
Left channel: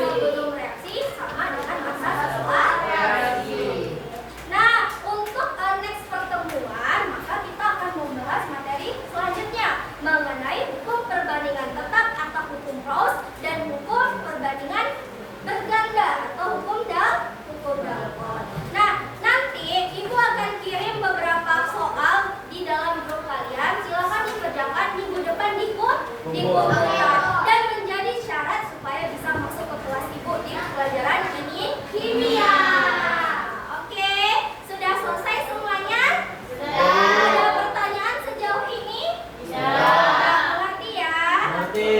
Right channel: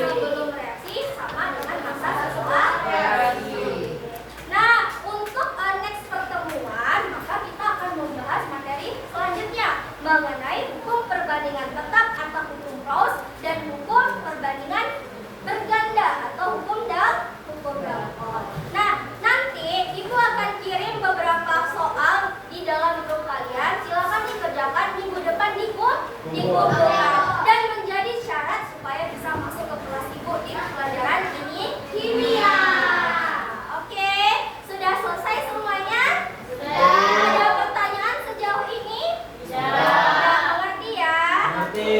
sebelum reaksi sama dengan masa setelah reaksi. Nah, untuk next pertemuan, maka kita akan membahas materi selanjutnya mengenai hukum perbandingan tetap atau hukum Gauss dan hukum perbandingan berganda atau hukum Dalton. Nah, nanti Ibu akan kirim beberapa soal di dalam grup kalian. Silakan dikerjakan minggu depan di kumpulkan dan menjadi syarat supaya bisa masuk ke kelas Ibu di pelajaran ini kimia. Oke, sudah selesai semuanya? Ada pertanyaan sejauh ini? Sudah mengerti ya? Oke,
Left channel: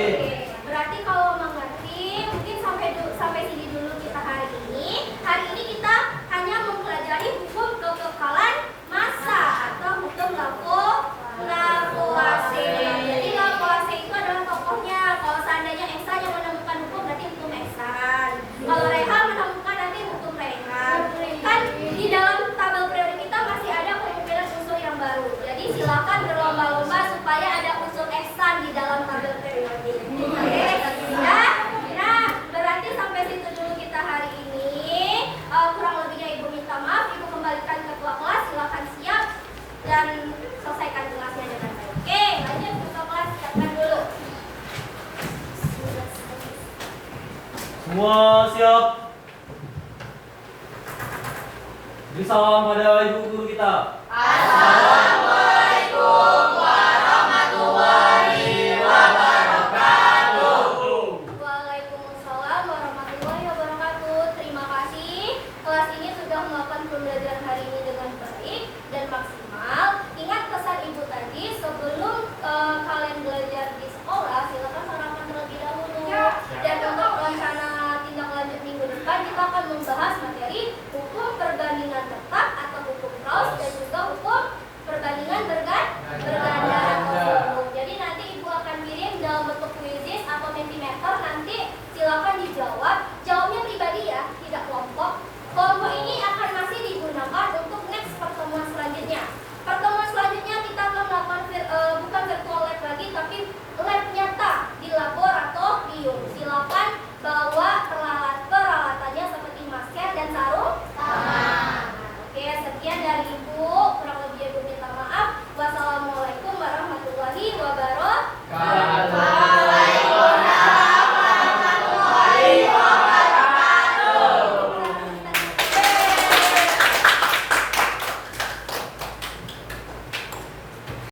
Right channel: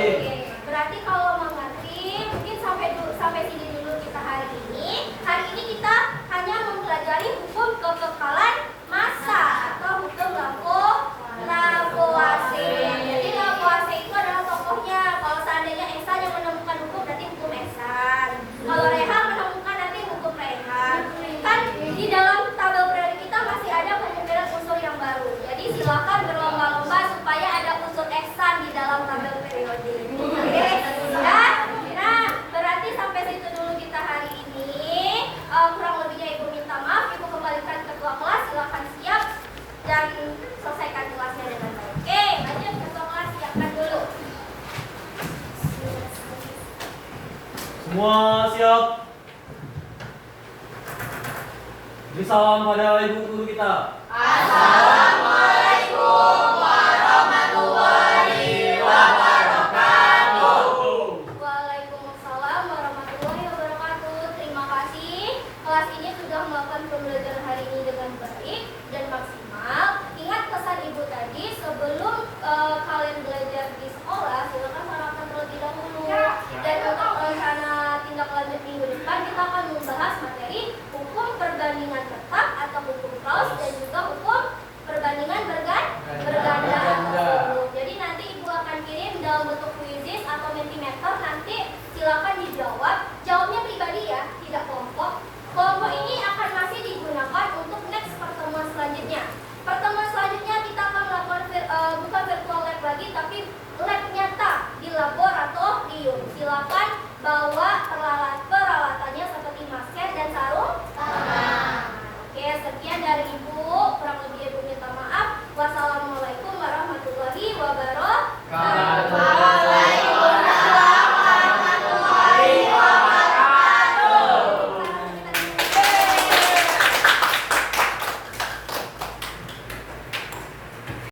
berarti kalau mengerti mungkin sampai sini dulu kita hari ini. Hari ini kita hanya mempelajari hukum kekekalan massa atau hukum Lavoisier. Jadi Lavoisier itu adalah tokohnya. Kalau seandainya Einstein yang menemukan hukum berarti hukum Einstein. Kalau Reha menemukan nanti hukum Reha. Kan di dalam tabel periode kita masih ada kemungkinan unsur yang baru. Jadi silakan berlomba-lomba supaya ada unsur Einstein di dalam tabel periode. Oke, sudah? Nah, berarti sampai situ dulu kita hari ini. Kurang lebihnya Ibu minta maaf. Ibu kembalikan ketua kelas. Silakan siap dan selesaikan kelasnya dengan baik. Oke, lanjut ketua kelas, siapkan dulu. Semua siap. Beri salam pada ibu guru kita. Waalaikumsalam warahmatullahi wabarakatuh. Terima kasih. Kelas ini sudah melakukan pembelajaran hari ini dengan baik dan maksimal. Ingat pesan Ibu tadi, sebelum kalian belajar di sekolah, silakan sarapan terlebih dahulu. Dan untuk rencana tindak lanjut minggu depan, kita akan membahas materi hukum perbandingan tetap atau hukum Gauss dan juga hukum dalam bentuk kuisis atau mentimeter, nanti silakan dijawab. Jawabnya pribadi ya, tidak kelompok. Kelompok ini